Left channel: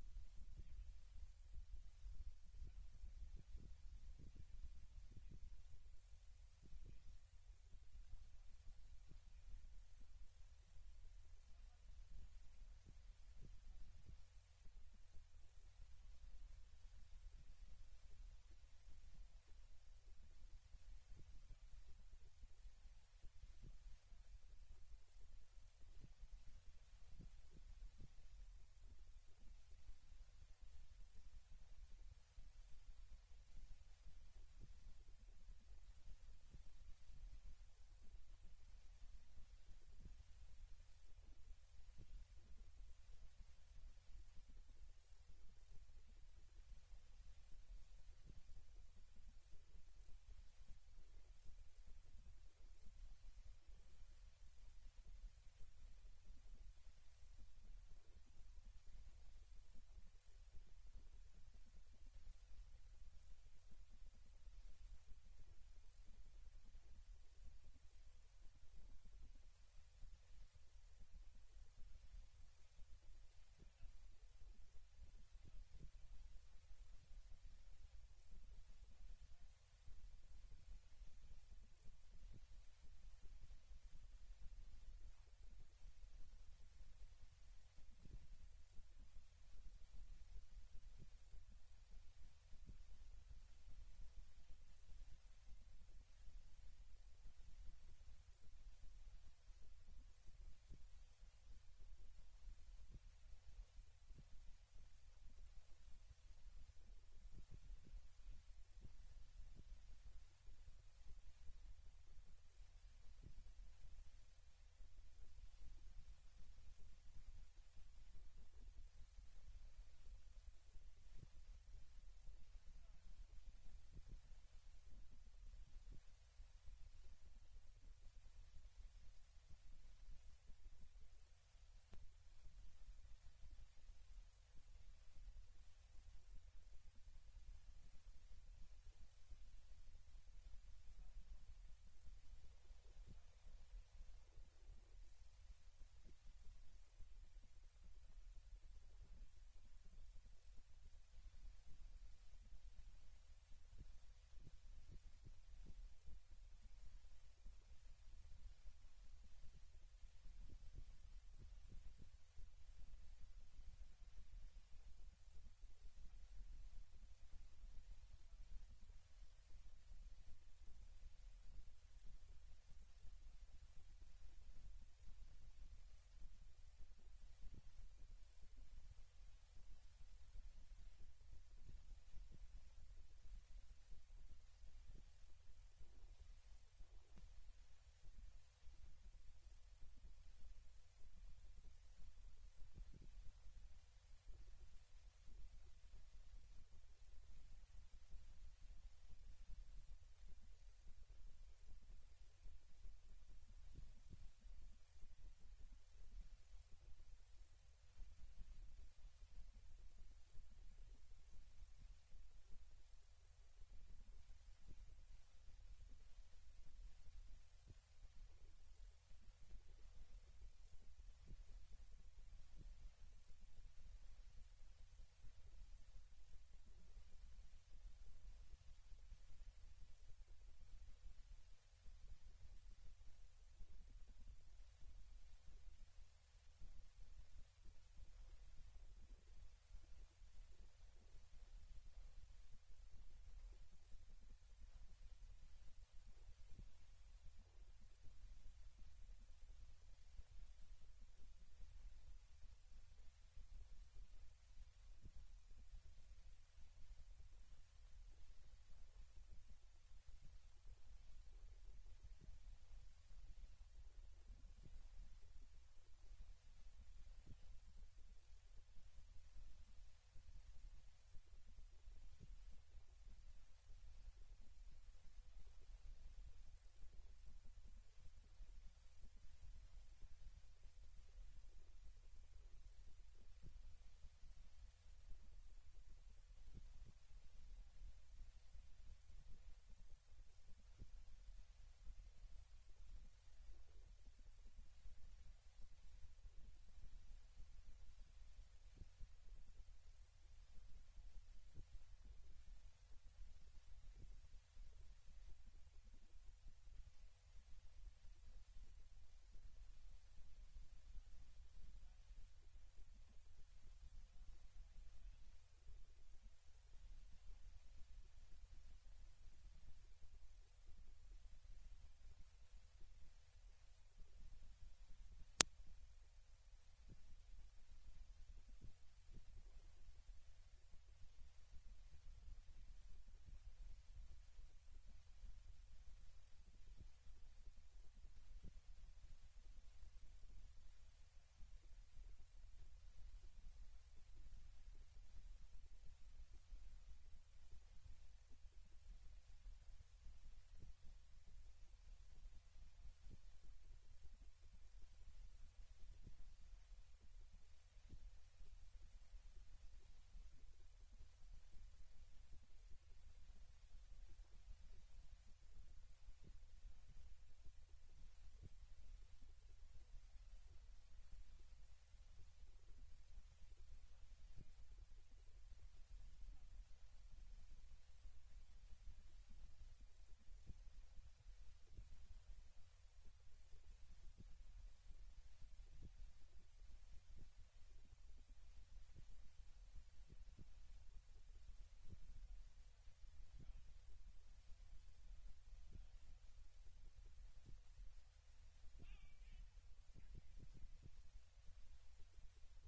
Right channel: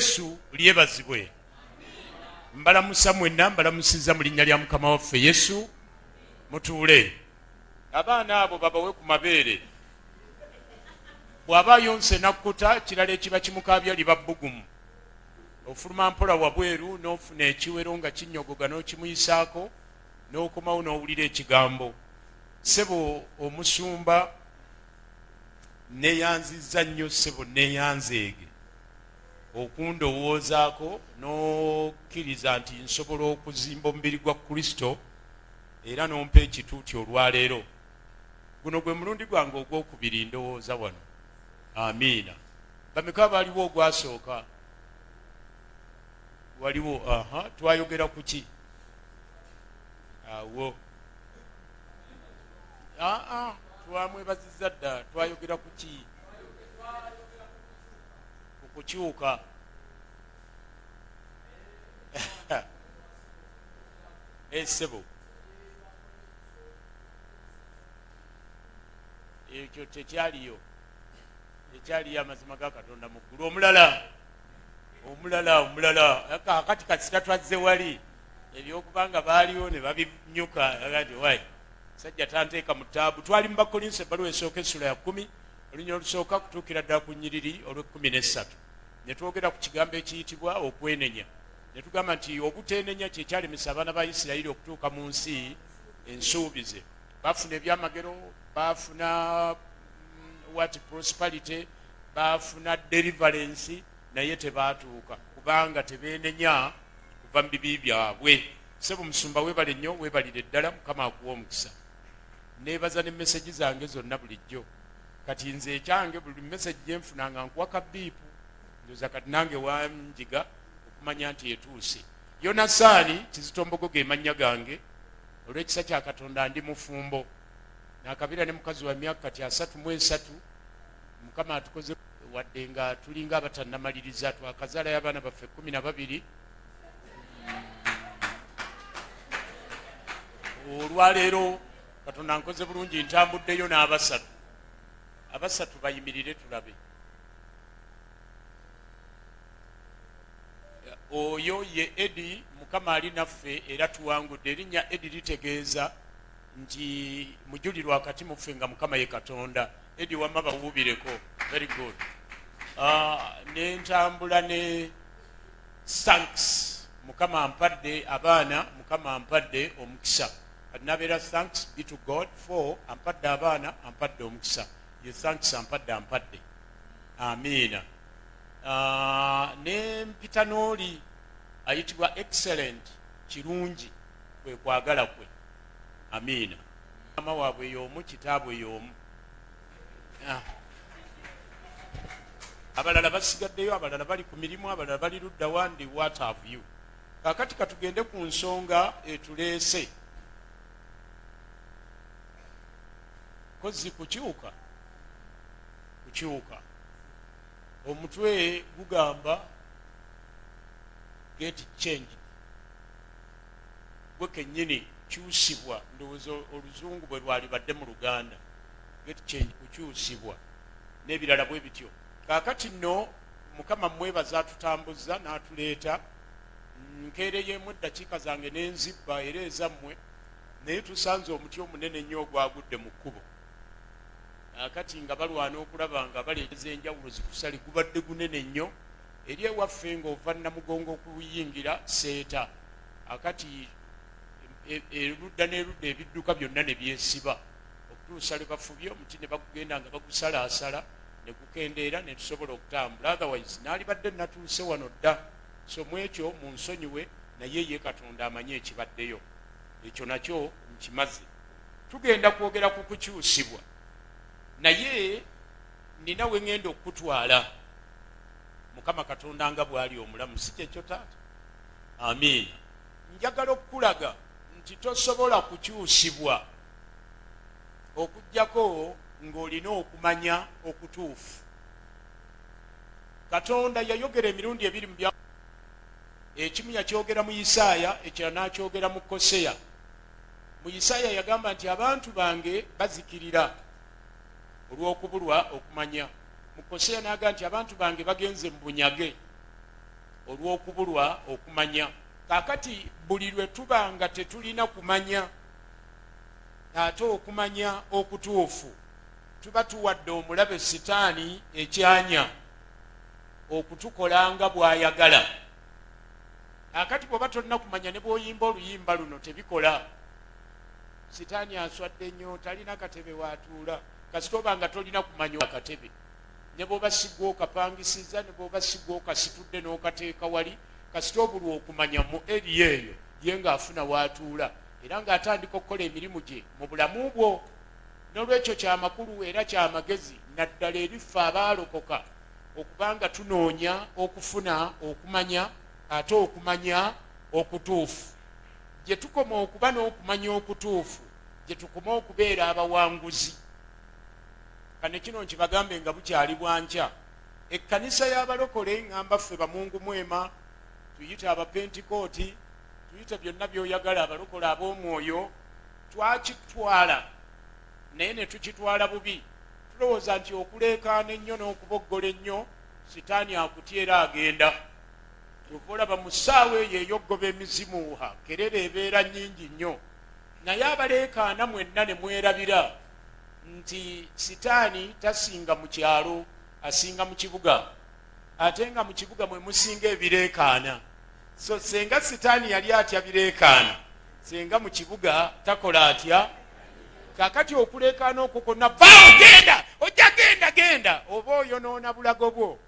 Yesu lyebazibwe. Mbalamusa mwenna, mbalamusiza mu linnya lya Mukama waffe Yesu. Mutuule. Abaana abo babawe ku mabeere. Bw'aba yonse nakkuta kirala ekiba kimukaabya liba bbugumu. Ofuluma mpola wabweru n'ofuna ekiwero nga kinnyogoga n'okimuyisaako n'okomawo n'owulira ekigambo. Ssebo omusumba neeyanzizza nnyo ssebo neeyanzeege okundowoozaako n'okkiriza nti nsobola okuzimba omubiri gwa Kristo era n'ompa ekituuti olwaleero. Guno gwe mulundi gwange ogwokubiri ndowooza wano. Amiina. Bameka baaliwo ogwasooka? Waliwo. Twayogera ku ki? Awo. Twamwebazizza dda. Twayogera ku ki? Ku kukyuka. Ssebo. Ekyo tekyaliyo. Ekyaliyo amazima ga Katonda mu ggulu. Omulala. Kakati kasita twazze wali. Ebyokubanga baaliwo ne babinyuka agati wayi. Sajja tanteeka mu ttaabu. Twali mu Bakolinso ebbaluwa esooka essula ya 10 olunya olusooka kutuukira ddala ku nnyiriri olw'13. Ne twogera ku kigambo ekiyitibwa okwenenya. Ne tugamba nti obuteenenya kye kyalemesa abaana ba Isirayiri okutuuka mu nsi ensuubize. Baafuna ebyamagero, baafuna prosperity, baafuna deliverance, naye tebaatuuka kubanga tebeenenya kuva mu bibi byabwe. Ssebo musumba weebale nnyo, weebalire ddala, Mukama akuwa omukisa. Neebaza ne message zange zonna bulijjo. Kati nze ekyange buli message gye nfunanga nkuwaka biipu. Ndoza kati nange wanjiga okumanya nti etuuse. Yonasaani Kizitombogo ge mannya gange. Olw'ekisa kya Katonda ndi mufumbo. Nakabira ne mukazi wa myaka kati 33. Mukama atukoze wadde nga tulinga abatannamaliriza, twakazaalayo abaana baffe 12. Olwaleero Katonda nkoze bulungi ntambuddeyo n'abasatu. Abasatu bayimirire tulabe. Oyo ye Edi, Mukama ali naffe era tuwangudde. Erinnya Edi litegeeza nti mujulirwa wakati muffe nga Mukama ye Katonda. Edi wamma bawuubireko. Very good. Nentambula ne thanks. Mukama ampadde abaana, Mukama ampadde omukisa. Nabeera thanks be to God for ampadde abaana, ampadde omukisa. Ye thanks ampadde. Amiina. Ne mpita n'oli ayitibwa excellent, kirungi, kwe kwagala kwe. Amiina. Mama waabwe y'omu, kitaabwe y'omu. Abalala basigaddeyo, abalala bali ku mirimu, abalala bali ludda wandi. What have you? Kakati katugende ku nsonga etuleese. Kozi kukyuka. Omutwe gugamba get change. Gwe kennyini kyusibwa, ndowooza oluzungu bwe lwali badde mu Luganda. Get change, kukyusibwa n'ebirala bwe bityo. Kaakati nno Mukama mwebaza atutambuza n'atuleeta. Nkeereyemu eddakiika zange n'enzibba era ezammwe, naye tusanze omuti omunene ennyo ogwagudde mu kkubo. Kati nga balwana okulaba nga baleeteza enjawulo zikusali, gubadde gunene nnyo eri ewaffe ng'ova Namugongo okuyingira Seeta. Akati erudda n'erudda ebidduka byonna ne byesiba okutuusa lwe bafubye omuti ne bagugenda nga bagusalaasala ne gukendeera ne tusobola okutambula. Otherwise naalibadde natuuse wano dda. So mu ekyo munsonyiwe, naye ye Katonda amanye ekibaddeyo. Ekyo nakyo nkimaze. Tugenda kwogera ku kukyusibwa. Naye nina we ngenda okutwala Mukama Katonda nga bw'ali omulamu, si kyekyo taata? Amiina. Njagala okukulaga nti tosobola kukyusibwa okuggyako ng'olina okumanya okutuufu. Katonda yayogera emirundi 2 mu bya ekimu yakyogera mu Isaaya, ekirala n'akyogera mu Koseya. Mu Isaaya yagamba nti abantu bange bazikirira olw'okubulwa okumanya. Mu Koseya n'agamba nti abantu bange bagenze mu bunyage. olw'okubulwa okumanya. Kaakati buli lwe tuba nga tetulina kumanya ate okumanya okutuufu, tuba tuwadde omulabe sitaani ekyanya okutukola nga bw'ayagala. Kaakati bw'oba tolina kumanya ne bw'oyimba oluyimba luno tebikola. Sitaani aswadde nnyo, talina katebe waatuula. Kasita oba nga tolina kumanya akatebe, ne bw'oba sigwa okapangisiza, ne bw'oba sigwa okasitudde n'okateeka wali, kasita obulwa okumanya mu eri eyo ye ng'afuna waatuula era ng'atandika okukola emirimu gye mu bulamu bwo. N'olwekyo kyamakulu era kyamagezi naddala eriffe abaalokoka okubanga tunoonya okufuna okumanya ate okumanya okutuufu. Gye tukoma okuba n'okumanya okutuufu, gye tukoma okubeera abawanguzi. Kane kino nkibagambe nga bukyali bwankya. Ekkanisa y'abalokole ngamba ffe bamungu mwema, tuyite abapentikooti, tuyite byonna by'oyagala, abalokole ab'omwoyo, twakitwala naye ne tukitwala bubi. Tulowooza nti okuleekaana ennyo n'okuboggola ennyo sitaani akutyera agenda. Kyova olaba mu ssaawa eyo ey'oggoba emizimuha kerera ebeera nnyingi nnyo, naye abaleekaana mwenna ne mwerabira nti sitaani tasinga mu kyalo, asinga mu kibuga, ate nga mu kibuga mwe musinga ebireekaana. So senga sitaani yali atya bireekaana, senga mu kibuga takola atya. Kaakati okuleekaana okwo konna vaawo genda, ojja genda, oba oyonoona bulago bwo.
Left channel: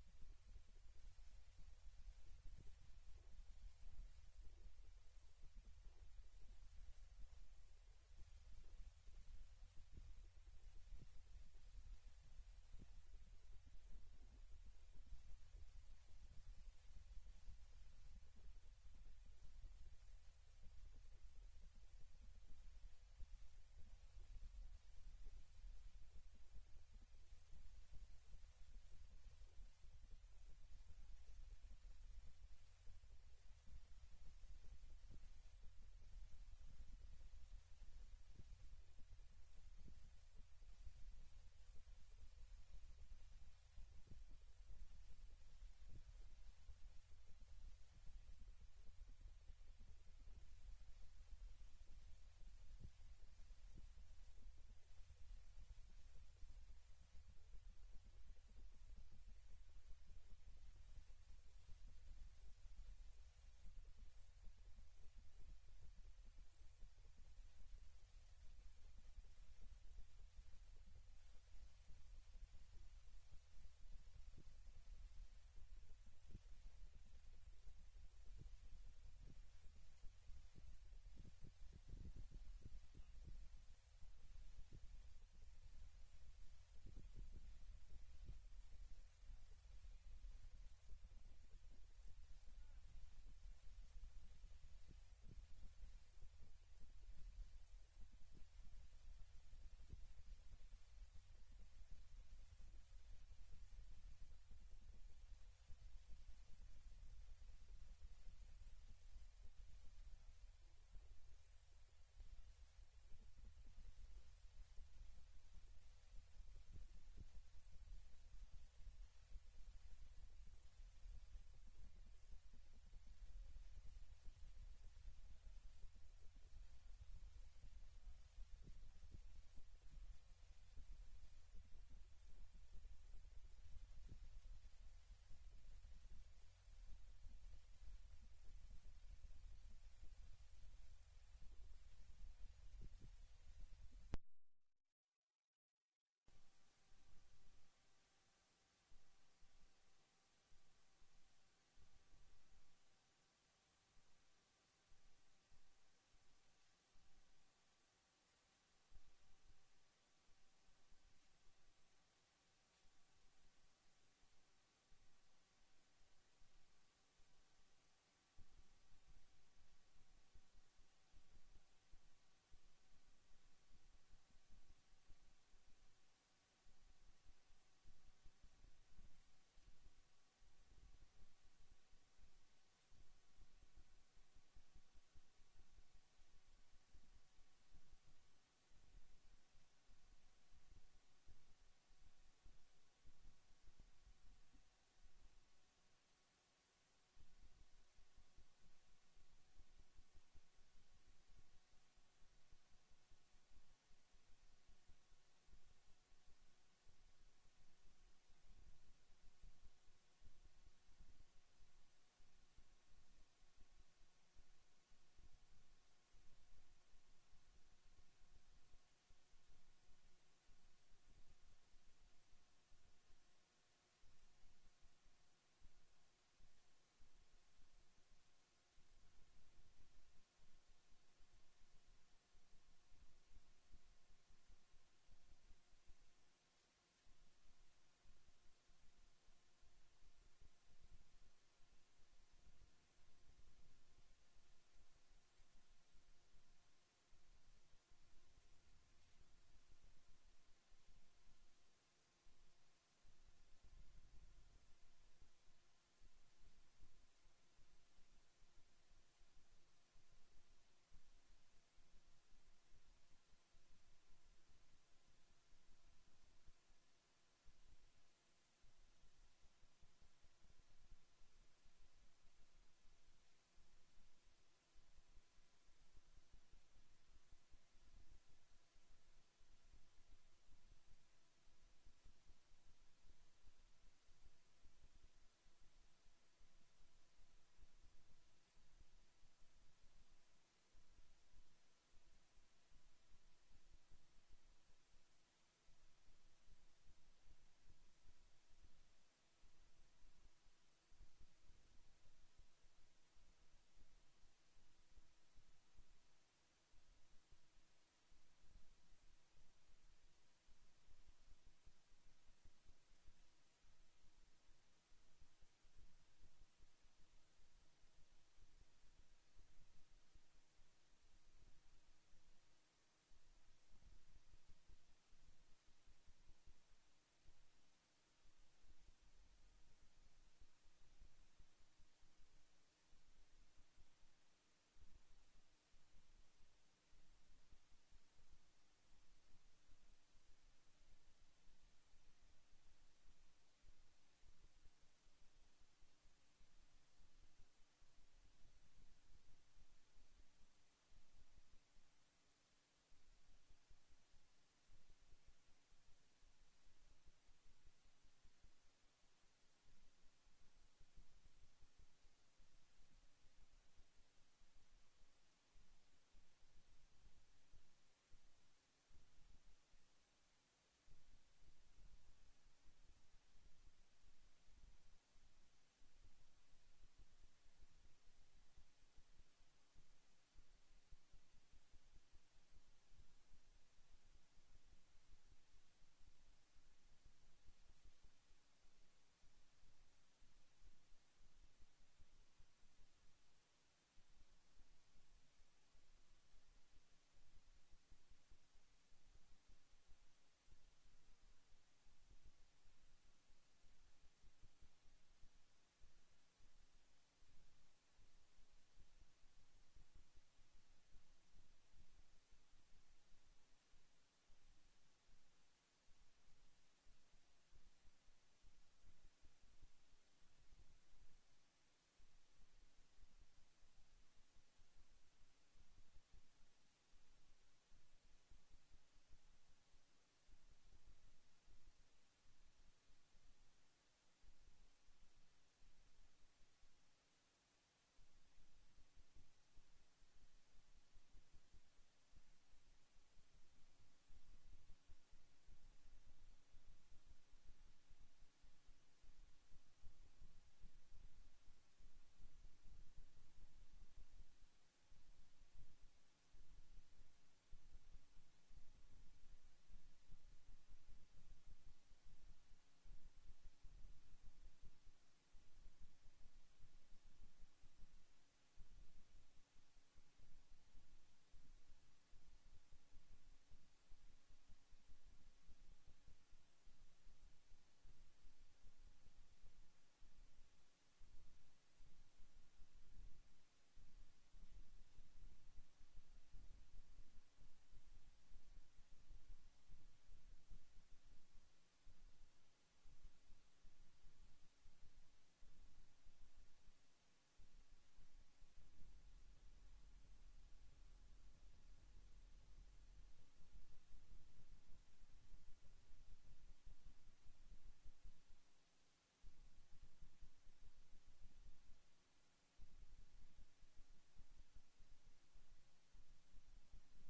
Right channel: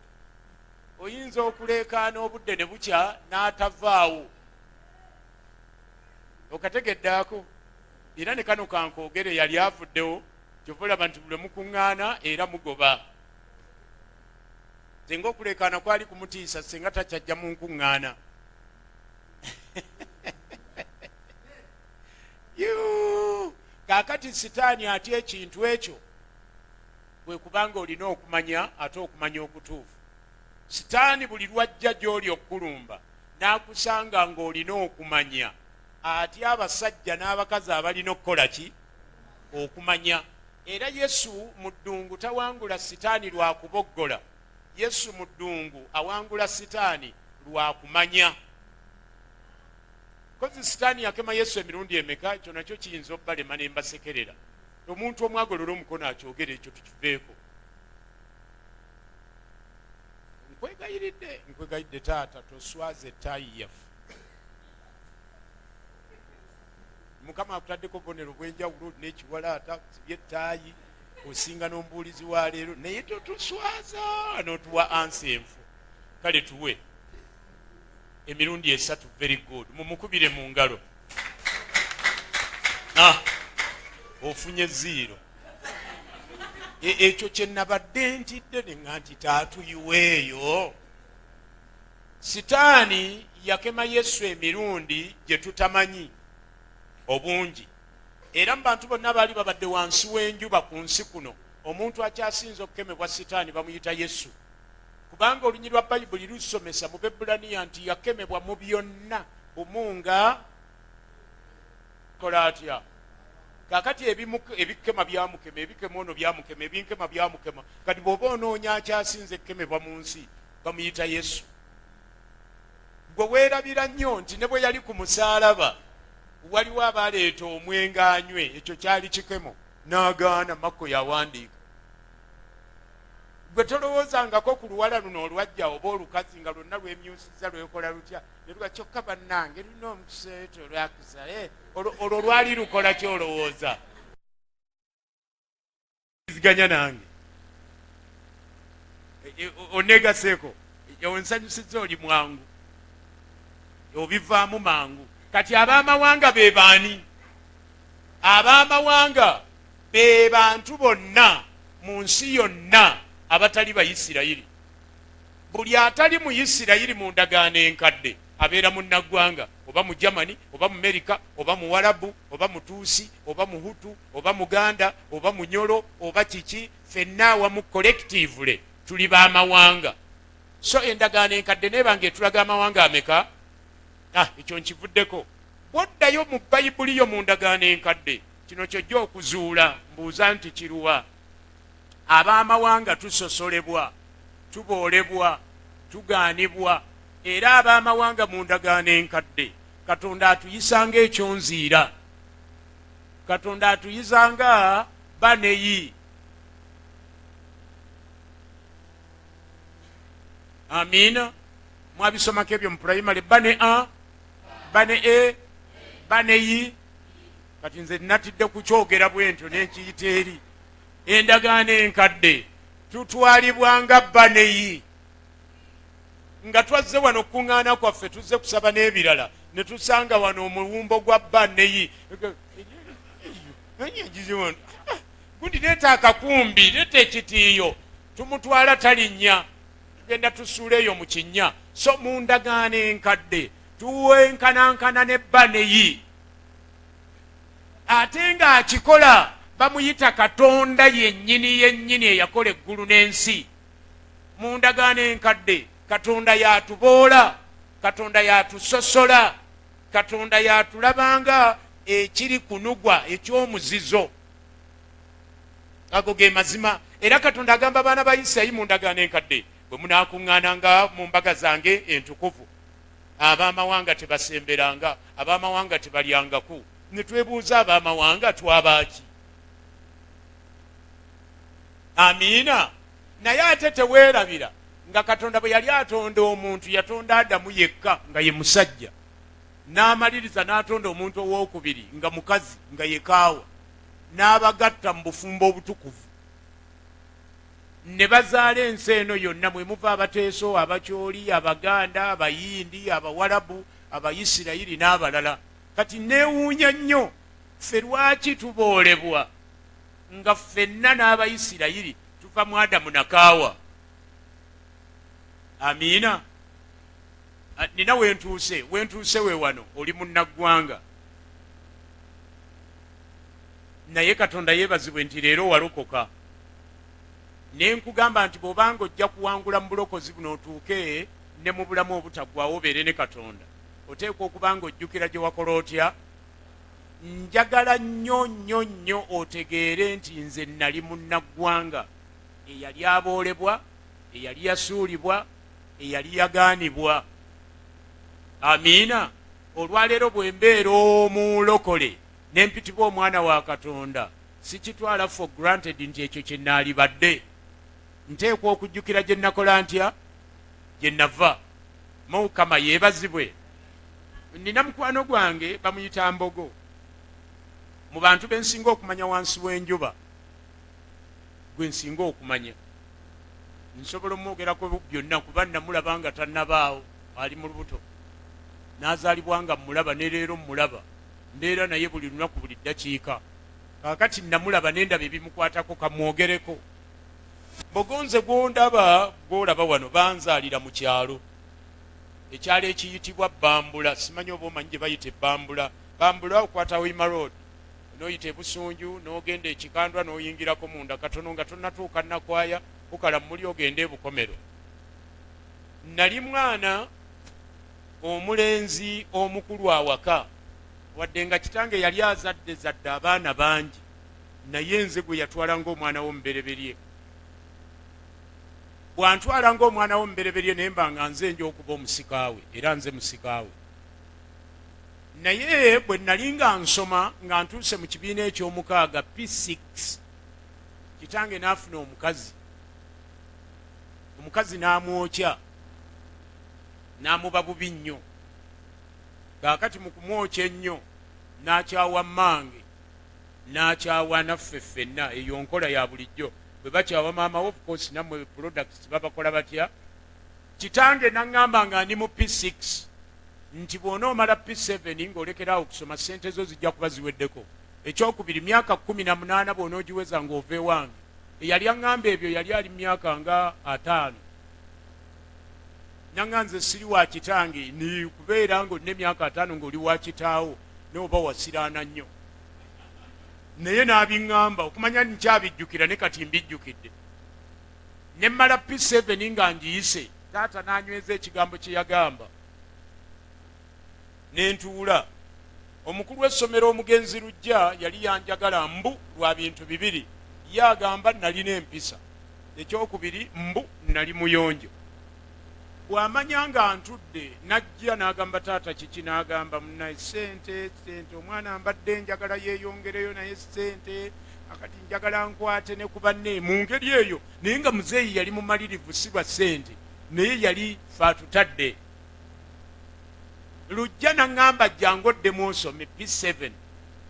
Oyinza okuleekaana obudde ne bukya n'atavaawo. Okategeddaako? Era ne kano kankoogere yali avuddewo, kyova olaba nti buli mukuŋŋaana era mugoba. Senga okuleekaana kwali kumutiisa senga takyajja mu nkuŋŋaana. Kaakati sitaani atya ekintu ekyo bwe kubanga olina okumanya ate okumanya okutuufu. Sitaani buli lwajja gy'oli okukulumba n'akusanga ng'olina okumanya, atya abasajja n'abakazi abalina okukola ki? Okumanya. Era Yesu mu ddungu tawangula sitaani lwa kuboggola. Yesu mu ddungu awangula sitaani lwa kumanya. Kozi sitaani yakema Yesu emirundi emeka, ekyo nakyo kiyinza obbalema ne mbasekerera. Omuntu omu agolola omukono akyogera ekyo tukiveeko. Nkwegayiridde taata toswaze ettaayi yaffe. Mukama akutaddeko obubonero bw'enjawulo n'ekiwalaata kusibye ettaayi, osinga n'omubuulizi wa leero naye totuswaza n'otuwa ansi enfu. Kale tuwe emirundi 3 very good. Mumukubire mu ngalo. Ofunye 0. Ekyo kye nabadde ntidde nga nti taatuyiweeyo. Sitaani yakema Yesu emirundi gye tutamanyi obungi. Era mu bantu bonna baali babadde wansi w'enjuba ku nsi kuno, omuntu akyasinza okukemebwa sitaani bamuyita Yesu. Kubanga olunyi lwa Bayibuli lusomesa mu Bebbulaniya nti yakemebwa mu byonna bumunga kola atya. Kaakati ebikema byamukema, ebikema ono byamukema, ebinkema byamukema. Kati bw'oba onoonya akyasinze ekkemebwa mu nsi bamuyita Yesu. Gwe weerabira nnyo nti ne bwe yali ku musaalaba waliwo abaleeta omwenge anywe, ekyo kyali kikemo, n'agaana. Makko yawandiika. Gwe tolowoozangako ku luwala luno olwajja oba olukazi nga lwonna lwemyusiza lwekola lutya ne luga kyokka bannange lulina omukisa eto lwakuza olwo lwali lukola ki olowooza? Ziganya nange onegaseeko onsanyusiza oli mwangu obivaamu mangu. Kati ab'amawanga be baani? Ab'amawanga be bantu bonna mu nsi yonna abatali Bayisirayiri. Buli atali mu Isirayiri mu ndagaano enkadde abeera munnaggwanga, oba mu Germany, oba mu America, oba mu Warabu, oba mu Tuusi, oba mu Hutu, oba Muganda, oba Munyolo, oba kiki, ffenna awamu collectively tuli b'amawanga. So endagaano enkadde neebanga etulaga amawanga ameka? Ekyo nkivuddeko. Bw'oddayo mu Bayibuli yo mu ndagaano enkadde, kino kyojja okuzuula, mbuuza nti kiruwa? Ab'amawanga tusosolebwa, tuboolebwa, tugaanibwa, era ab'amawanga mu ndagaano enkadde katonda atuyisanga ekyonziira, katonda atuyizanga baneyi. Amiina. Mwabisomako ebyo mu pulayimale, bane a bane e baneyi. Kati nze natidde kukyogera bwentyo nenkiyita eri. Endagaano enkadde tutwalibwanga baneyi, nga twazze wano okuŋŋaana kwaffe tuzze kusaba n'ebirala ne tusanga wano omuwumbo gwa baneyi. Gundi leeta akakumbi, leeta ekitiiyo, tumutwala talinnya, tugenda tusuula eyo mu kinnya. So mu ndagaano enkadde tuwenkanankana ne baneyi, ate ng'akikola bamuyita katonda yennyini eyakola eggulu n'ensi. Mu ndagaano enkadde katonda yatuboola, katonda yatusosola, katonda yatulabanga ekiri kunugwa eky'omuzizo. Ago ge mazima. Era katonda agamba abaana ba Isirayiri mu ndagaano enkadde, bwe munaakuŋŋaananga mu mbaga zange entukuvu, ab'amawanga tebasemberanga, ab'amawanga tebalyangaku. Ne twebuuza ab'amawanga twabaaki? Amiina. Naye ate teweerabira nga katonda bwe yali atonda omuntu yatonda Adamu yekka nga ye musajja, n'amaliriza n'atonda omuntu owookubiri nga mukazi nga ye Kaawa, n'abagatta mu bufumbo obutukuvu, ne bazaala ensi eno yonna, mwe muva Abateeso, Abakyoli, Abaganda, Abayindi, Abawarabu, Abayisirayiri n'abalala. Kati neewuunya nnyo ffe lwaki tuboolebwa nga ffenna n'Abayisirayiri tuva mu Adamu na Kaawa. Amiina. Nina wentuuse we wano, oli munnaggwanga, naye katonda yeebazibwe nti leero walokoka. Ne nkugamba nti bw'obanga ojja kuwangula mu bulokozi buno otuuke ne mu bulamu obutaggwaawo obeere ne katonda, oteekwa okuba nga ojjukira gye wakola otya. Njagala nnyo otegeere nti nze nali munnaggwanga eyali aboolebwa, eyali yasuulibwa, eyali yagaanibwa. Amiina. Olwaleero bwe mbeera omulokole ne mpitibwa omwana wa Katonda, sikitwala for granted nti ekyo kye naalibadde. Nteekwa okujjukira gye nakola ntya, gye nava. Mukama yeebazibwe. Nina mukwano gwange bamuyita Mbogo. Mu bantu be nsinga okumanya wansi w'enjuba, gwe nsinga okumanya. Nsobola omwogerako byonna kuba namulaba nga tannabaawo, ali mu lubuto. N'azaalibwa nga mulaba ne leero mulaba. Mbeera naye buli lunaku buli ddakiika. Kaakati namulaba n'endaba ebimukwatako kamwogereko. Mbogo nze gw'ondaba gw'olaba wano banzaalira mu kyalo. Ekyalo ekiyitibwa Bambula. Simanyi oba omanyi gye bayita Bambula. Bambula okwata Wima Road, n'oyita e Busunju n'ogenda e Kikandwa n'oyingirako munda katono nga tonnatuuka Nakwaya, okala muli ogenda e Bukomero. Nali mwana omulenzi omukulu awaka, wadde nga kitange yali azadde abaana bangi, naye nze gwe yatwala ng'omwana w'omubereberye. Bw'antwala ng'omwana w'omubereberye naye mba nga nze nja okuba omusikaawe, era nze musikaawe. Naye bwe nali nga nsoma nga ntuuse mu kibiina eky'omukaaga P6, kitange n'afuna omukazi. Omukazi n'amwokya, n'amuba bubi nnyo. Kaakati mu kumwokya ennyo n'akyawa mmange, n'akyawa naffe ffenna. Eyo nkola ya bulijjo. Bwe bakyawa maama wo, of course nammwe products babakola batya. Kitange n'aŋŋamba nga ndi mu P6 nti bw'onoomala P7 ng'olekeraawo okusoma, ssente zo zijja kuba ziweddeko. Ekyokubiri, myaka 18 bw'onoogiweza ng'ova ewange. Eyali aŋŋamba ebyo yali ali myaka nga 5. Nanga nze siri wa kitange, ni kubeera ng'olina emyaka 5 ng'oli wa kitaawo n'oba wasiraana nnyo. Naye n'abiŋŋamba okumanya nkyabijjukira, ne kati mbijjukidde. Ne mmala P7 nga ngiyise, taata n'anyweza ekigambo kye yagamba. Ne ntuula. Omukulu w'essomero omugenzi Lujja yali yanjagala mbu lwa bintu bibiri. Ye agamba nalina empisa. Ekyokubiri mbu nali muyonjo. bw'amanya nga ntudde najja n'agamba taata kiki, n'agamba munaye sente omwana mbadde njagala yeeyongereyo naye sente akati njagala nkwate ne ku banne mu ngeri eyo. Naye nga muzeeyi yali mumalirivu si lwa sente, naye yali faatutadde. Lujja naŋŋamba jjangu oddemu osome P7.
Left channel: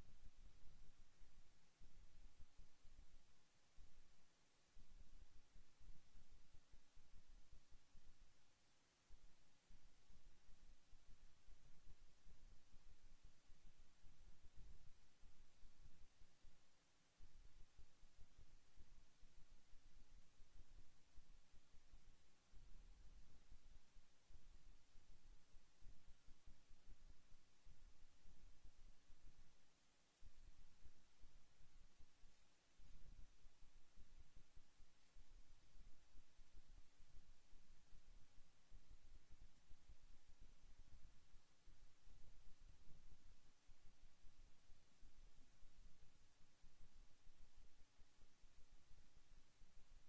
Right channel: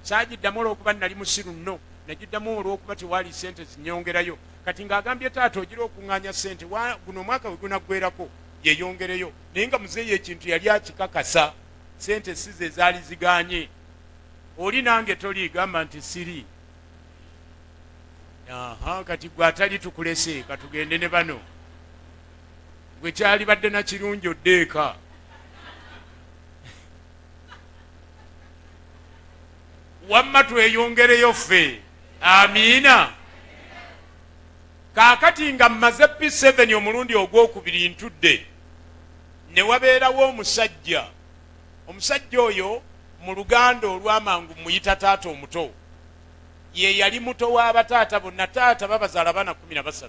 Saagiddamu olw'okuba nali musiru nno, nagiddamu olw'okuba tewaali sente zinyongerayo. Kati ng'agambye taata ogira okuŋŋaanya sente guno omwaka we gunaggwerako yeeyongereyo. Naye nga muzeeyi ekintu yali akikakasa, sente si ze zaali zigaanye. Oli nange toliigamba nti siri. Kati gwe atali tukulese katugende ne bano, gwe kyali badde na kirungi oddeeka. Wamma tweyongereyo ffe. Amiina. Kaakati nga mmaze P7 omulundi ogwokubiri ntudde, ne wabeerawo omusajja. Omusajja oyo mu Luganda olw'amangu muyita taata omuto. Ye yali muto w'abataata bonna. Taata babazaala bana 13.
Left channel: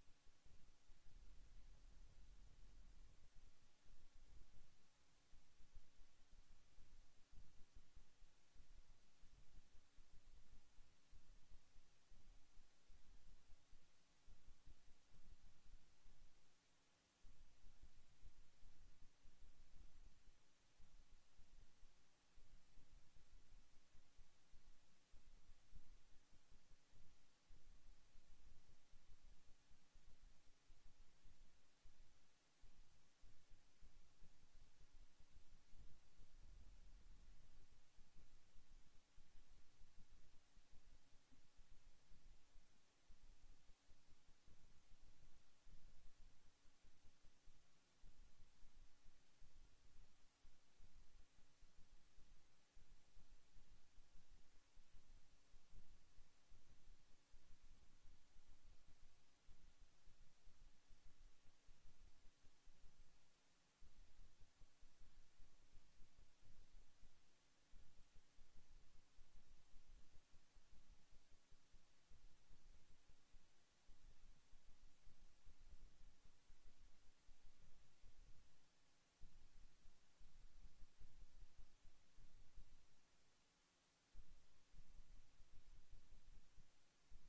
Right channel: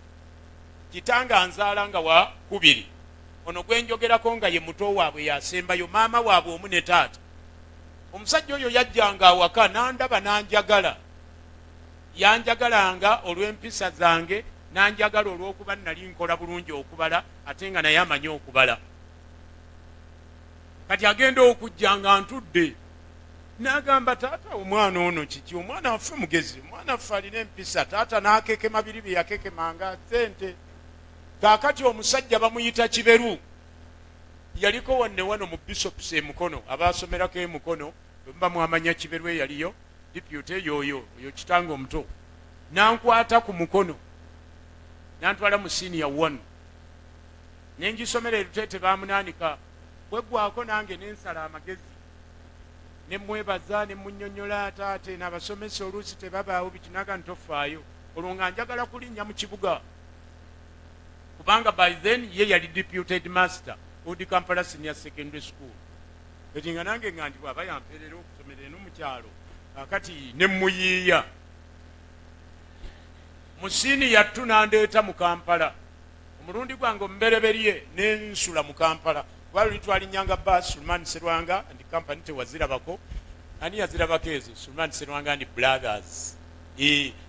Kitanga anzaala nga wa 2. Ono gwe njogerako nga ye muto waabwe yasembayo, maama waabwe omu ne taata. Omusajja oyo yajjanga awaka n'andaba n'anjagala. Yanjagalanga olw'empisa zange, n'anjagala olw'okuba nali nkola bulungi okubala ate nga naye amanyi okubala. Kati agenda okujja nga ntudde, n'agamba taata omwana ono kiki, omwana waffe mugezi, omwana waffe alina empisa. Taata n'akekema biri bye yakekemanga sente. Kaakati omusajja bamuyita Kiberu, yaliko wanne wano mu Bishops Mukono, abaasomerako Mukono bwe mwamanya Kiberu eyaliyo deputy yoyo kitanga omuto. Nankwata ku mukono nantwala mu senior 1 nengisomera Erutete bamunaanika, bwegwako nange nensala amagezi nemwebaza nemunnyonnyola taate n'abasomesa oluusi tebabaawo bitinaga ntofaayo olwo nga njagala kulinnya mu kibuga, kubanga by then ye yali deputy headmaster Udi Kampala Senior Secondary School. Eti nga nange nga ndi bw'aba yampeerera okusomera eno mu kyalo akati nemuyiiya musini yattu nandeeta mu Kampala. Omulundi gwange omubereberye nensula mu Kampala lwali twalinyanga bus Sulman Serwanga and company tewazirabako. Ani yazirabako ezo? Sulman Serwanga and brothers.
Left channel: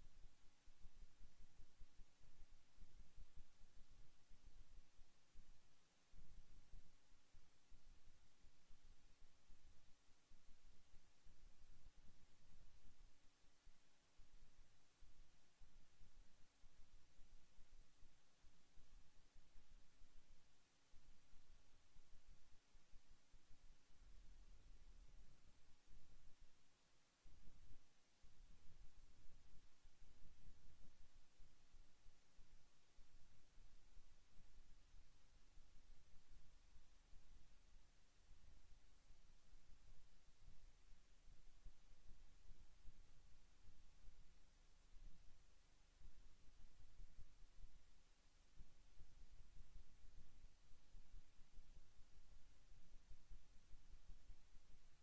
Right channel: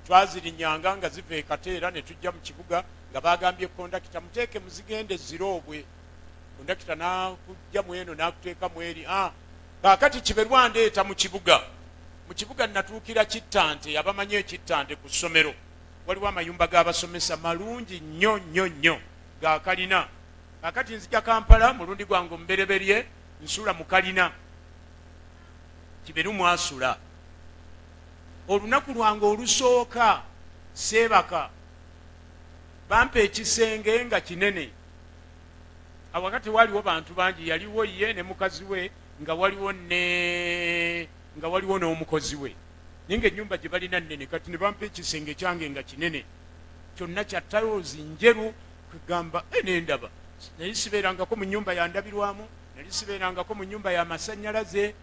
Twazirinyanga nga ziva e Kateera ne tujja mu kibuga nga bagambye kondakita muteeke muzigende ziroobwe. Kondakita nakujja mweno nakuteeka mweri. Kaakati Kiberu andeeta mu kibuga. Mu kibuga natuukira Kittante, abamanyi Kittante ku ssomero. Waliwo amayumba g'abasomesa malungi nnyo nnyo nnyo ga kalina. Kaakati nzija Kampala mulundi gwange omubereberye nsula mu kalina. Kiberu mwasula. Olunaku lwange olusooka Seebaka bampa ekisenge nga kinene. Awakati waliwo bantu bangi, yaliwo ye ne mukazi we nga waliwo n'omukozi we. Ninge ennyumba gye balina nnene, kati ne bampa ekisenge kyange nga kinene. Kyonna kya talozi njeru, kugamba nendaba. Nali sibeerangako mu nnyumba ya ndabirwamu, nali sibeerangako mu nnyumba ya masannyalaze.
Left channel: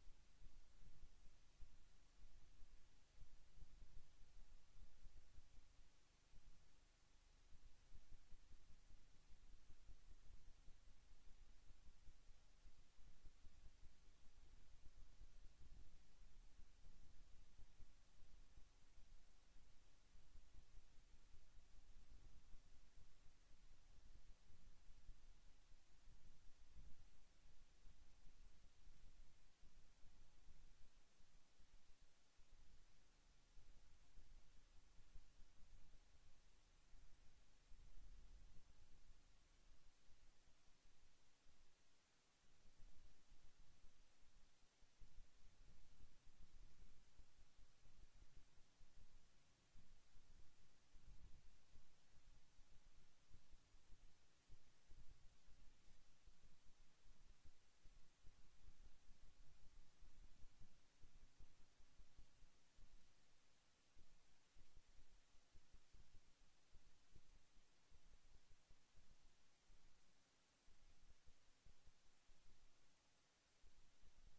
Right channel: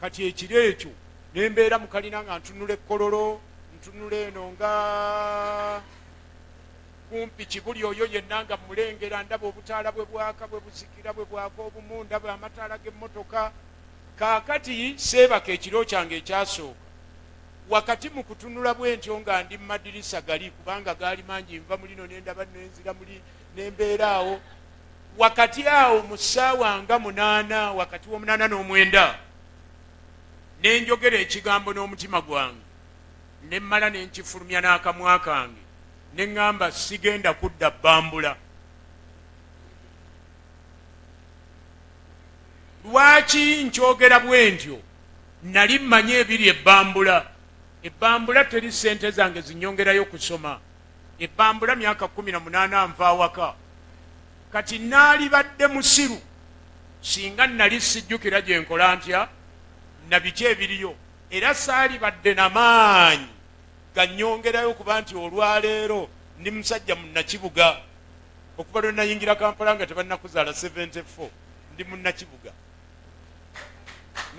Kati ekiro ekyo ne mbeera mu kalina nga ntunula ekkololo, ntunula eno nga kumpi Kibuli oyo yenna nga mulengera, ndaba obutaala bwe bwaka bwe buzikira bwe bwaka obumu, ndaba amataala g'emmotoka. Kaakati Seebaka ekiro kyange ekyasooka, wakati mu kutunula bwentyo nga ndi mu madirisa gali, kubanga gaali mangi, nva mulino nendaba nenzira muli nembeera awo. Wakati awo mu ssaawa nga 8, wakati w'omunaana n'omwenda, nenjogera ekigambo n'omutima gwange, ne mmala ne nkifulumya n'akamwa kange, ne ŋŋamba sigenda kudda Bambula. Lwaki nkyogera bwentyo? Nali mmanyi ebiri ebbambula. Ebbambula teri ssente zange zinyongerayo kusoma. Ebbambula myaka 18 nva awaka. Kati naali badde musiru singa nali sijjukira gye nkola ntya na biki ebiriyo, era saali badde n'amaanyi gannyongerayo kuba nti olwaleero ndi musajja munnakibuga. Okuva lwe nayingira Kampala nga tebannakuzaala 74, ndi munnakibuga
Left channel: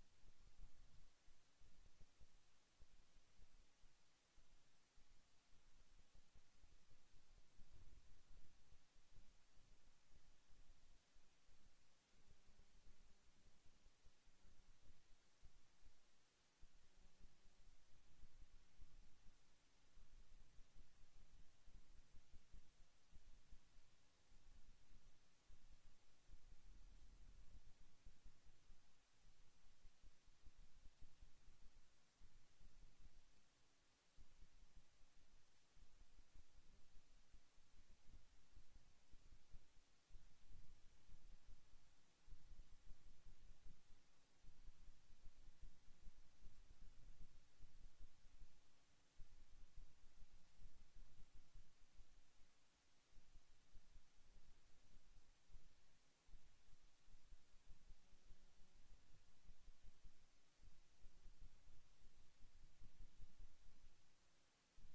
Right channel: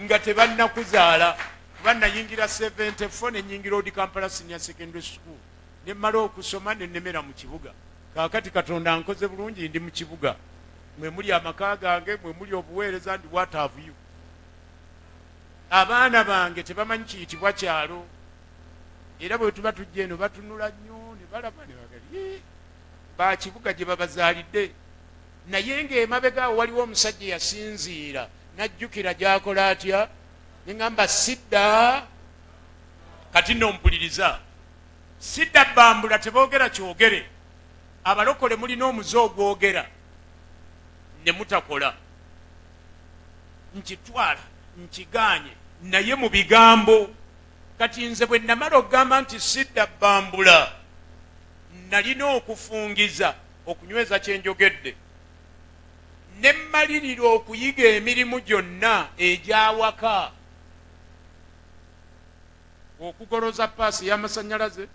nga tebannakuzaala kuba nayingira 74 ne nyingira Odi Kampala Senior Secondary School ne mmala okusoma ne nemera mu kibuga. Kaakati Katonda nkoze bulungi ndi mu kibuga. mwe muli amaka gange, mwe muli obuweereza, ndi what have you. Abaana bange tebamanyi kiyitibwa kyalo, era bwe tuba tujja eno batunula nnyo ne balaba ne bagali bakibuga gye babazaalidde. Naye ng'emabega awo waliwo omusajja yasinziira n'ajjukira gy'akola atya, ne ŋŋamba sidda. Kati nno mpuliriza, sidda bbambula, teboogera kyogere. Abalokole mulina omuze ogwogera ne mutakola. Nkitwala nkiganye naye mu bigambo. Kati nze bwe namala okugamba nti sidda bbambula, nalina okufungiza okunyweza kye njogedde, ne mmalirira okuyiga emirimu gyonna egy'awaka, okugoloza paasi y'amasannyalaze,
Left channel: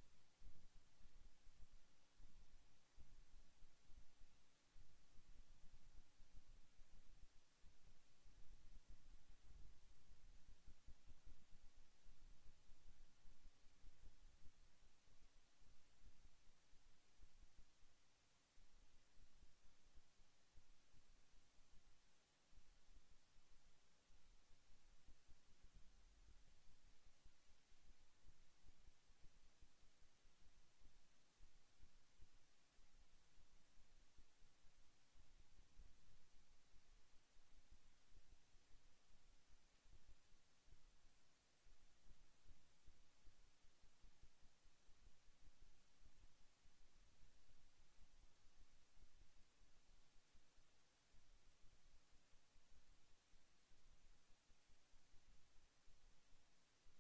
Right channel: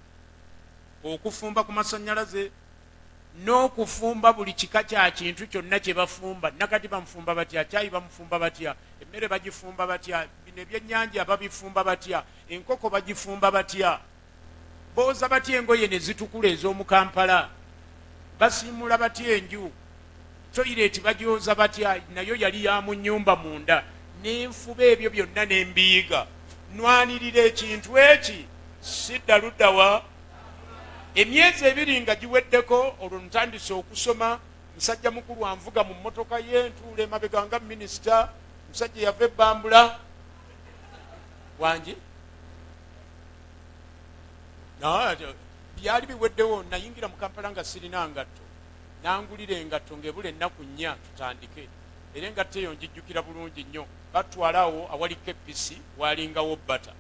okufumba ku masannyalaze, n'okufumba buli kika kya kintu kyonna kye bafumba. Nakati bamufumba batya, caayi bamufumba batya, emmere bagifumba batya, bino ebyennyanja babifumba batya, enkoko bagifumba batya, booza batya engoye ne zitukula ez'omu Kampala, basiimula batya enju, toyireeti bagyoza batya, nayo yali ya mu nnyumba munda. N'enfuba ebyo byonna n'embiyiga, nwanirira ekintu eki, sidda luddawa. Emyezi 2 nga giweddeko, olwo ntandise okusoma. Musajja mukulu anvuga mu mmotoka ye, ntuula emabega nga minisita, musajja yava ebbambula wangi. Byali biweddewo, nayingira mu Kampala nga sirina ngatto, nangulira engatto ng'ebula ennaku 4 tutandike. Era engatto eyo njijjukira bulungi nnyo. Batwala awo awali kepisi, walingawo bbata.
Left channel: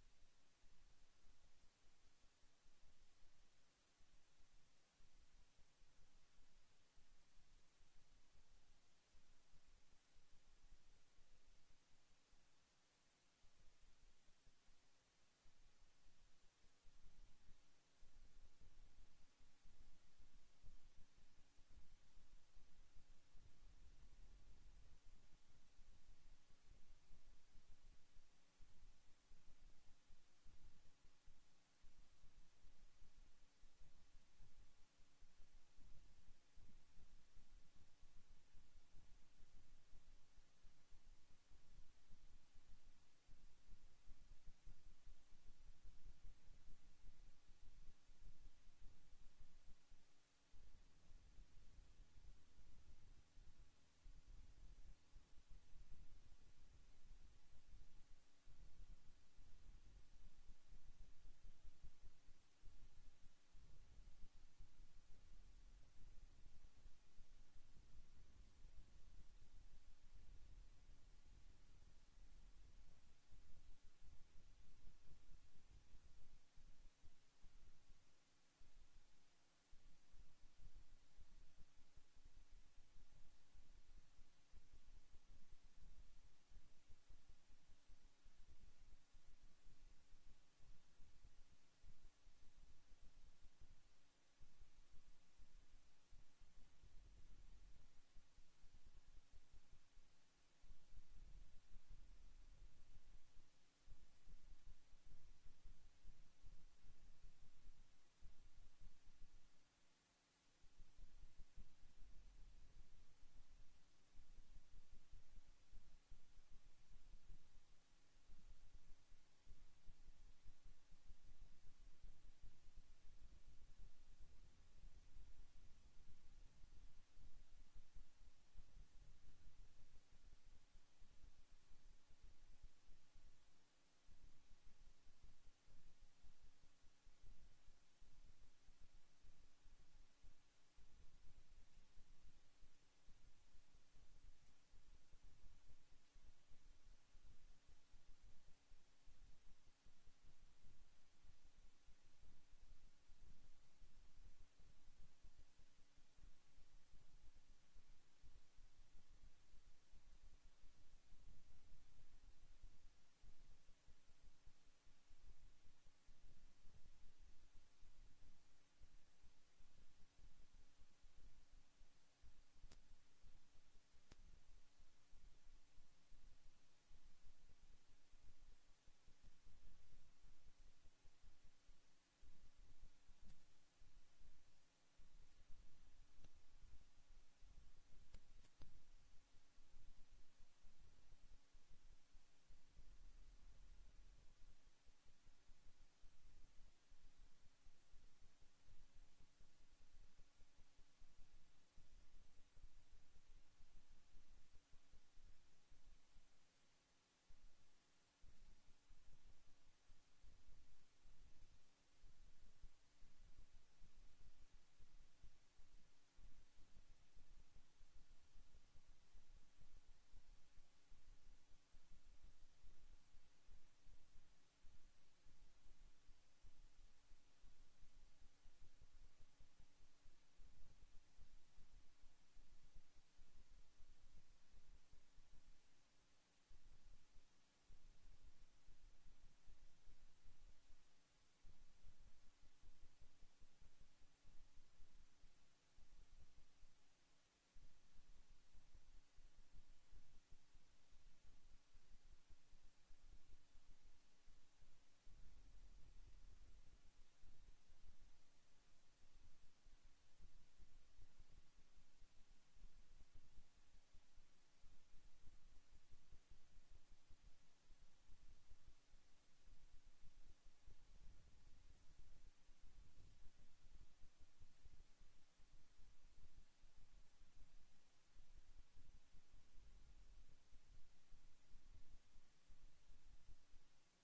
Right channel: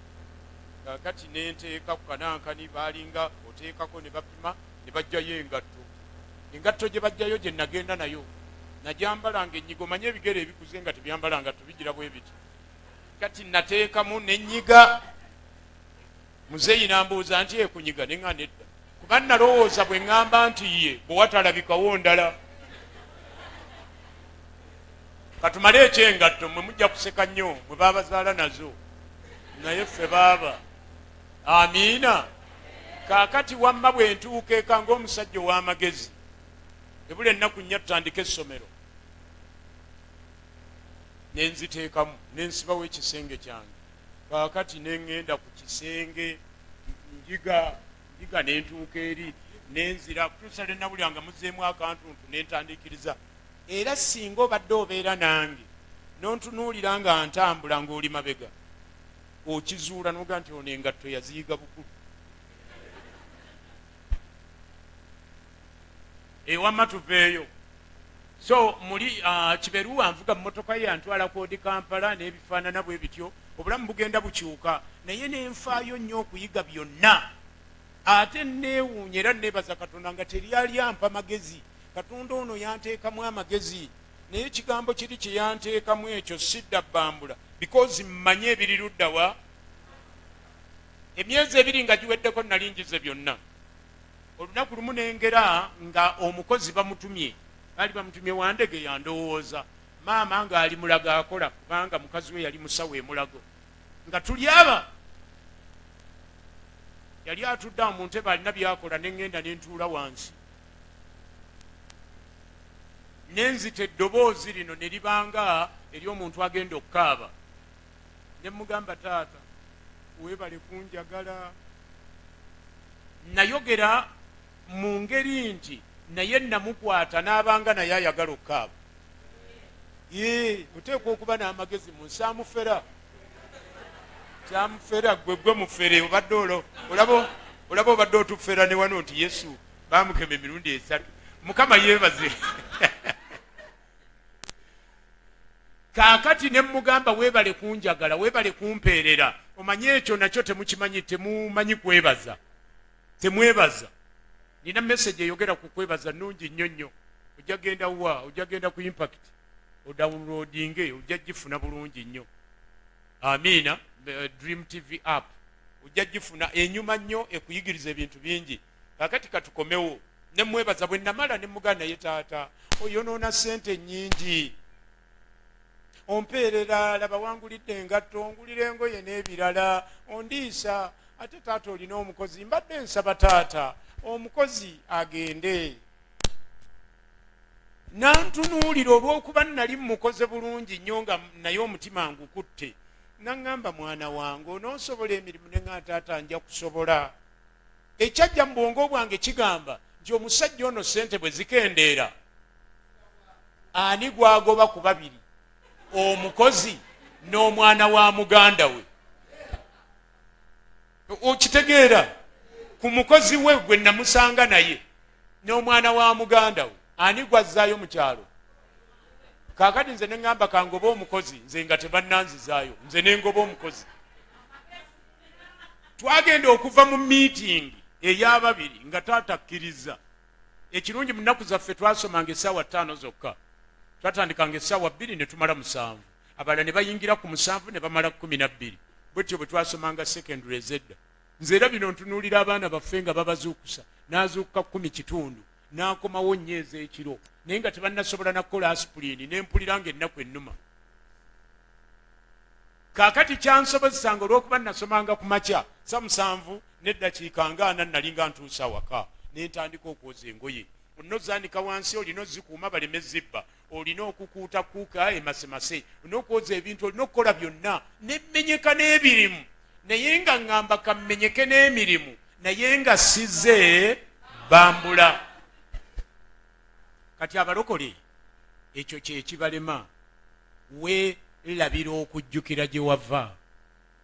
Kati nenteeka ku kanankani, balinga oteekako ne bapima, ne bajjayo engatto. Engatto gye bajjayo gye nagenda nayo, najambalanga ennyigo. Manye ebigere ebikuze nga tebyambala ngatto bigira bwe biti. Kati nateekamu n'ennyiga. Muzeeyi n'ambuuza nti ekunyiga, ne ŋŋamba nedda, kuba nalowooza bwe ŋŋamba nti ye bwe watalabikawo ndala. Katumale ekyengatto, mwe mujja kuseka nnyo mwe baabazaala nazo, naye ffe baaba. Amiina. Kaakati wamma bwe ntuuka eka ng'omusajja ow'amagezi, ebula ennaku 4 tutandika essomero, ne nziteekamu, ne nsibawo ekisenge kyange. Kaakati ne ŋŋenda ku kisenge, njiga ne ntuuka eri, ne nzira kutuusa lwe nawulira nga muzzeemu akantuntu, ne ntandikiriza. Era singa obadde obeera nange n'ontunuulira nga ntambula ng'oli mabega, okizuula n'oga nti ono engatto yaziyiga bukulu. Ewamma tuveeyo. So muli Kiberu anvuga mmotoka ye antwala koodi Kampala n'ebifaanana bwe bityo. Obulamu bugenda bukyuka, naye nenfaayo nnyo okuyiga byonna. Ate neewuunya era neebaza Katonda nga teryali ampa magezi. Katonda ono yanteekamu amagezi, naye ekigambo kiri kye yanteekamu ekyo sidda bbambula, because mmanye ebiri luddawa. Emyezi 2 nga giweddeko nali njize byonna. Olunaku lumu nengera nga omukozi bamutumye, baali bamutumye wandege yandowooza, maama ng'ali mulago akola, kubanga mukazi we yali musawo emulago, nga tuli aba. Yali atudde mu ntebe alina byakola, ne ŋŋenda ne ntuula wansi. Nenzita eddoboozi lino ne libanga ery'omuntu agenda okukaaba. Ne mugamba, taata weebale kunjagala. Nayogera mu ngeri nti naye namukwata n'abanga naye ayagala okukaaba. Oteekwa okuba n'amagezi mu nsaamufera. Kyamufera gwe mufere, obadde olaba obadde otufera ne wano nti Yesu baamukema emirundi 3. Mukama yeebaze. Kaakati ne mugamba weebale kunjagala, weebale kumpeerera. Omanye ekyo nakyo temukimanyi, temumanyi kwebaza. Temwebaza. Nina message eyogera ku kwebaza nnungi nnyo nnyo. Ojja genda wa, ojja genda ku Impact, odownloadinge, ojja gifuna bulungi nnyo. Amiina. Dream TV app. Ojja gifuna enyuma nnyo ekuyigiriza ebintu bingi. Kaakati katukomewo. Ne mwebaza bwe namala ne muganda ye taata, oyonoona ssente nnyingi. Ompeerera, laba wangulidde engatto, ongulira engoye n'ebirala, ondiisa. Ate taata olina omukozi, mbadde nsaba taata omukozi agende. nantunuulira olw'okuba nali mukoze bulungi nnyo nga naye omutima ngukutte, naŋŋamba mwana wange onoosobola emirimu ne nga taata nja kusobola. Ekyajja mu bwongo bwange kigamba nti omusajja ono ssente bwe zikendeera ani gwagoba ku babiri, omukozi n'omwana wa muganda we. Okitegeera, ku mukozi we gwe namusanga naye n'omwana wa muganda we ani gwazzaayo mu kyalo. Kaakati nze ne ŋŋamba kangoba omukozi, nze nga tebannanzizaayo, nze ne ngoba omukozi. Twagenda okuva mu miitingi ey'ababiri nga taata akkiriza. Ekirungi mu nnaku zaffe twasomanga essaawa 5 zokka, twatandikanga essaawa 2 ne tumala 7, abalala ne bayingira ku 7 ne bamala 12. Bwetyo bwe twasomanga secondary ezedda. Nze era bino ntunuulira abaana baffe nga babazuukusa, n'azuukuka 10 kitundu, n'akomawo nnyeeza ekiro, naye nga tebannasobola nakukola aspirini, n'empulira ng'ennaku ennuma. Kaakati kyansobozesanga olw'okuba nasomanga ku makya 7 n'eddakiika nga 4 nali nga ntuusa waka, ne ntandika okwoza engoye. Olina ozaanika wansi, olina ozikuuma baleme zibba, olina okukuutakuuka emasemase, olina okwoza ebintu, olina okukola byonna, n'emmenyeka n'ebirimu. Naye nga ŋŋamba kammenyeke n'emirimu, naye nga size bambula. Kati abalokole ekyo kye kibalema, weerabira okujjukira gye wava.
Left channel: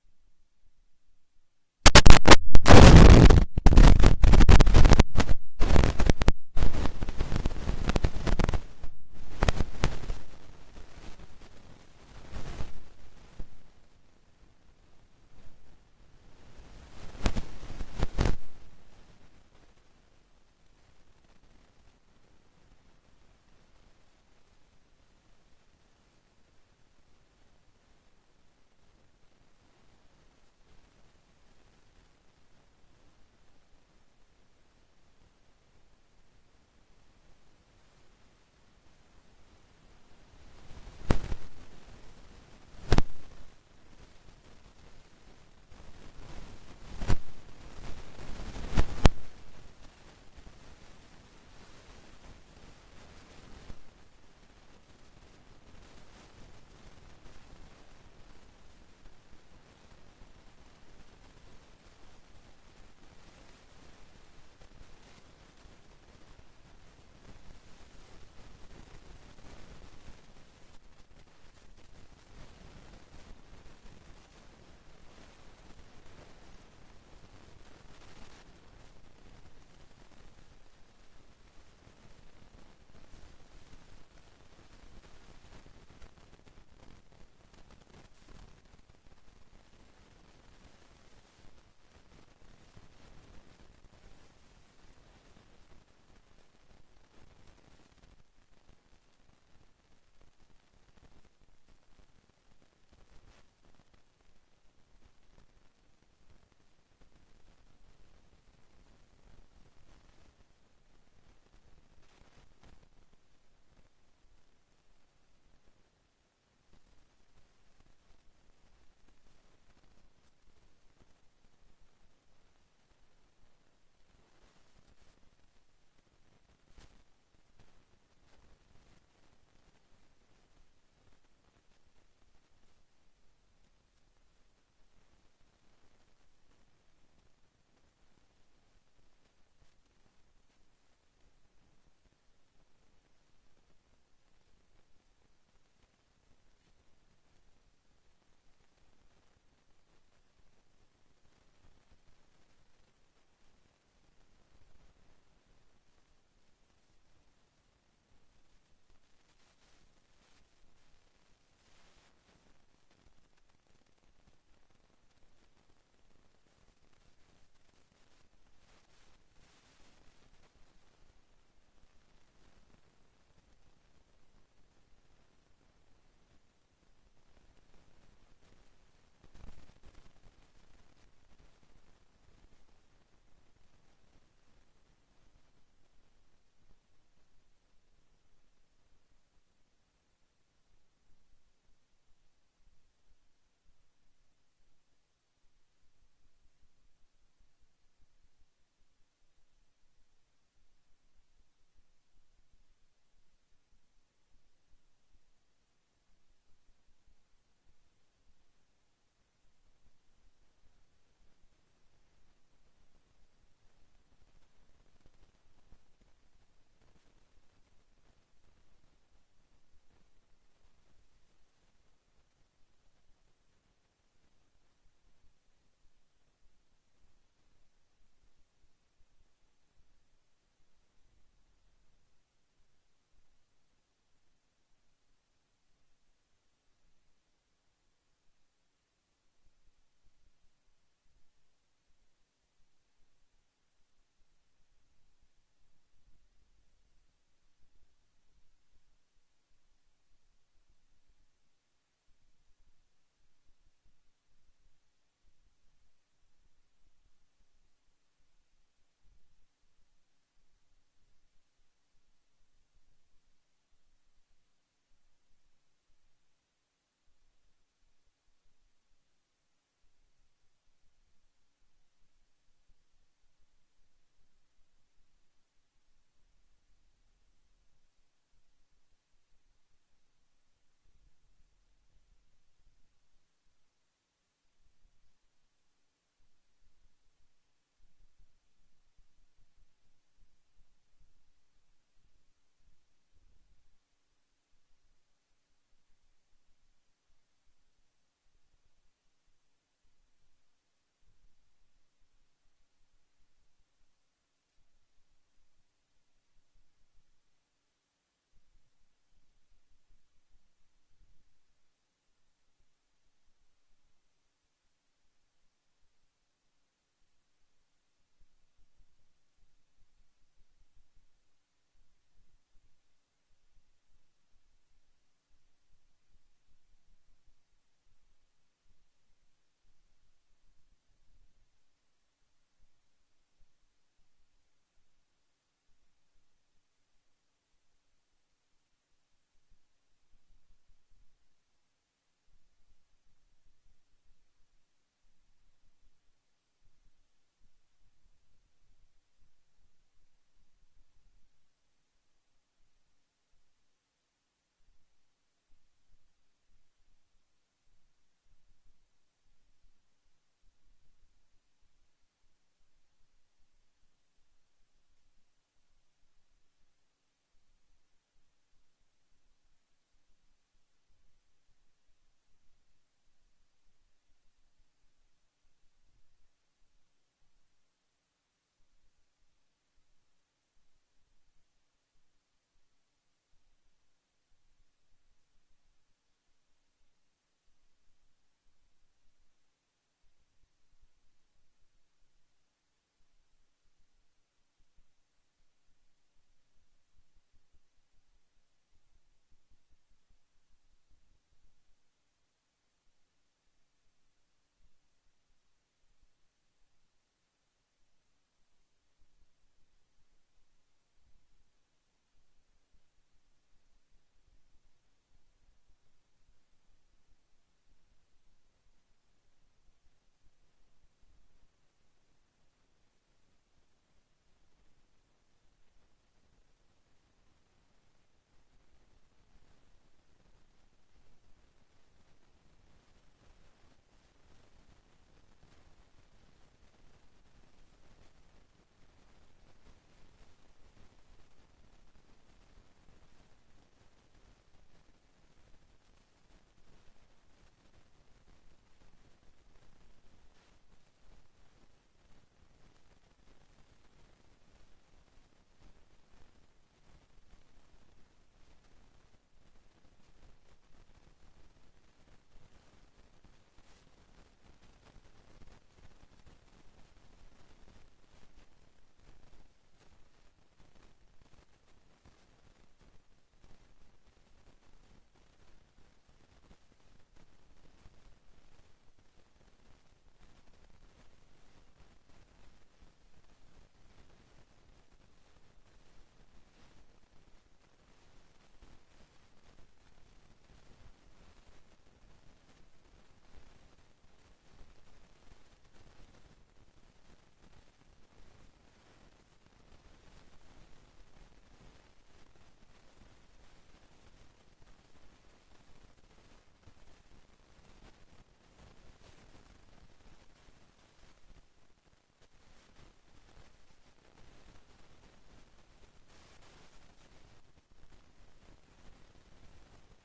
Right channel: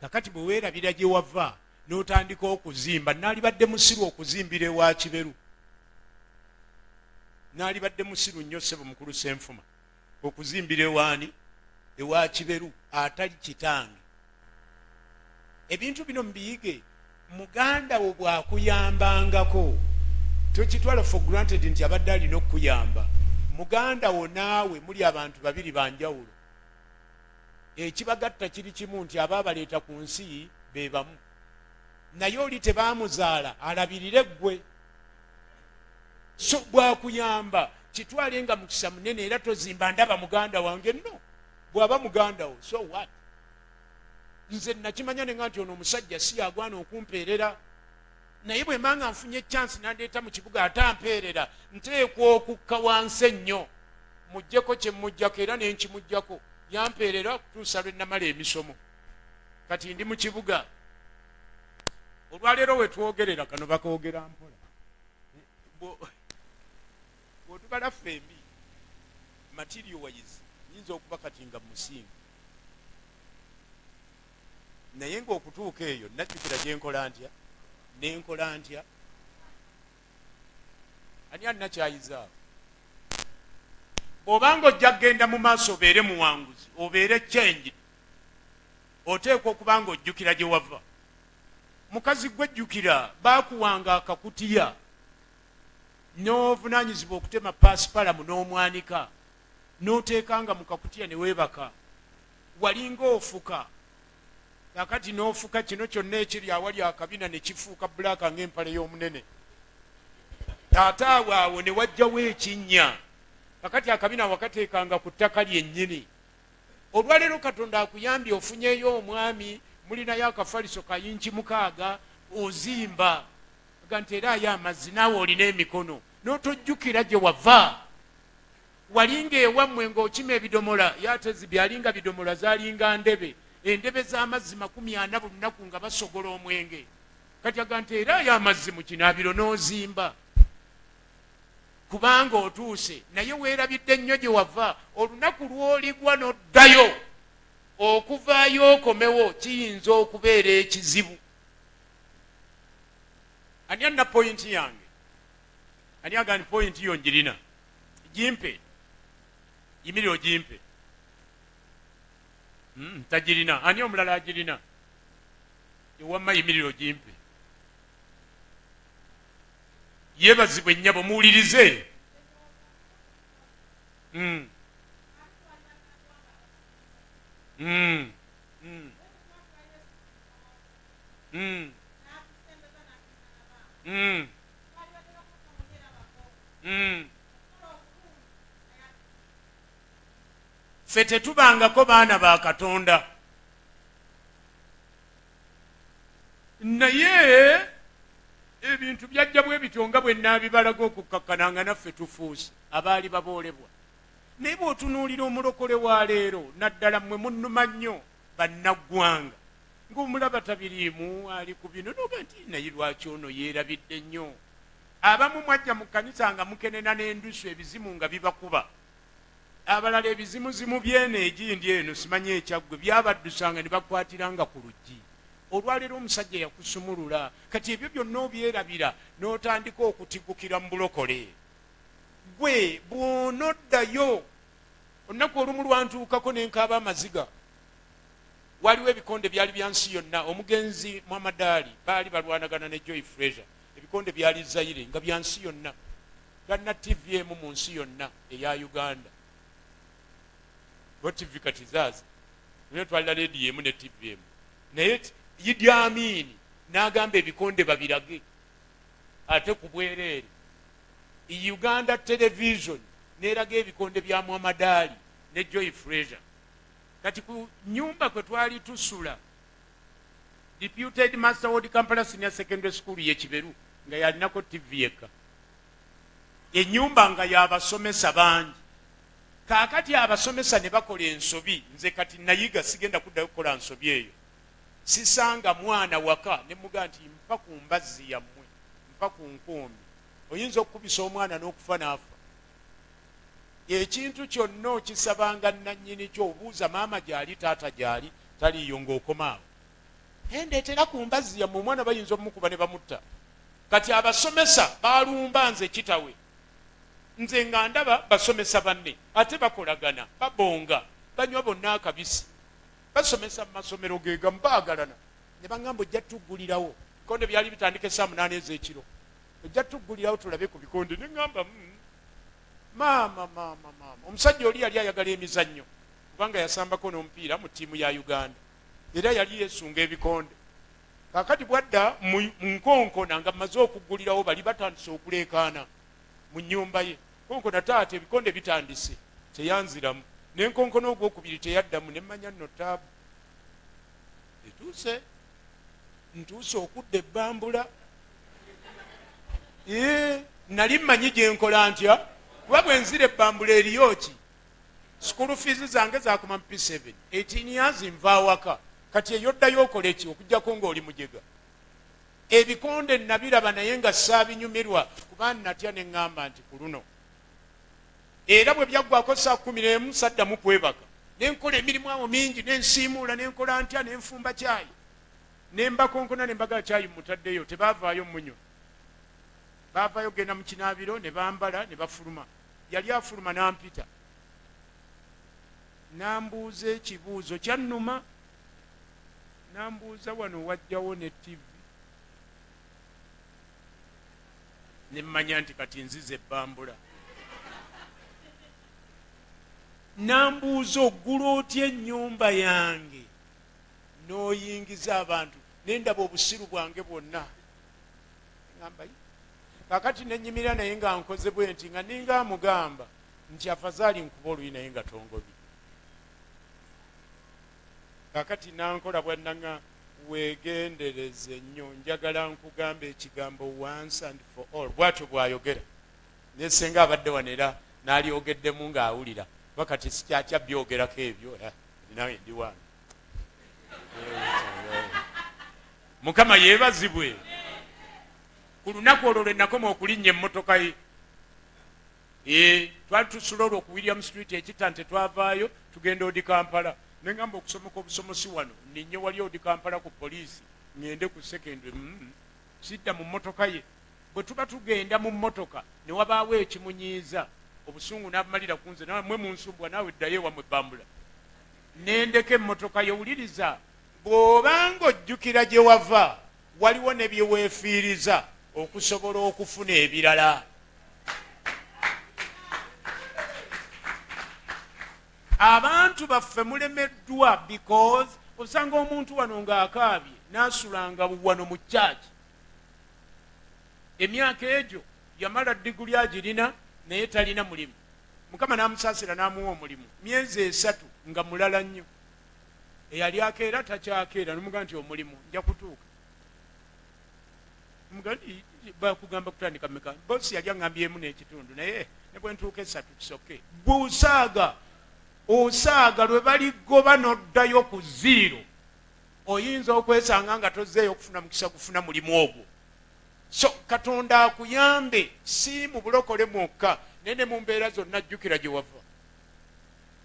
Kakati bwe weerabira gye wava n'otandika okuzimba, naalibadde musiru okuzimbira ewa Kiberu, naalibadde musiru nnyo ssebo mukulu Ssenfumu okuzimbira ewaani, ewa Kiberu atali kitange. Ebintu bino mbiyige, muganda wo bw'akuyambangako tokitwala for granted nti abadde alina okukuyamba. Muganda wo naawe muli abantu babiri banjawulo. Ekibagatta kiri kimu nti abaabaleeta ku nsi be bamu, naye oli tebaamuzaala alabirire ggwe. So bw'akuyamba kitwale nga mukisa munene, era tozimba ndaba muganda wange nno. Bw'aba muganda wo, so what? Nze nakimanya ne nga nti ono omusajja si yagwana okumpeerera, naye bwe mbanga nfunye chance nandeeta mu kibuga atampeerera, nteekwa okukka wansi ennyo muggyeko kye muggyako, era ne nkimuggyako, yampeerera okutuusa lwe namala emisomo. Kati ndi mu kibuga. Olwaleero we twogerera kano bakoogera mpola. Bw'otubala ffembi material wise nyinza okuba kati nga musinga, naye ng'okutuuka eyo najjukira gye nkola ntya nenkola ntya. Ani annakyayiza? Obanga ojja kgenda mu maaso obeere muwanguzi, obeere change, oteekwa okuba nga ojjukira gye wava. Mukazi gwejjukira baakuwanga akakutiya n'ovunaanyizibwa okutema paasipalamu n'omwanika, n'oteekanga mu kakutiya ne weebaka, walinga ofuka. Kakati n'ofuka kino kyonna ekiri awali akabina ne kifuuka bbulaaka ng'empale y'omunene. Ate awo ne wajjawo ekinnya. Kakati akabina wakateekanga ku ttaka lyennyini. Olwaleero Katonda akuyambye ofunyeyo omwami, mulinayo akafaliso kayinki 6, ozimba ga nteerayo amazzi, naawe olina emikono, n'otojjukira gye wava. Walinga ewammwe ng'okima ebidomola, yatezi byalinga bidomola zaalinga ndebe, endebe z'amazzi 40 buli lunaku nga basogola omwenge. Kati aga nteerayo amazzi mu kinaabiro n'ozimba, kubanga otuuse. Naye weerabidde nnyo gye wava. Olunaku lw'oligwa n'oddayo okuvaayo okomewo kiyinza okubeera ekizibu. Ani anna pointi yange? Ani agani pointi yo njirina? Jimpe. Yimiriro jimpe. Tajirina. Ani omulala ajirina? Ewamma yimiriro jimpe. Yebazibwe nnyabo muwulirize. Ffe tetubangako baana ba Katonda, naye ebintu byajja bwe bityo nga bwe naabibalaga okukakkananga naffe tufuuse abaali baboolebwa. naye bw'otunuulira omulokole wa leero naddala mmwe munnuma nnyo bannaggwanga ng'omulaba tabiriimu ali ku bino noga nti naye lwaki ono yeerabidde nnyo. Abamu mwajja mu kkanisa nga mukenena n'endusu ebizimu nga bibakuba, abalala ebizimuzimu byene egindi eno simanyi ekyaggwe byabaddusanga ne bakwatiranga ku luggi. Olwaleero omusajja yakusumulula, kati ebyo byonna obyerabira n'otandika okutigukira mu bulokole. Gwe bw'onoddayo, olunaku olumu lwantuukako n'enkaaba amaziga. Waliwo ebikonde byali bya nsi yonna, omugenzi Muhammad Ali baali balwanagana ne Joy Fraser, ebikonde byali Zaire nga bya nsi yonna, talina TV emu mu nsi yonna eya Uganda. Bo TV kati zaazi naye twalina leediyo emu ne TV emu, naye Idi Amin n'agamba ebikonde babirage ate ku bwereere. Uganda Television n'eraga ebikonde bya Muhammad Ali ne Joy Fraser. Kati ku nyumba kwe twali tusula, Deputed Master Ward Kampala Senior Secondary School ye Kiberu nga yalinako TV yekka, ennyumba nga y'abasomesa bangi. Kaakati abasomesa ne bakola ensobi, nze kati nayiga sigenda kuddayo kukola nsobi eyo. Sisanga mwana waka ne muga nti mpa ku mbazzi yammwe, mpa ku nkumbi, oyinza okukubisa omwana n'okufa n'afa. Ekintu kyonna okisabanga nannyini kyo, obuuza maama gyali taata gyali taliyo ng'okomaawo. Ndeetera ku mbazzi yammwe, omwana bayinza omukuba ne bamutta. Kati abasomesa balumba nze kitawe, nze nga ndaba basomesa banne ate bakolagana, babonga, banywa bonna akabisi, basomesa mu masomero ge gamu baagalana. Ne baŋŋamba ojja tuggulirawo, bikonde byali bitandika essaawa 8 ez'ekiro, ojja tuggulirawo tulabe ku bikonde. Ne ŋŋamba maama. Omusajja oli yali ayagala emizannyo kubanga yasambako n'omupiira mu ttiimu ya Uganda era yali yeesunga ebikonde. Kaakati bwadda mu nkonkona nga mmaze okuggulirawo, bali batandise okuleekaana mu nnyumba ye. Konkona taata ebikonde bitandise, teyanziramu. N'enkonkona ogwokubiri teyaddamu, ne mmanya nno taabu. Ntuuse okudda ebbambula. Nali mmanyi gye nkola ntya, kuba bwe nzira ebbambula eriyo ki. School fees zange zakoma mu P7, 18 years nva waka. Kati eyoddayo okole ki okujjako ng'oli mujega. Ebikonde nabiraba naye nga saabinyumirwa kuba natya ne ŋŋamba nti ku luno. Era bwe byaggwako saa 11 saddamu kwebaka. Nenkola emirimu awo mingi, nensiimuula, nenkola ntya, nenfumba caayi. Nembakonkona ne mbaga caayi mutaddeyo, tebaavaayo munywa. Baavaayo genda mu kinaabiro ne bambala ne bafuluma. Yali afuluma n'ampita. Nambuuza ekibuuzo kyannuma. Nambuuza wano wajjawo ne TV. Ne mmanya nti kati nzize ebbambula. Nambuuza oggula otya ennyumba yange n'oyingiza abantu, nendaba obusiru bwange bwonna. Ngamba kaakati nennyimira naye nga nkoze bwe nti nga ninga amugamba nti afazaali nkuba oluyi naye nga tongobi. Kaakati nankola bwannanga weegendereze nnyo, njagala nkugamba ekigambo once and for all. Bw'atyo bw'ayogera. Naye senga abadde wano era n'alyogeddemu ng'awulira. Bakati sikyatya byogerako ebyo, nawe ndi wano. Mukama yeebazibwe. Ku lunaku olwo lwe nakoma okulinnya emmotoka ye. Twali tusula olwo ku William Street ekitante, twavaayo tugenda odi Kampala. Ne ngamba okusomoka obusomosi wano ninye wali odi Kampala ku poliisi ngende ku secondary. Sidda mu mmotoka ye. Bwe tuba tugenda mu mmotoka ne wabaawo ekimunyiiza, obusungu n'abumalira ku nze, nawe mmwe munsumbwa naawe ddayo ewammwe ebbambula. Nendeka emmotoka ye. Wuliriza, bw'obanga ojjukira gye wava, waliwo ne bye weefiiriza okusobola okufuna ebirala. Abantu baffe mulemeddwa because osanga omuntu wano ng'akaabye n'asulanga wano mu kyaki. Emyaka egyo yamala diguli agirina naye talina mulimu. Mukama n'amusaasira n'amuwa omulimu myezi 3 nga mulala nnyo. Eyali akeera takyakeera, n'omugamba nti omulimu nja kutuuka. Mugandi bakugamba kutandika meka. Bosi yali aŋŋambyemu n'ekitundu naye ne bwe ntuuka 3 kisoke gwe osaaga lwe baligoba n'oddayo ku 0 oyinza okwesanga nga tozzeeyo okufuna mukisa gufuna mulimu ogwo. So Katonda akuyambe si mu bulokole mwokka naye ne mu mbeera zonna ajjukira gye wava.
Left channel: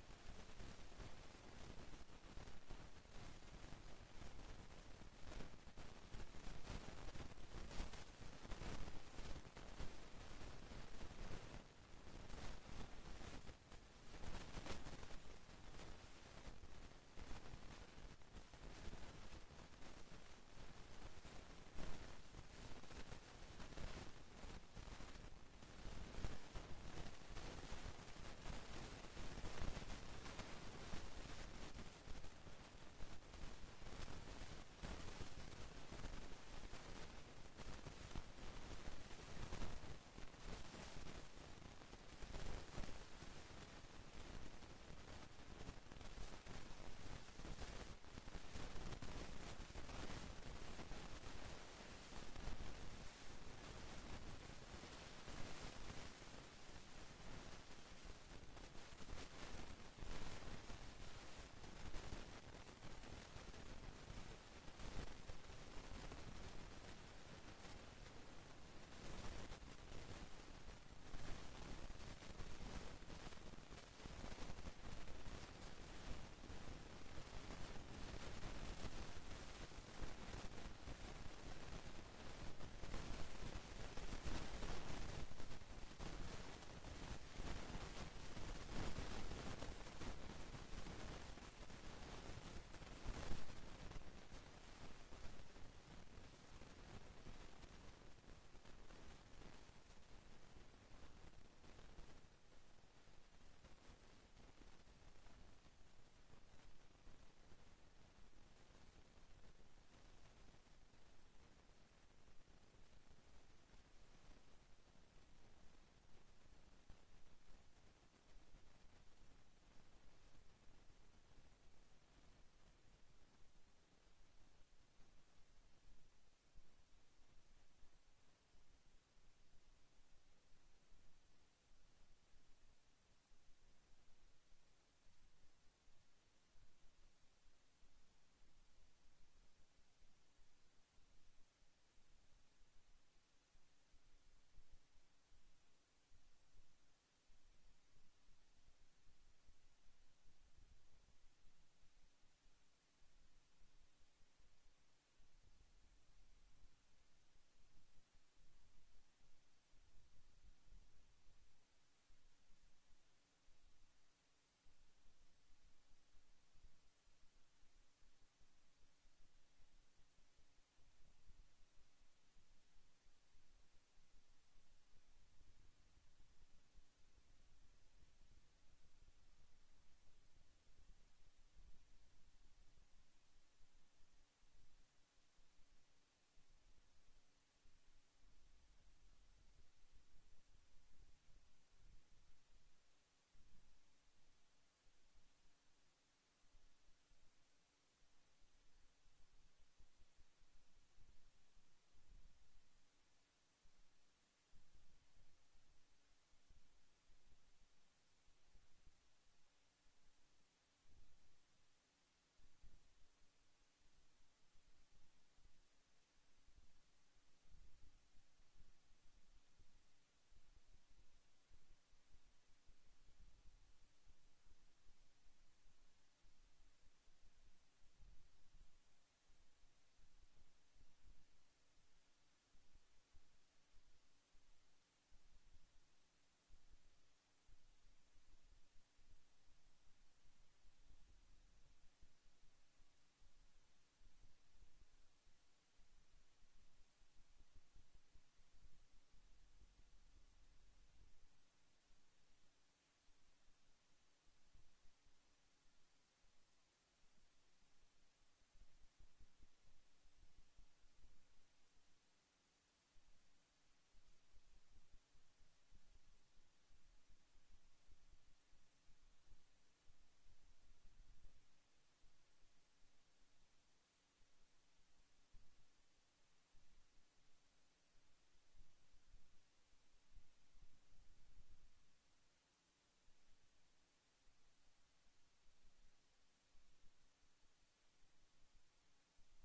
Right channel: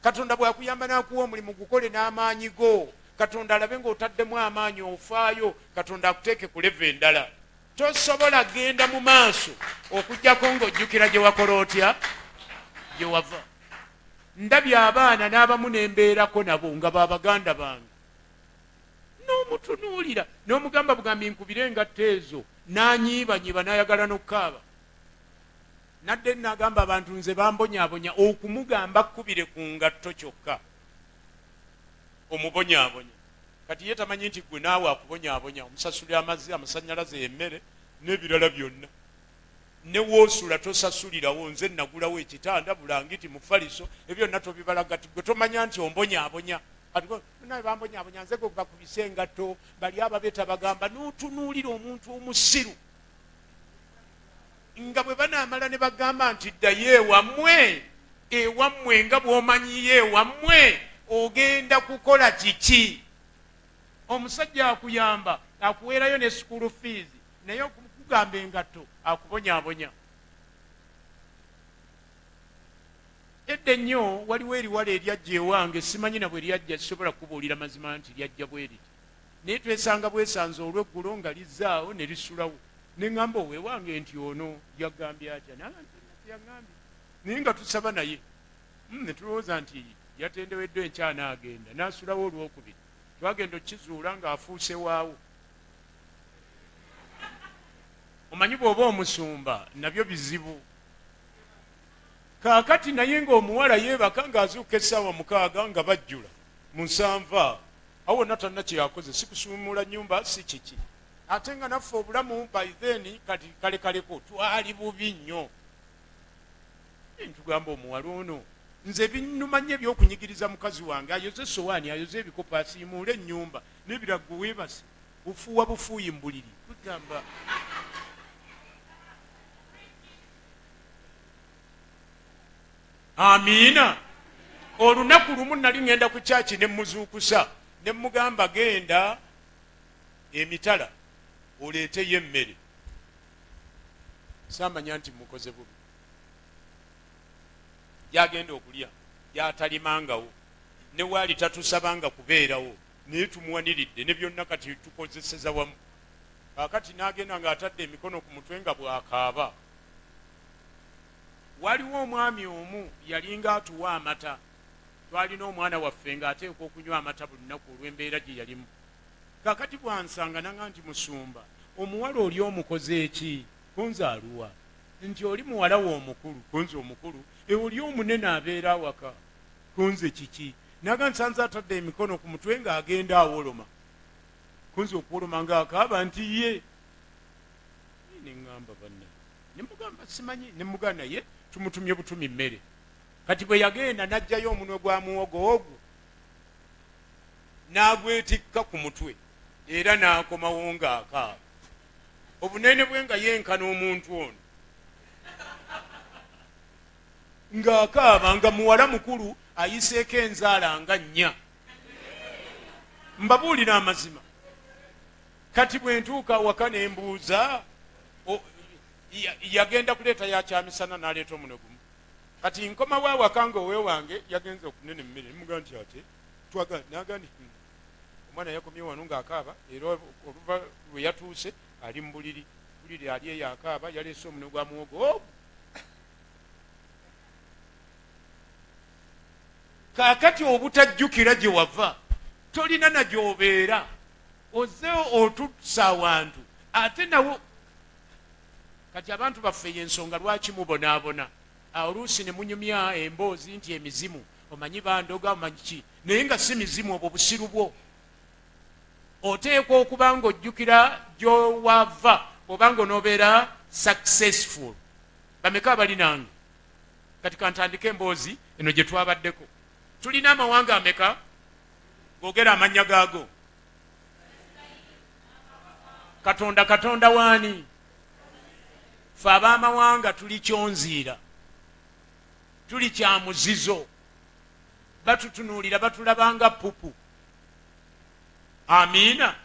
Katonda bw'akuyamba n'akuwa omulimu gukole n'amaanyi go. Katonda alabe ng'otaddemu amaanyi ofaayo. Katonda akuteeke ku leve endala. Tosobola genda mu maaso okujjako ng'ojjukira gye wakola otya gye wava. Ndabye abaana n'abamu n'embeerako nabo nga baabaganda bange n'omutunuulira n'omugamba bugambi nkubire engatto ezo n'anyiibanyiiba n'ayagala n'okkaaba. Nadde n'agamba abantu nze bambonyaabonya okumugamba kkubire ku ngatto kyokka omubonyaabonya. Kati ye tamanyi nti gwe naawe akubonyaabonya omusasulira amazzi amasannyalaze emmere n'ebirala byonna. Ne woosula tosasulirawo nze nagulawo ekitanda bulangiti mufaliso ebyo byonna tobibalaga gwe tomanya nti ombonyaabonya. Naye bambonyaabonya nze gwe bakubise engatto bali ababeeta bagamba n'otunuulira omuntu omusiru nga bwe banaamala ne bagamba nti ddayo ewammwe nga bw'omanyiyo ewammwe ogenda kukola kiki. Omusajja akuyamba akuweerayo ne school fees naye okugamba engatto akubonyaabonya. Edda ennyo waliwo eriwala eryajja ewange simanyi na bwe lyajja sisobola kubuulira mazima nti lyajja bwe liti naye twesanga bwesanze olw'eggulo nga lizzaawo ne lisulawo ne ŋŋamba oweewange nti ono lyagambye atya yaŋŋambye naye nga tusaba naye ne tulowooza nti yatendeweddwa enkyana agenda n'asulawo olwokubiri twagenda okkizuula ng'afuuse waawo. Omanyi bw'oba omusumba nabyo bizibu. Kaakati naye ng'omuwala yeebaka ng'azuuka essaawa 6 nga bajjula mu 7 awo wonna talina kye yakoze si kusuumula nnyumba si kiki. Ate nga naffe obulamu by then kati kalekaleko twali bubi nnyo. Ntugamba omuwala ono nze binnuma nnyo ebyokunyigiriza mukazi wange ayoze essowaani ayoze ebikopo asiimuule ennyumba n'ebiraggo weebase bufuuwa bufuuyi mu buliri tugamba amiina. Olunaku lumu nali ŋŋenda ku kyaki ne muzuukusa ne mugamba genda emitala oleeteyo emmere. Saamanya nti mukoze bubi. Yagenda okulya yatalimangawo ne waali tatusabanga kubeerawo naye tumuwaniridde ne byonna kati tukozeseza wamu. Kaakati n'agenda ng'atadde emikono ku mutwe nga bw'akaaba. Waliwo omwami omu yalinga atuwa amata. Twalina omwana waffe ng'ateekwa okunywa amata buli lunaku olw'embeera gye yalimu. Kaakati bwansanga nanga nti musumba omuwala oli omukoze eki kunze aluwa nti oli muwala we omukulu kunze omukulu oli omunene abeera awaka kunze kiki. Naga nsanze atadde emikono ku mutwe ng'agenda awoloma kunze okuwoloma ng'akaaba nti ye ne ŋŋamba banna ne mugamba simanyi ne mugana ye tumutumye butumi mmere. Kati bwe yagenda n'aggyayo omunwe gwa muwogo ogwo n'agwetikka ku mutwe era n'akomawo ng'akaaba. Obunene bwe nga yenkana omuntu ono ng'akaaba nga muwala mukulu ayiseeko enzaala nga 4. Mbabuulira amazima. Kati bwe ntuuka awaka ne mbuuza yagenda kuleeta yakyamisana n'aleeta omunwe gumu. Kati nkomawo awaka ng'oweewange yagenze okunene emmere nemugaa nti ate twaga n'agandi omwana yakomye wano ng'akaaba era oluva lwe yatuuse ali mu buliri ali eyo akaaba yaleese omunwe gwa muwogo. Kaakati obutajjukira gye wava tolina na gy'obeera ozze otusa awantu ate nawo. Kati abantu baffe y'ensonga lwaki mubonaabona oluusi ne munyumya emboozi nti emizimu omanyi bandoga omanyi ki naye nga si mizimu obwo busiru bwo. Oteekwa okuba ng'ojjukira gy'owava obanga onoobeera successful. Bameka abali nange kati kantandika emboozi eno gye twabaddeko. Tulina amawanga ameka googera amannya gaago. Katonda waani? Ffe ab'amawanga tuli kyonziira. tuli kya muzizo, batutunuulira batulabanga pupu. Amiina.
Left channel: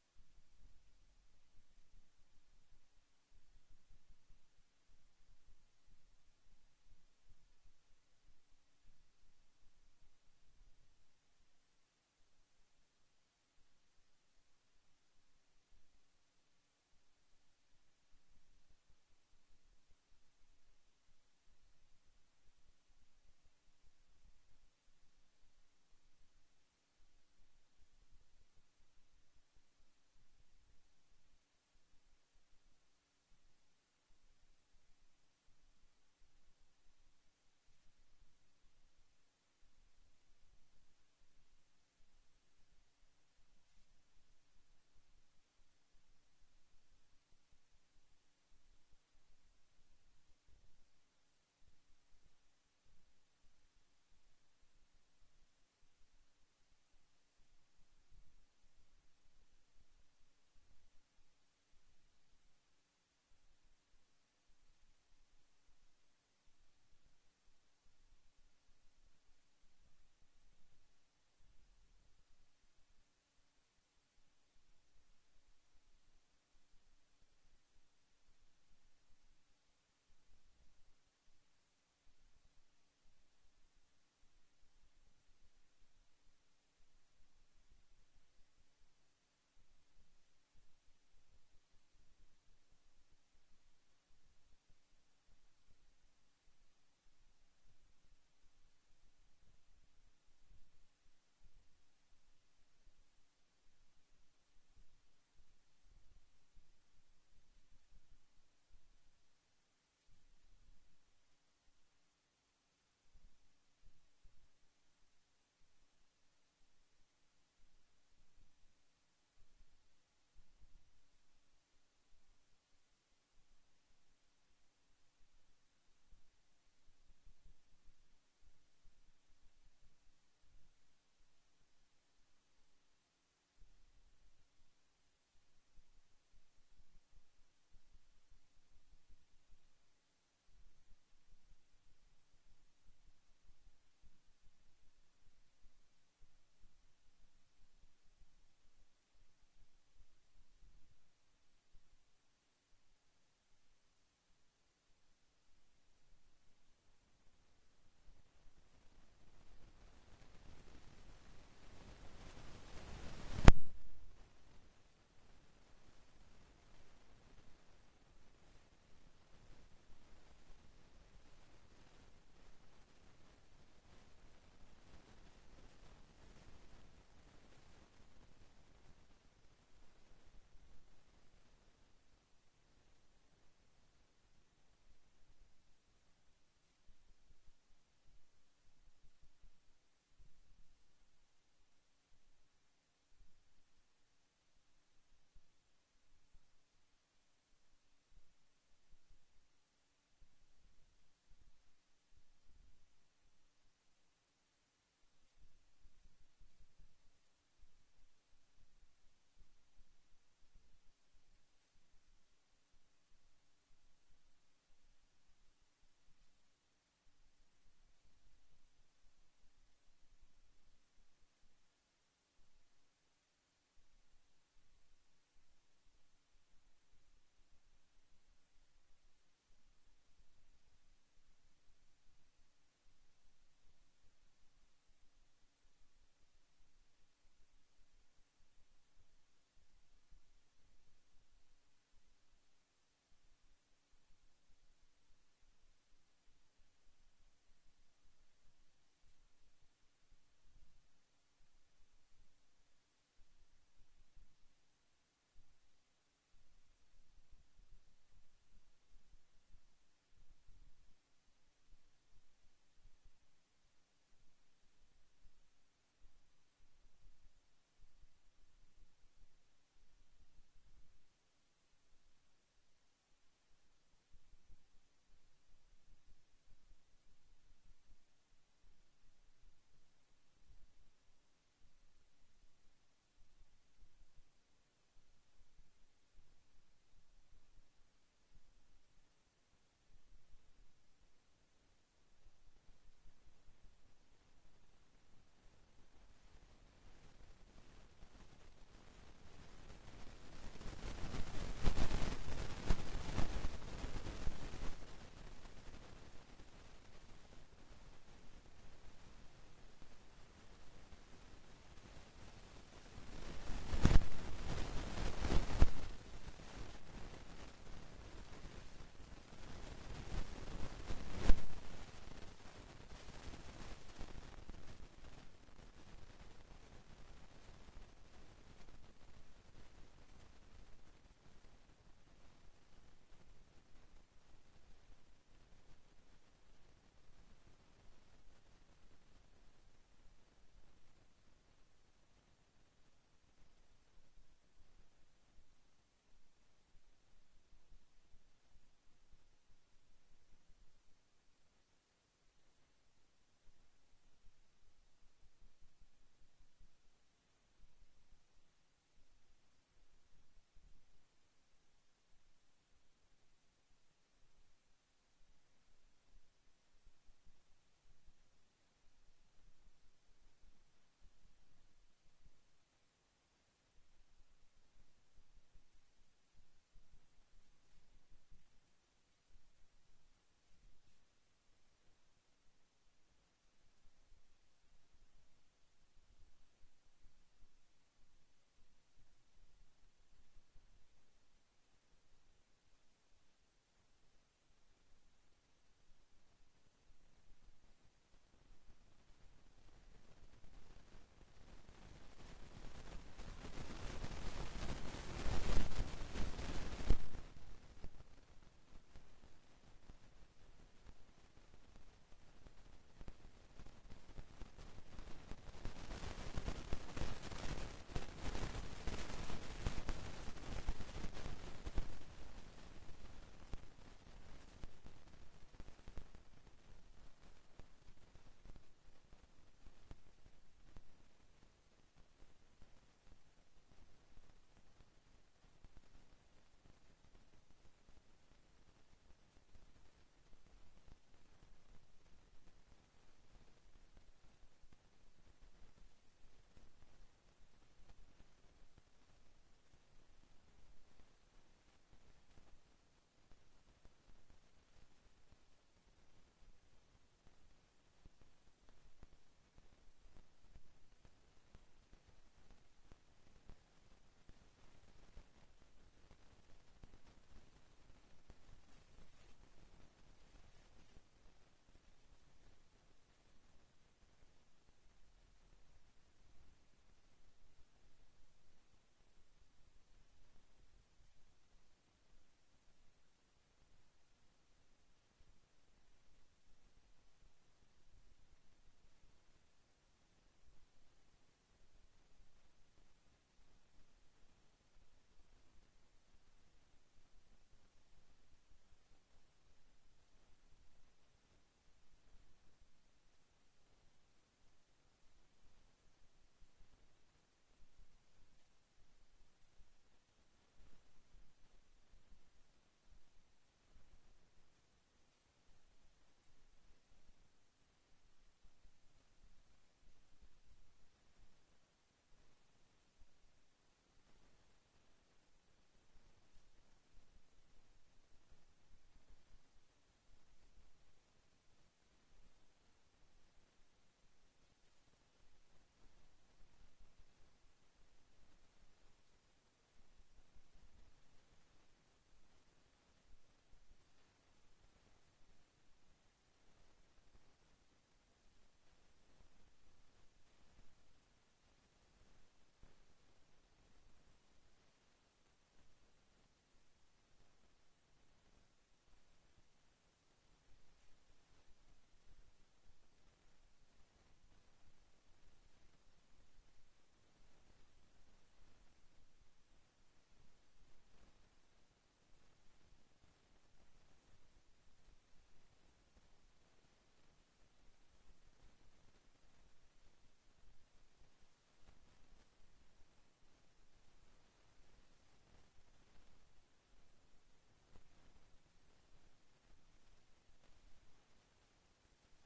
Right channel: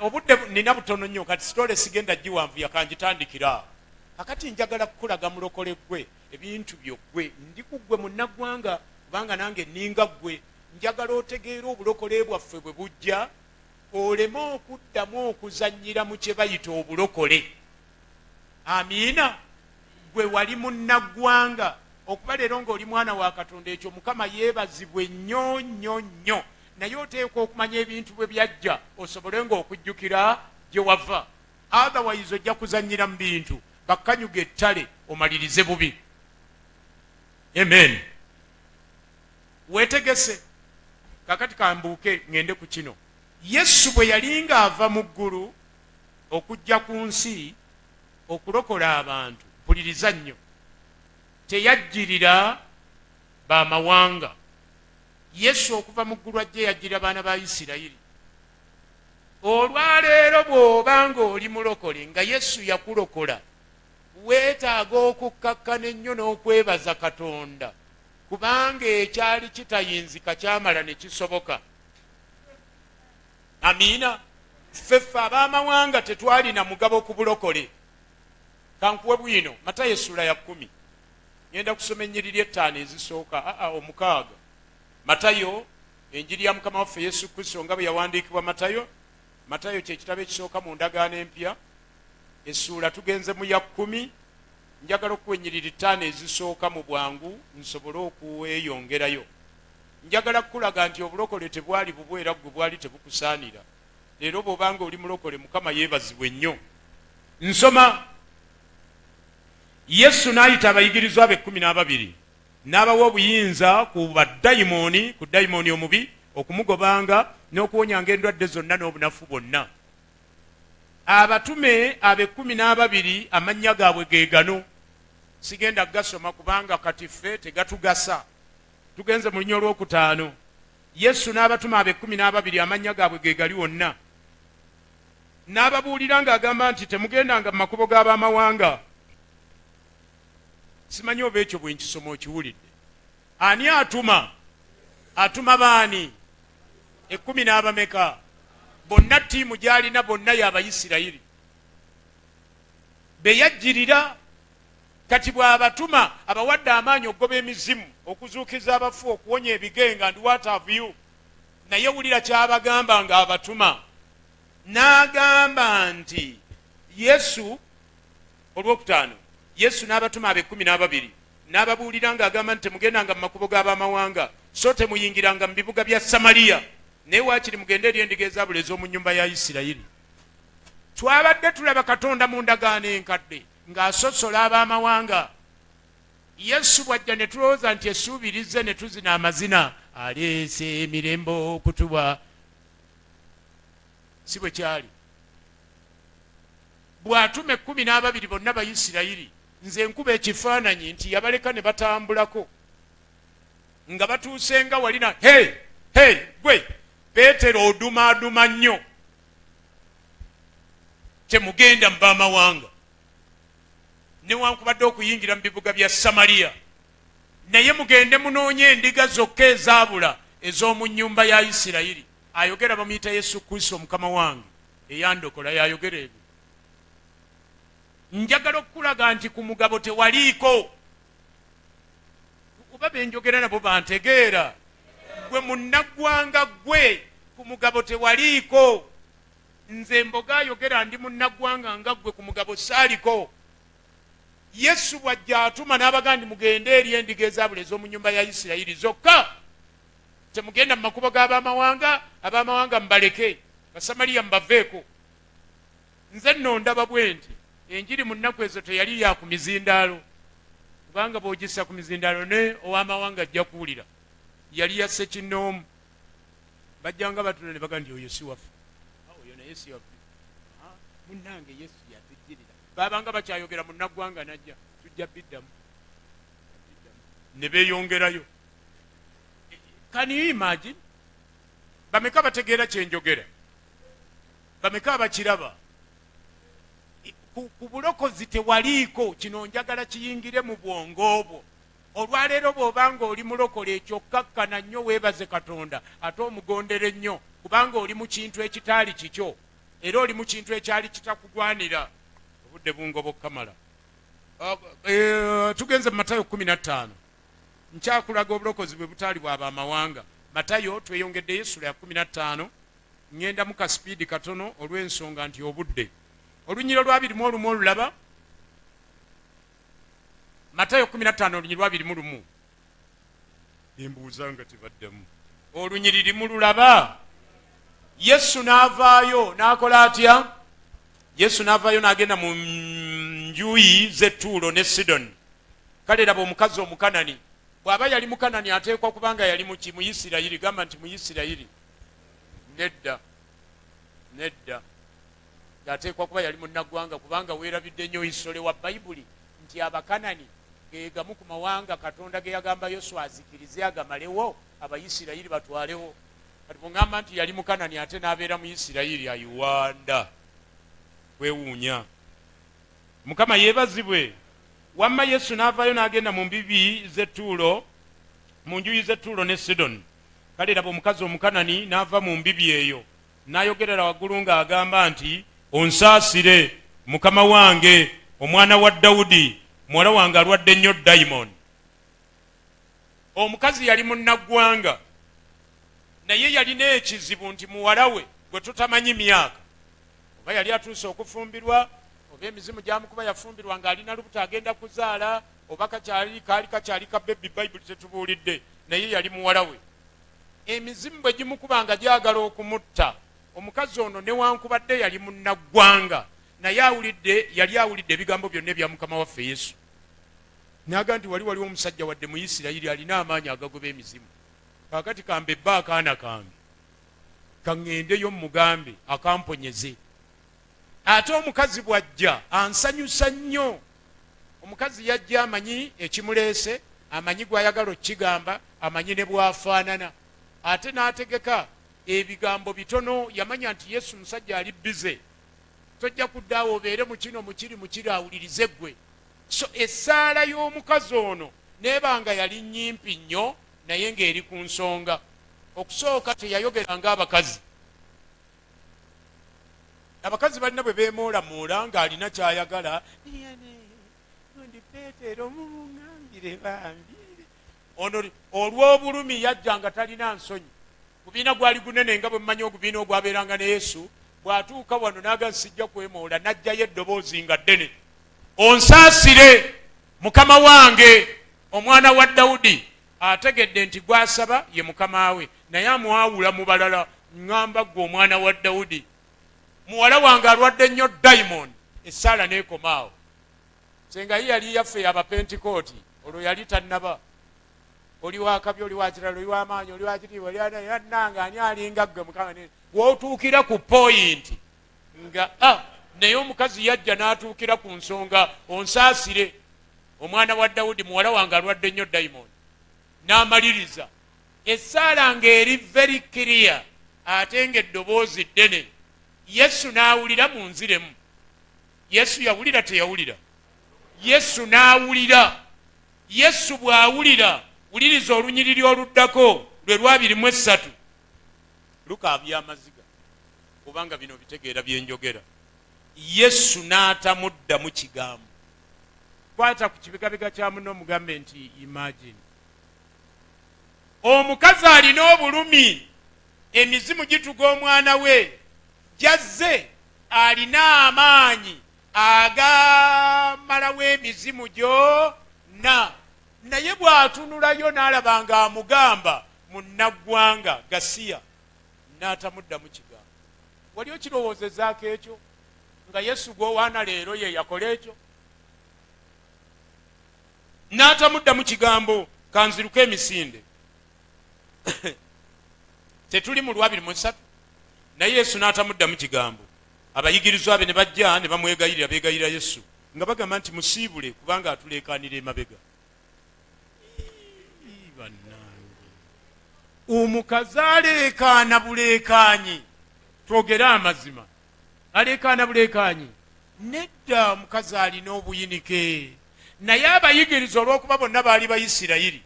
Obudde nina butono nnyo kati sitole sigenda giwanvuya kanjitandikira. Kakati njagala kukulaga mulokole gwe ebintu byoggwe ndi kuggwe munnaggwanga kubanga nange ninga ggwe njagala otegeera obulokole bwaffe bwe bujja oleme okuddamu okuzannyira mu kye bayita obulokole. Amiina. Gwe wali munnaggwanga okuba leero ng'oli mwana wa Katonda, ekyo Mukama yeebazibwe nnyo nnyo nnyo, naye oteekwa okumanya ebintu bwe byajja osobole ng'okujjukira gye wava. Otherwise ojja kuzannyira mu bintu bakkanyuga ettale omalirize bubi. Amen. Weetegese. Kakati kambuuke ngende ku kino. Yesu bwe yali ng'ava mu ggulu okujja ku nsi okulokola abantu, mpuliriza nnyo, teyajjirira bamawanga. Yesu okuva mu ggulu ajje yajjirira baana ba Isirayiri. Olwaleero bw'oba ng'oli mulokole nga Yesu yakulokola, weetaaga okukkakkana ennyo n'okwebaza Katonda kubanga ekyali kitayinzika kyamala ne kisoboka. Amiina. Ffeffe ab'amawanga tetwalina mugabo ku bulokole. Kankuwe bwino Matayo essula ya 10. Ngenda kusoma ennyiriri 5 ezisooka omukaaga. Matayo, enjiri ya Mukama waffe Yesu Kristo nga bwe yawandiikibwa Matayo. Matayo kye kitabo ekisooka mu ndagaano empya. Essula tugenze mu ya 10. Njagala okuwa ennyiriri 5 ezisooka mu bwangu nsobole okuweyongerayo. Njagala kukulaga nti obulokole tebwali bubwera gwe bwali tebukusaanira. Leero bw'obanga oli mulokole Mukama yeebazibwe nnyo. Nsoma. Yesu n'ayita abayigirizwa be 12 n'abawa obuyinza ku baddayimooni, ku dayimooni omubi okumugobanga n'okuwonyanga endwadde zonna n'obunafu bwonna. Abatume abe 12 amannya gaabwe ge gano. Sigenda gasoma kubanga kati ffe tegatugasa. Tugenze mu linnya olwokutaano. Yesu n'abatume abe 12 amannya gaabwe ge gali wonna. N'ababuulira ng'agamba nti temugendanga mu makubo g'abamawanga. Simanyi oba ekyo bwe nkisoma okiwulidde. Ani atuma? Atuma baani? 10 n'abameka? Bonna ttiimu gy'alina bonna y'Abayisirayiri. Be yajjirira. Kati bw'abatuma abawadde amaanyi okugoba emizimu, okuzuukiza abafu, okuwonya ebigenga, and what have you. Naye wulira ky'abagamba ng'abatuma. N'agamba nti Yesu, olwokutaano, Yesu n'abatuma abe 12 n'ababuulira ng'agamba nti temugendanga mu makubo g'abamawanga, so temuyingiranga mu bibuga bya Samaliya, naye waakiri mugende eri endiga ezaabula ez'omu nnyumba ya Isirayiri. Twabadde tulaba Katonda mu ndagaano enkadde ng'asosola ab'amawanga. Yesu bw'ajja ne tulowooza nti esuubirize ne tuzina amazina, aleese emirembe okutuba. Si bwe kyali. Bw'atuma 12 bonna Bayisirayiri, nze nkuba ekifaananyi nti yabaleka ne batambulako nga batuuse nga walina gwe Peetero odumaaduma nnyo, temugenda mu b'amawanga newankubadde okuyingira mu bibuga bya Samaliya, naye mugende munoonye endiga zokka ezaabula ez'omu nnyumba ya Isirayiri. Ayogera bamuyita Yesu Kristo Mukama wange eyandokola, yayogera ebyo. Njagala okukulaga nti ku mugabo tewaliiko. Oba benjogera nabo bantegeera. Gwe munnaggwanga gwe, ku mugabo tewaliiko. Nze Mboga ayogera ndi munnaggwanga nga gwe, ku mugabo saaliko. Yesu bw'ajja atuma n'abagamba nti mugende eri endiga ezaabula ez'omu nnyumba ya Isirayiri zokka. Temugenda mu makubo g'abamawanga, abamawanga mbaleke, Basamaliya mbaveeko. Nze nno ndaba bwe nti enjiri mu nnaku ezo teyali ya ku mizindaalo, kubanga bw'ogissa ku mizindaalo ne ow'amawanga ajja kuwulira. Yali ya Ssekinnoomu. Bajjanga batula ne bagamba nti oyo si waffe. Oyo naye si waffe. Munnange Yesu yatujjirira. Baabanga bakyayogera mu nnaggwanga najja, tujja biddamu. Ne beeyongerayo. Can you imagine? Bameka bategeera kye njogera? Bameka abakiraba? Ku bulokozi tewaliiko. Kino njagala kiyingire mu bwongo bwo. olwaleero bw'obanga oli mulokole ekyo kkakkana nnyo weebaze katonda ate omugondere nnyo kubanga oli mu kintu ekitaali kikyo era oli mu kintu ekyali kitakugwanira. Obudde bungoboka mala. Tugenze mu Matayo 15 nkyakulaga obulokozi bwe butaali bw'abamawanga. Matayo tweyongeddeyo essula ya 15 ngenda mu kasipiidi katono olw'ensonga nti obudde. Olunyiro lwa 21 olulaba Matayo 15 olunyiri lwa 21 embuuza nga tebaddamu. Olunyiri limu lulaba. Yesu n'avaayo n'akola atya? Yesu n'avaayo n'agenda mu njuyi z'e Ttuulo ne Sidoni. Kale laba omukazi Omukanani bw'aba yali Mukanani ateekwa kubanga yali mu Isirayiri. Gamba nti mu Isirayiri. Nedda ateekwa kuba yali munnaggwanga kubanga weerabidde nnyo isole wa Bayibuli nti Abakanani ge gamu ku mawanga Katonda ge yagamba Yoswa azikirize agamalewo Abayisirayiri batwalewo. Kati bw'ŋŋamba nti yali Mukanani ate n'abeera mu Isirayiri ayiwanda kwewuunya. Mukama yeebazibwe. Wamma Yesu n'avaayo n'agenda mu mbibi z'e Ttuulo, mu njuyi z'e Ttuulo ne Sidoni. Kale laba omukazi Omukanani n'ava mu mbibi eyo n'ayogerera waggulu ng'agamba nti onsaasire Mukama wange, omwana wa Dawudi, muwala wange alwadde nnyo dayimoni. Omukazi yali munnaggwanga naye yalina ekizibu nti muwala we gwe tutamanyi myaka oba yali atuuse okufumbirwa oba emizimu gyamukuba yafumbirwa ng'alina lubuto agenda kuzaala oba kaali kakyali ka bebi Bayibuli tetubuulidde naye yali muwala we. Emizimu bwe gimukuba nga gyagala okumutta omukazi ono newankubadde yali munnaggwanga naye yali awulidde ebigambo byonna ebya Mukama waffe Yesu. Naga nti waliwo omusajja wadde mu Isirayiri alina amaanyi agagoba emizimu. Kaakati kambe bba akaana kange kaŋŋendeyo mugambe akamponyeze. Ate omukazi bw'ajja ansanyusa nnyo. Omukazi yajja amanyi ekimuleese, amanyi gw'ayagala okigamba, amanyi ne bw'afaanana. Ate n'ategeka ebigambo bitono. Yamanya nti Yesu musajja ali bize, tojja kuddaawo obeere mu kino mukiri awulirize ggwe. So essaala y'omukazi ono neebanga yali nnyimpi nnyo naye ng'eri ku nsonga. Okusooka teyayogeranga abakazi. Abakazi balina bwe beemoolamoola ng'alina ky'ayagala, ndi Peetero mumuŋŋambire bambire. Ono olw'obulumi yajja nga talina nsonyi. Gubiina gwali gunene nga bwe mmanyi ogubiina ogwabeeranga ne Yesu. Bw'atuuka wano n'aga sijja kwemoola, n'ajjayo eddoboozi nga ddene. Onsaasire Mukama wange, omwana wa Dawudi. Ategedde nti gw'asaba ye mukama we naye amwawula mu balala. Ŋŋamba ggwe omwana wa Dawudi, muwala wange alwadde nnyo dayimoni. Essaala n'ekomaawo. Senga ye yali yaffe y'Abapentekooti, olwo yali tannaba. Oli wakabi, oli wakirala, oli w'amaanyi, oli wakitiibwa, oli yannanga ani alinga ggwe Mukama. W'otuukira ku poyinti nga naye omukazi yajja n'atuukira ku nsonga, onsaasire omwana wa Dawudi, muwala wange alwadde nnyo dayimoni. N'amaliriza essaala ng'eri very clear ate ng'eddoboozi ddene. Yesu n'awulira mu nziremu. Yesu yawulira teyawulira? Yesu n'awulira. Yesu bw'awulira, wuliriza olunyiriri oluddako lwe lwa 23. Luka byamaziga kubanga bino bitegeera byenjogera. Yesu n'atamuddamu kigambo. Kwata ku kibigabiga kya muno omugambe nti imagine. Omukazi alina obulumi, emizimu gituga omwana we, jazze alina amaanyi agamalawo emizimu gyonna. Naye bw'atunulayo n'alaba nga amugamba munnaggwanga Gasiya, n'atamuddamu kigambo. Wali okirowoozezaako ekyo nga Yesu gw'owaana leero ye yakola ekyo? N'atamuddamu kigambo. Kanziruka emisinde. Tetuli mu lwa 23 naye Yesu n'atamuddamu kigambo. Abayigirizwa be ne bajja ne bamwegayirira, beegayirira Yesu nga bagamba nti musiibule kubanga atuleekaanira emabega. Omukazi aleekaana buleekaanyi. Twogere amazima. Aleekaana buleekaanyi. Nedda, omukazi alina obuyinike. naye abayigiriza olw'okuba bonna baali Bayisirayiri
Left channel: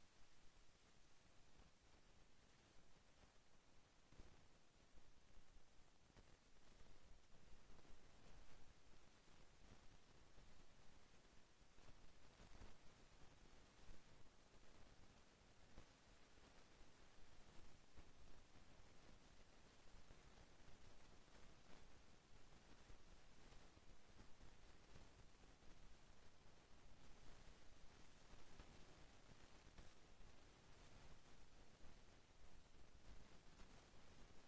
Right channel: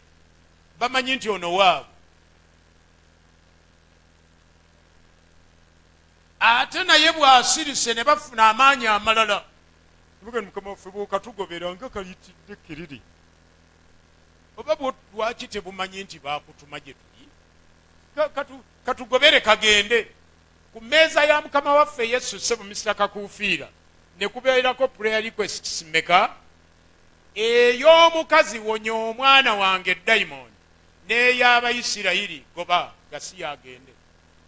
bamanyi nti ono waabwe. Ate naye bw'asirise ne bafuna amaanyi amalala, Mukama waffe bw'okatugobera nga kayitidde kiriri. Oba lwaki tebumanyi nti baakutuma gye tuli? Katugobere kagende. Ku mmeeza ya Mukama waffe Yesu ssebo Mr. Kakuufiira ne kubeerako prayer requests mmeka? Ey'omukazi wonya omwana wange dayimooni, n'ey'Abayisirayiri goba gasi yagende.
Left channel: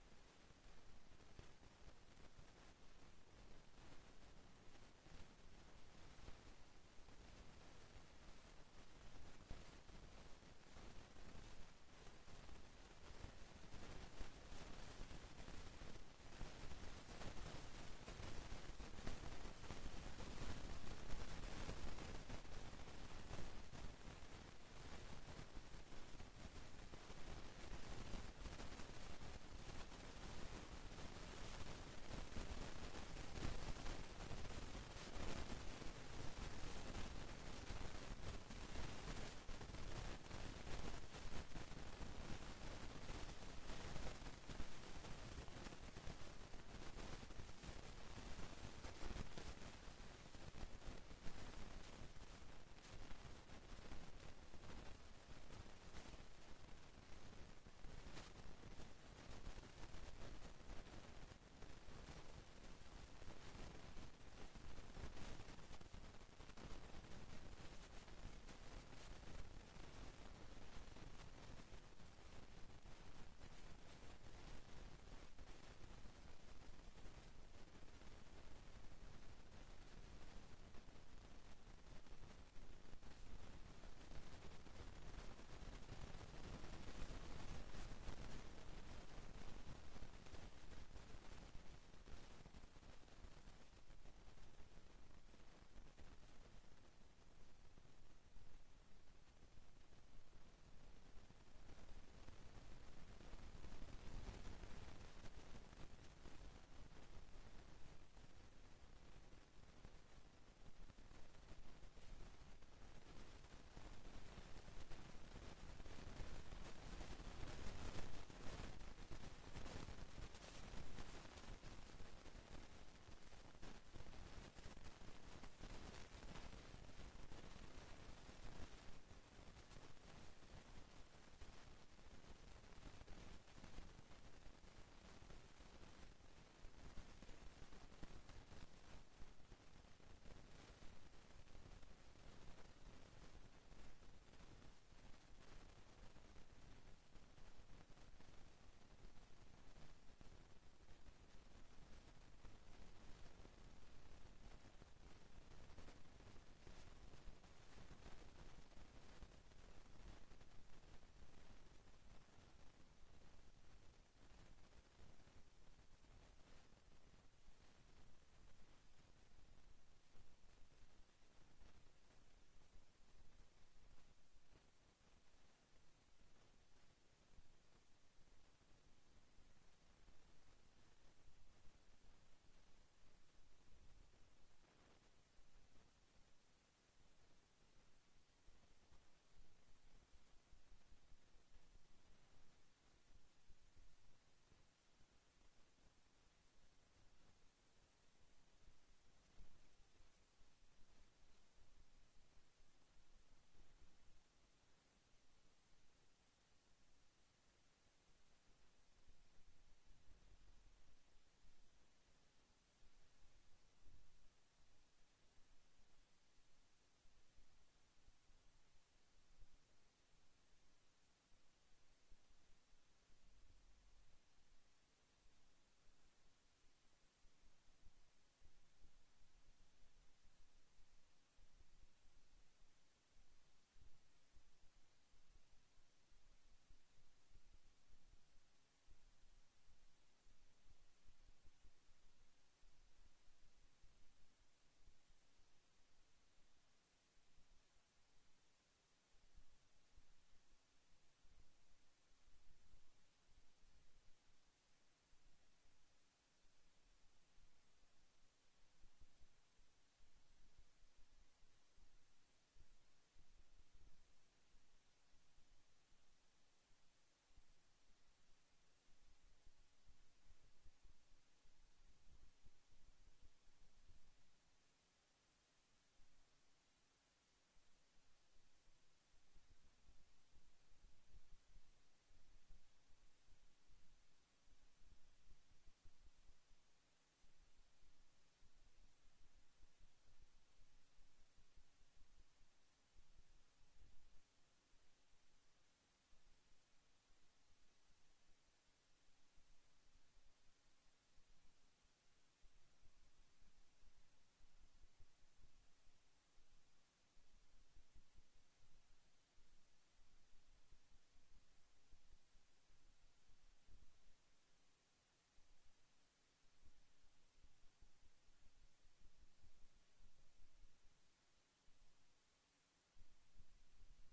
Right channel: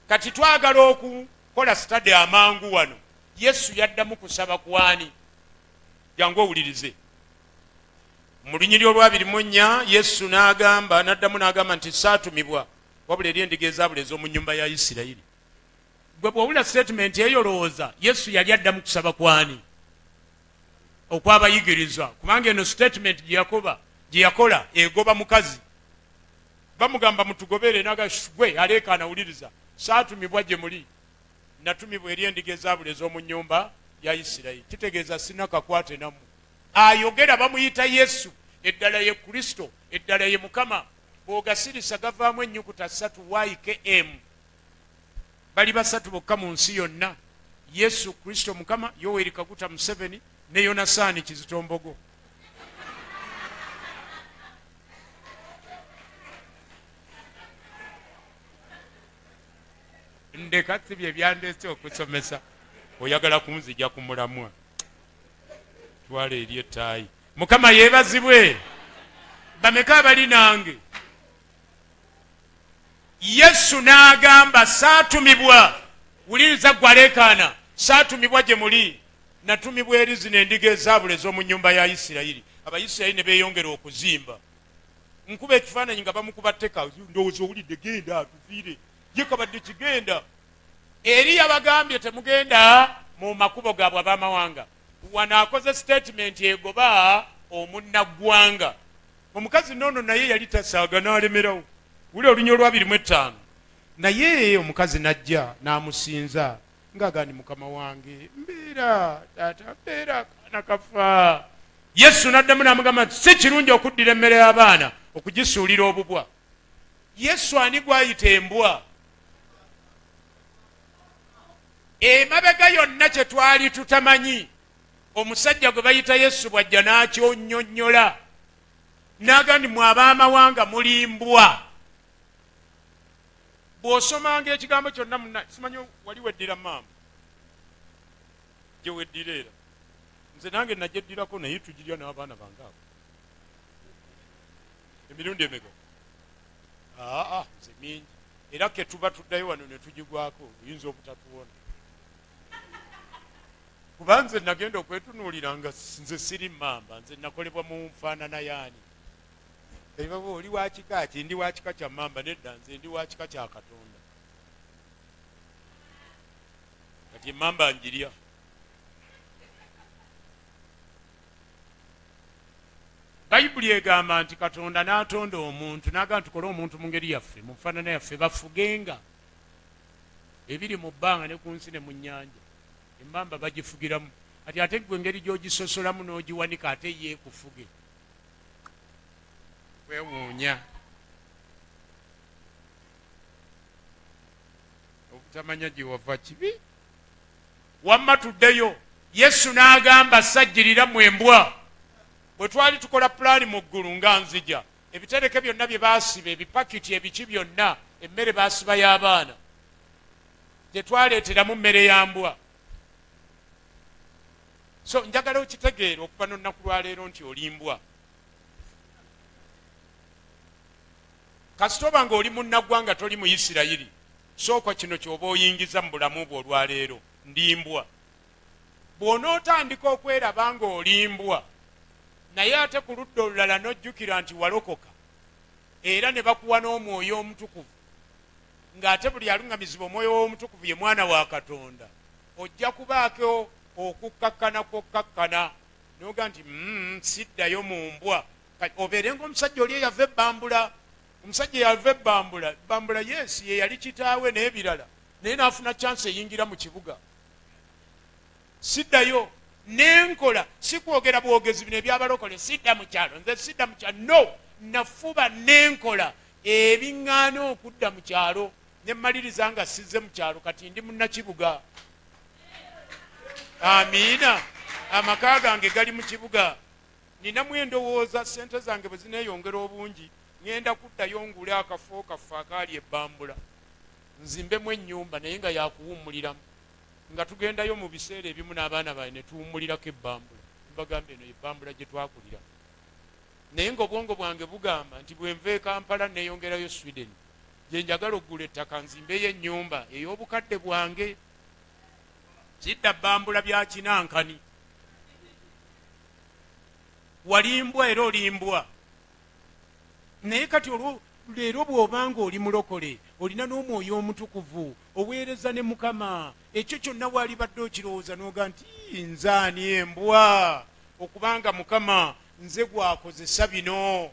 Kati twagala okukola study amangu wano. Yesu yaddamu kusaba kwani? Jangu owulirize. Mu lunyiri olw'24 Yesu n'addamu n'agamba nti saatumibwa wabula eri endiga ezaabula ez'omu nnyumba ya Isirayiri. Gwe bw'owulira statement eyo lowooza Yesu yali addamu kusaba kwani? Okwabayigiriza, kubanga eno statement gye yakola egoba mukazi. Bamugamba mutugobere n'agashwe aleekaana awuliriza, saatumibwa gye muli, natumibwa eri endiga ezaabula ez'omu nnyumba ya Isirayiri. Kitegeeza sina kakwate namu. Ayogera bamuyita Yesu, eddala ye Kristo, eddala ye Mukama. Bw'ogasirisa gavaamu ennyukuta 3 YKM. Bali basatu bokka mu nsi yonna: Yesu Kristo Mukama, Yoweri Kaguta Museveni ne Yonasaani Kizito Mbogo. Ndeka si bye byandeese okusomesa. Oyagala kunzija ku mulamwa, twala eri ettaayi. Mukama yeebazibwe. Bameka abali nange? Yesu n'agamba saatumibwa. Wuliriza gwe aleekaana, saatumibwa gye muli, natumibwa eri zino endiga ezaabula ez'omu nnyumba ya Isirayiri. Abayisirayiri ne beeyongera okuzimba. Nkuba ekifaananyi nga bamukuba tteka, ndowooza owulidde, genda atufiire, ye kabadde kigenda. Eri yabagambye temugenda mu makubo gaabwe ab'amawanga. Wano akoze statement egoba omunnaggwanga. Omukazi noono naye yali tasaaga n'alemerawo. Wuli olunya olw'25. Naye omukazi najja n'amusinza ng'agandi, Mukama wange mbeera, taata mbeera, akaana kafa. Yesu n'addamu n'amugamba si kirungi okuddira emmere y'abaana okugisuulira obubwa. Yesu ani gwayita embwa? Emabega yonna kye twali tutamanyi, omusajja gwe bayita Yesu bw'ajja n'akyonnyonnyola n'agandi mwe ab'amawanga muli mbwa. Bw'osomanga ekigambo kyonna munna, simanyi wali weddira maama gye weddira era. Nze nange nagyeddirako naye tugirya n'abaana bange abo. Emirundi emeka? Nze mingi. Era ke tuba tuddayo wano ne tugigwako oyinza obutatuwona. Kuba nze nagenda okwetunuulira nga nze siri mamba, nze nakolebwa mu nfaanana yaani. Ebaba oli wa kika ki? Ndi wa kika kya mamba. Nedda, nze ndi wa kika kya Katonda. Kati mamba njirya. Bayibuli egamba nti Katonda n'atonda omuntu n'agamba tukole omuntu mu ngeri yaffe, mu nfaanana yaffe, bafugenga ebiri mu bbanga ne ku nsi ne mu nnyanja. Emmamba bagifugiramu. Ati ate gwe engeri gy'ogisosolamu n'ogiwanika ate ye kufuge. Kwewuunya. Obutamanya gye wava kibi. Wamma tuddeyo. Yesu n'agamba sajjirira mu embwa. Bwe twali tukola pulaani mu ggulu nga nzija, ebitereke byonna bye baasiba, ebipakiti ebiki byonna, emmere baasiba y'abaana, tetwaleeteramu mmere ya mbwa. So njagala okitegeera okuva n'olunaku lwa leero nti oli mbwa. Kasita oba ng'oli munnaggwanga toli mu Isirayiri, sooka kino ky'oba oyingiza mu bulamu bwo olwaleero, ndi mbwa. Bw'onootandika okweraba ng'oli mbwa, naye ate ku ludda olulala n'ojjukira nti walokoka, era ne bakuwa n'omwoyo omutukuvu, ng'ate buli aluŋŋamizibwa omwoyo w'omutukuvu ye mwana wa Katonda, ojja kubaako okukkakkana kwokkakkana noga nti siddayo mu mbwa. Obeere ng'omusajja oli eyava ebbambula. Omusajja eyava ebbambula, ebbambula yes ye yali kitaawe n'ebirala, naye n'afuna chance eyingira mu kibuga. Siddayo nenkola, si kwogera bwogezi bino ebyabalokole, sidda mu kyalo, nze sidda mu kyalo, no, nafuba nenkola ebiŋŋaana okudda mu kyalo, ne mmaliriza nga sizze mu kyalo, kati ndi munnakibuga. Amiina, amaka gange gali mu kibuga. Ninamu endowooza sente zange bwe zineeyongera obungi, ŋŋenda kuddayo ngule akafo kaffe akaali ebbambula, nzimbemu ennyumba naye nga yakuwummuliramu, nga tugendayo mu biseera ebimu n'abaana baye ne tuwummulirako ebbambula. Mbagamba eno ebbambula gye twakulira. Naye ng'obwongo bwange bugamba nti bwe nva e Kampala neeyongerayo Sweden, gye njagala oggula ettaka nzimbeyo ennyumba ey'obukadde bwange. Sidda bbambula bya kinankani. Walimbwa era olimbwa. Naye kati leero bw'obanga oli mulokole, olina n'omwoyo omutukuvu, oweereza ne Mukama, ekyo kyonna waalibadde okirowooza n'oga nti nzaani embwa, okubanga Mukama nze gwakozesa bino.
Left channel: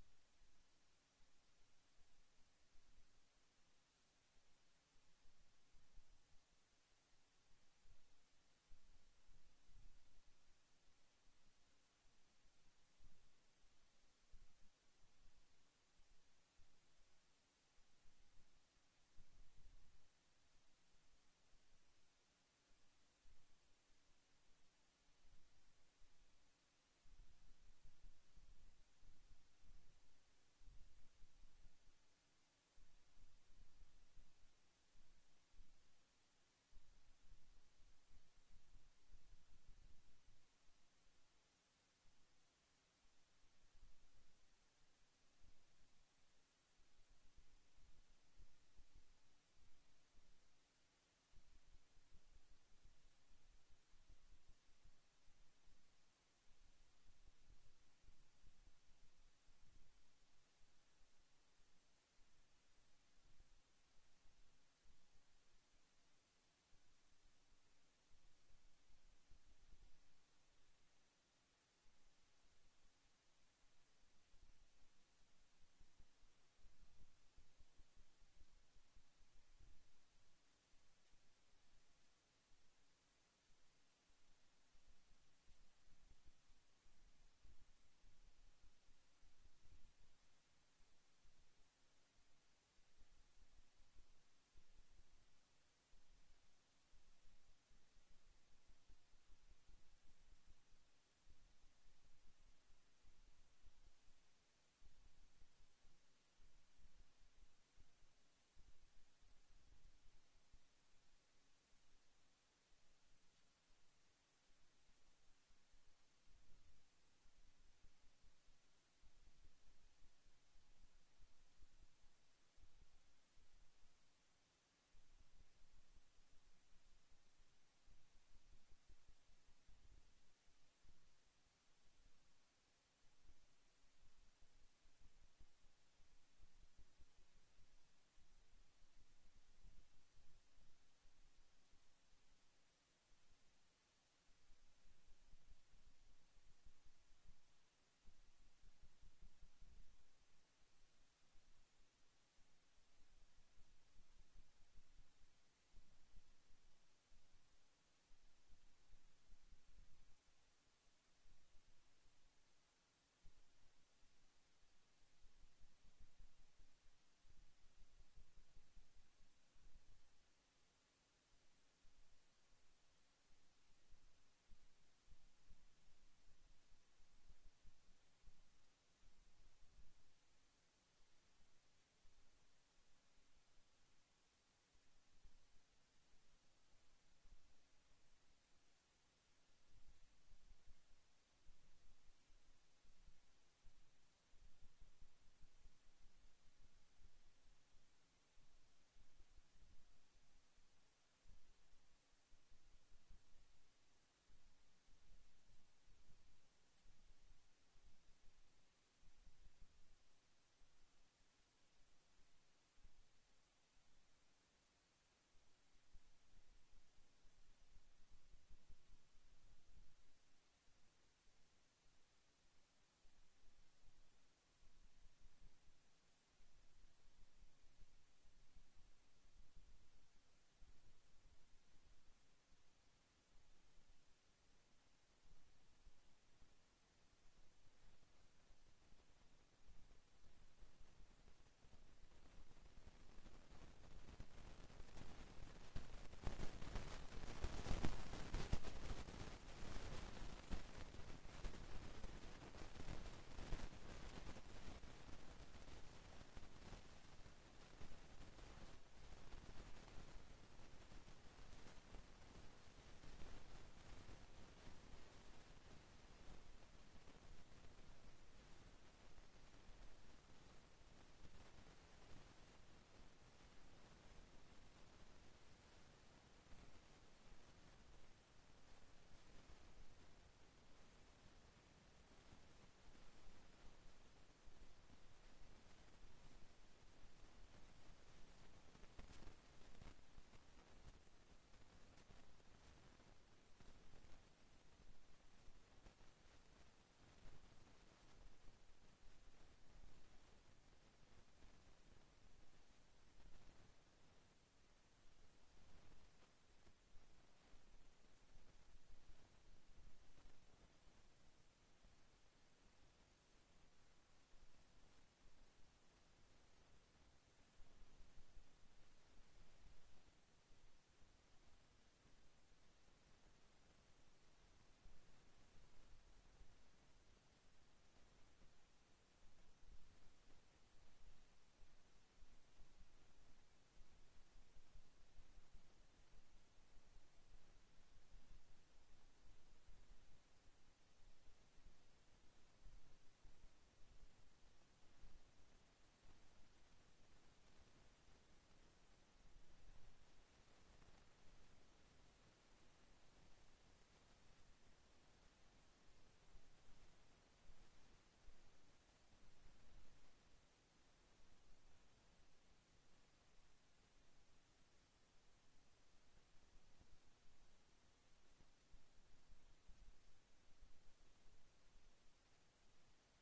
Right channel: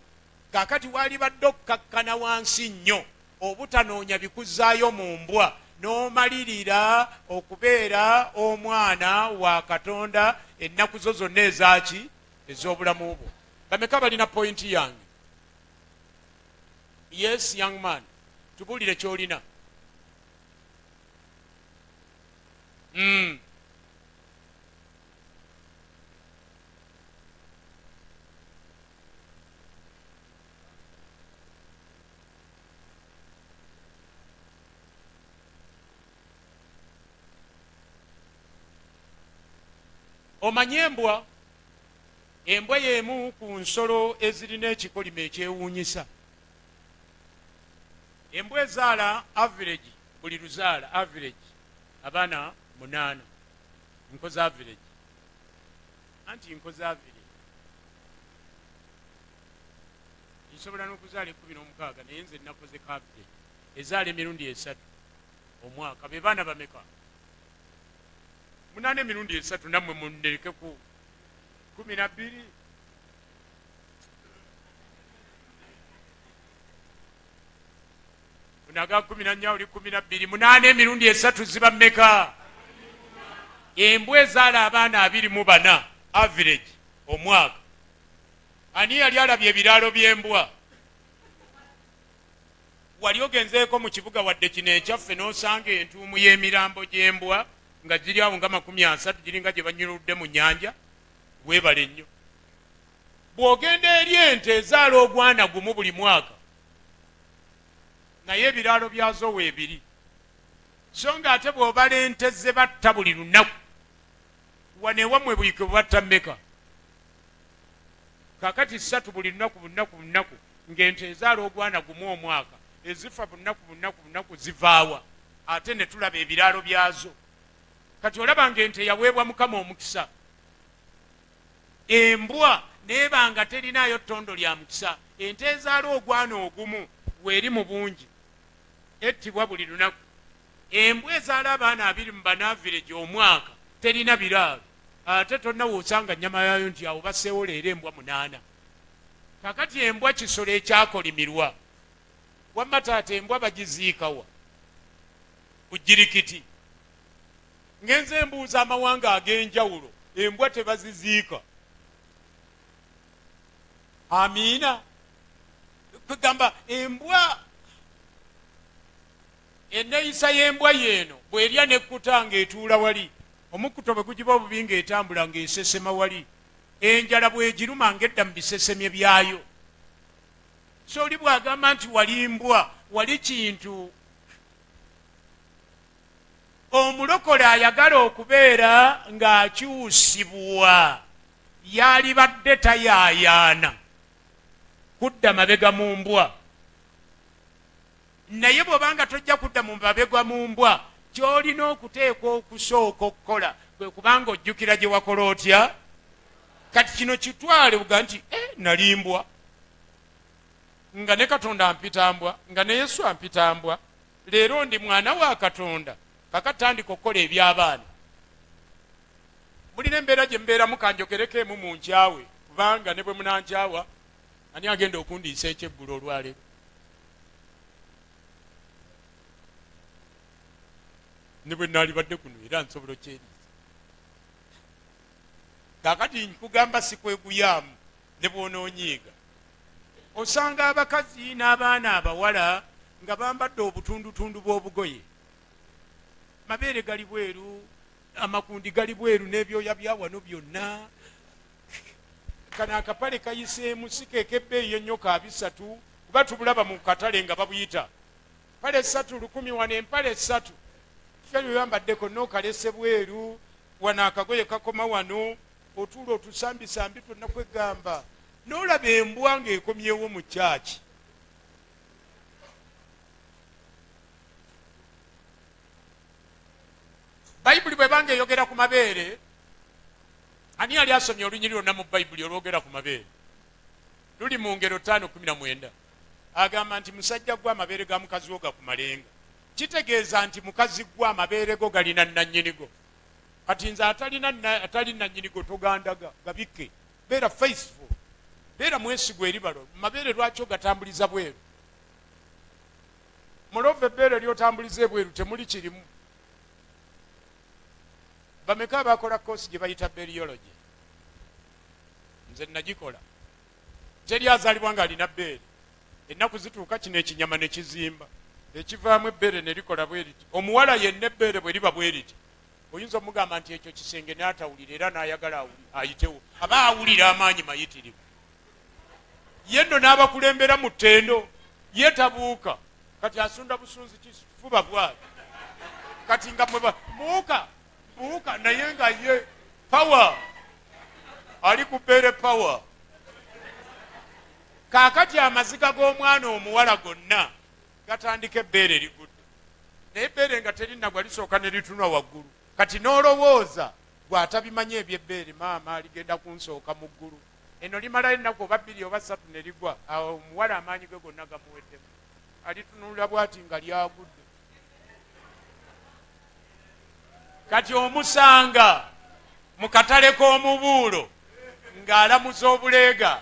Kaakati waalibadde okkakkana wansi nnyo obutanoonya bikuzzaayo mu mbwa, n'omalirira okubeera omwana wa Katonda ennaku zo zonna ezaki ez'obulamu bwo. Bameka balina pointi yange? Yes, young man. Tubuulire ky'olina. Omanyi embwa? Embwa y'emu ku nsolo ezirina ekikolimo ekyewuunyisa. Embwa ezaala average, buli luzaala average abaana 8. Nkoze average. Anti nkoze average. Nsobola n'okuzaala 16 naye nze nakoze average. Ezaala emirundi 3 omwaka. Be baana bameka? 8 emirundi 3 nammwe munnerekeku 12. Naga 14 oli 12. 8 emirundi 3 ziba mmeka? Embwa ezaala abaana 24 average omwaka. Ani yali alabye ebiraalo by'embwa? Wali ogenzeeko mu kibuga wadde kino ekyaffe n'osanga entuumu y'emirambo gy'embwa nga giri awo nga 30 giringa gye banyuludde mu nnyanja? Weebale nnyo. Bw'ogenda eri ente ezaala ogwana gumu buli mwaka, naye ebiraalo byazo weebiri. So nga ate bw'obala ente ze batta buli lunaku, wanewammwe buyike bubatta mmeka? Kaakati 3 buli lunaku ng'ente ezaala ogwana gumu omwaka, ezifa bunaku zivaawa, ate ne tulaba ebiraalo byazo. Kati olaba ng'ente yaweebwa Mukama omukisa. Embwa neebanga terinayo ttondo lya mukisa, ente ezaala ogwana ogumu weeri mu bungi ettibwa buli lunaku. Embwa ezaala abaana 24 average omwaka terina biraalo, ate tonna woosanga nnyama yaayo nti awo basseewo leero embwa 8. Kakati embwa kisolo ekyakolimirwa. Wamma taata embwa bagiziikawa ku Jirikiti. Ngenze embuuza amawanga ag'enjawulo, embwa tebaziziika. Amiina. Kugamba embwa, enneeyisa y'embwa yeeno bw'erya n'ekkuta ng'etuula wali, omukkuto bwe gugiba obubi ng'etambula ng'esesema wali, enjala bw'egiruma ng'edda mu bisesemye byayo. So oli bw'agamba nti wali mbwa, wali kintu. Omulokole ayagala okubeera ng'akyusibwa, yalibadde tayaayaana kudda mabega mu mbwa. Naye bw'obanga tojja kudda mu mabega mu mbwa, ky'olina okuteekwa okusooka okukola kwe kubanga ojjukira gye wakola otya. Kati kino kitwale uga nti nali mbwa, nga ne Katonda ampita mbwa, nga ne Yesu ampita mbwa, leero ndi mwana wa Katonda. Kakatandika okukola eby'abaana. Mulina embeera gye mbeeramu kanjogereko emu mu nkyawe, kubanga ne bwe munankyawa ani agenda okundiisa ekyeggulo olwaleero? Ne bwe naalibadde kuno era nsobola okyeriisa. kakati nkugamba sikweguyaamu ne bwonoonyiiga. Osanga abakazi n'abaana abawala nga bambadde obutundutundu bw'obugoye, mabeere gali bweru, amakundi gali bweru, n'ebyoya bya wano byonna. Kano akapale kayiseemu sikekebbeeyi ennyo ka 300 kuba tubulaba mu katale nga babuyita pale 3 1,000 wano, empale 3 kiferi yambaddeko n'okalese bweru, wano akagoye kakoma wano, otuula otusambisambi twonna kwegamba, n'olaba embwa ng'ekomyewo mu kyaki. Bayibuli bwe banga eyogera ku mabeere, ani yali asomye olunyiri lwonna mu Bayibuli olwogera ku mabeere? Luli mu Ngero 5:19. Agamba nti musajja gwa amabeere ga mukazi wo gakumalenga. Kitegeeza nti mukazi gwa amabeere go galina nannyinigo. Kati nze atali nannyinigo togandaga, gabikke. Beera faithful, beera mwesigwa eri balo. Mabeere lwaki ogatambuliza bweru? Mulove ebbeere lyotambuliza ebweru temuli kirimu. Bameka abakola koosi gye bayita beriology? Nze nagikola. Teri azaalibwa ng'alina bbeere. Ennaku zituuka kino ekinyama ne kizimba, ekivaamu ebbeere ne likola bwe riti. Omuwala yenna ebbeere bwe liba bwe riti, oyinza omugamba nti ekyo kisenge n'atawulira era n'ayagala ayitewo. Aba awulira amaanyi mayitirivu. Ye nno n'abakulembera mu ttendo, ye tabuuka. Kati asunda busunzi kifuba bwali. Kati nga mwe buuka naye nga ye power ali ku bbeere power. Kaakati amaziga g'omwana omuwala gonna gatandika ebbeere ligudde, naye ebbeere nga terinagwa lisooka ne litunwa waggulu. Kati n'olowooza gw'atabimanye ebyebbeere, maama aligenda kunsooka mu ggulu. Eno limalayo ennaku oba 2 oba 3 ne ligwa, awo omuwala amaanyi ge gonna gamuweddemu. Alitunulira bw'ati nga lyagudde. Kati omusanga mu katale k'omubuulo ng'alamuza obuleega,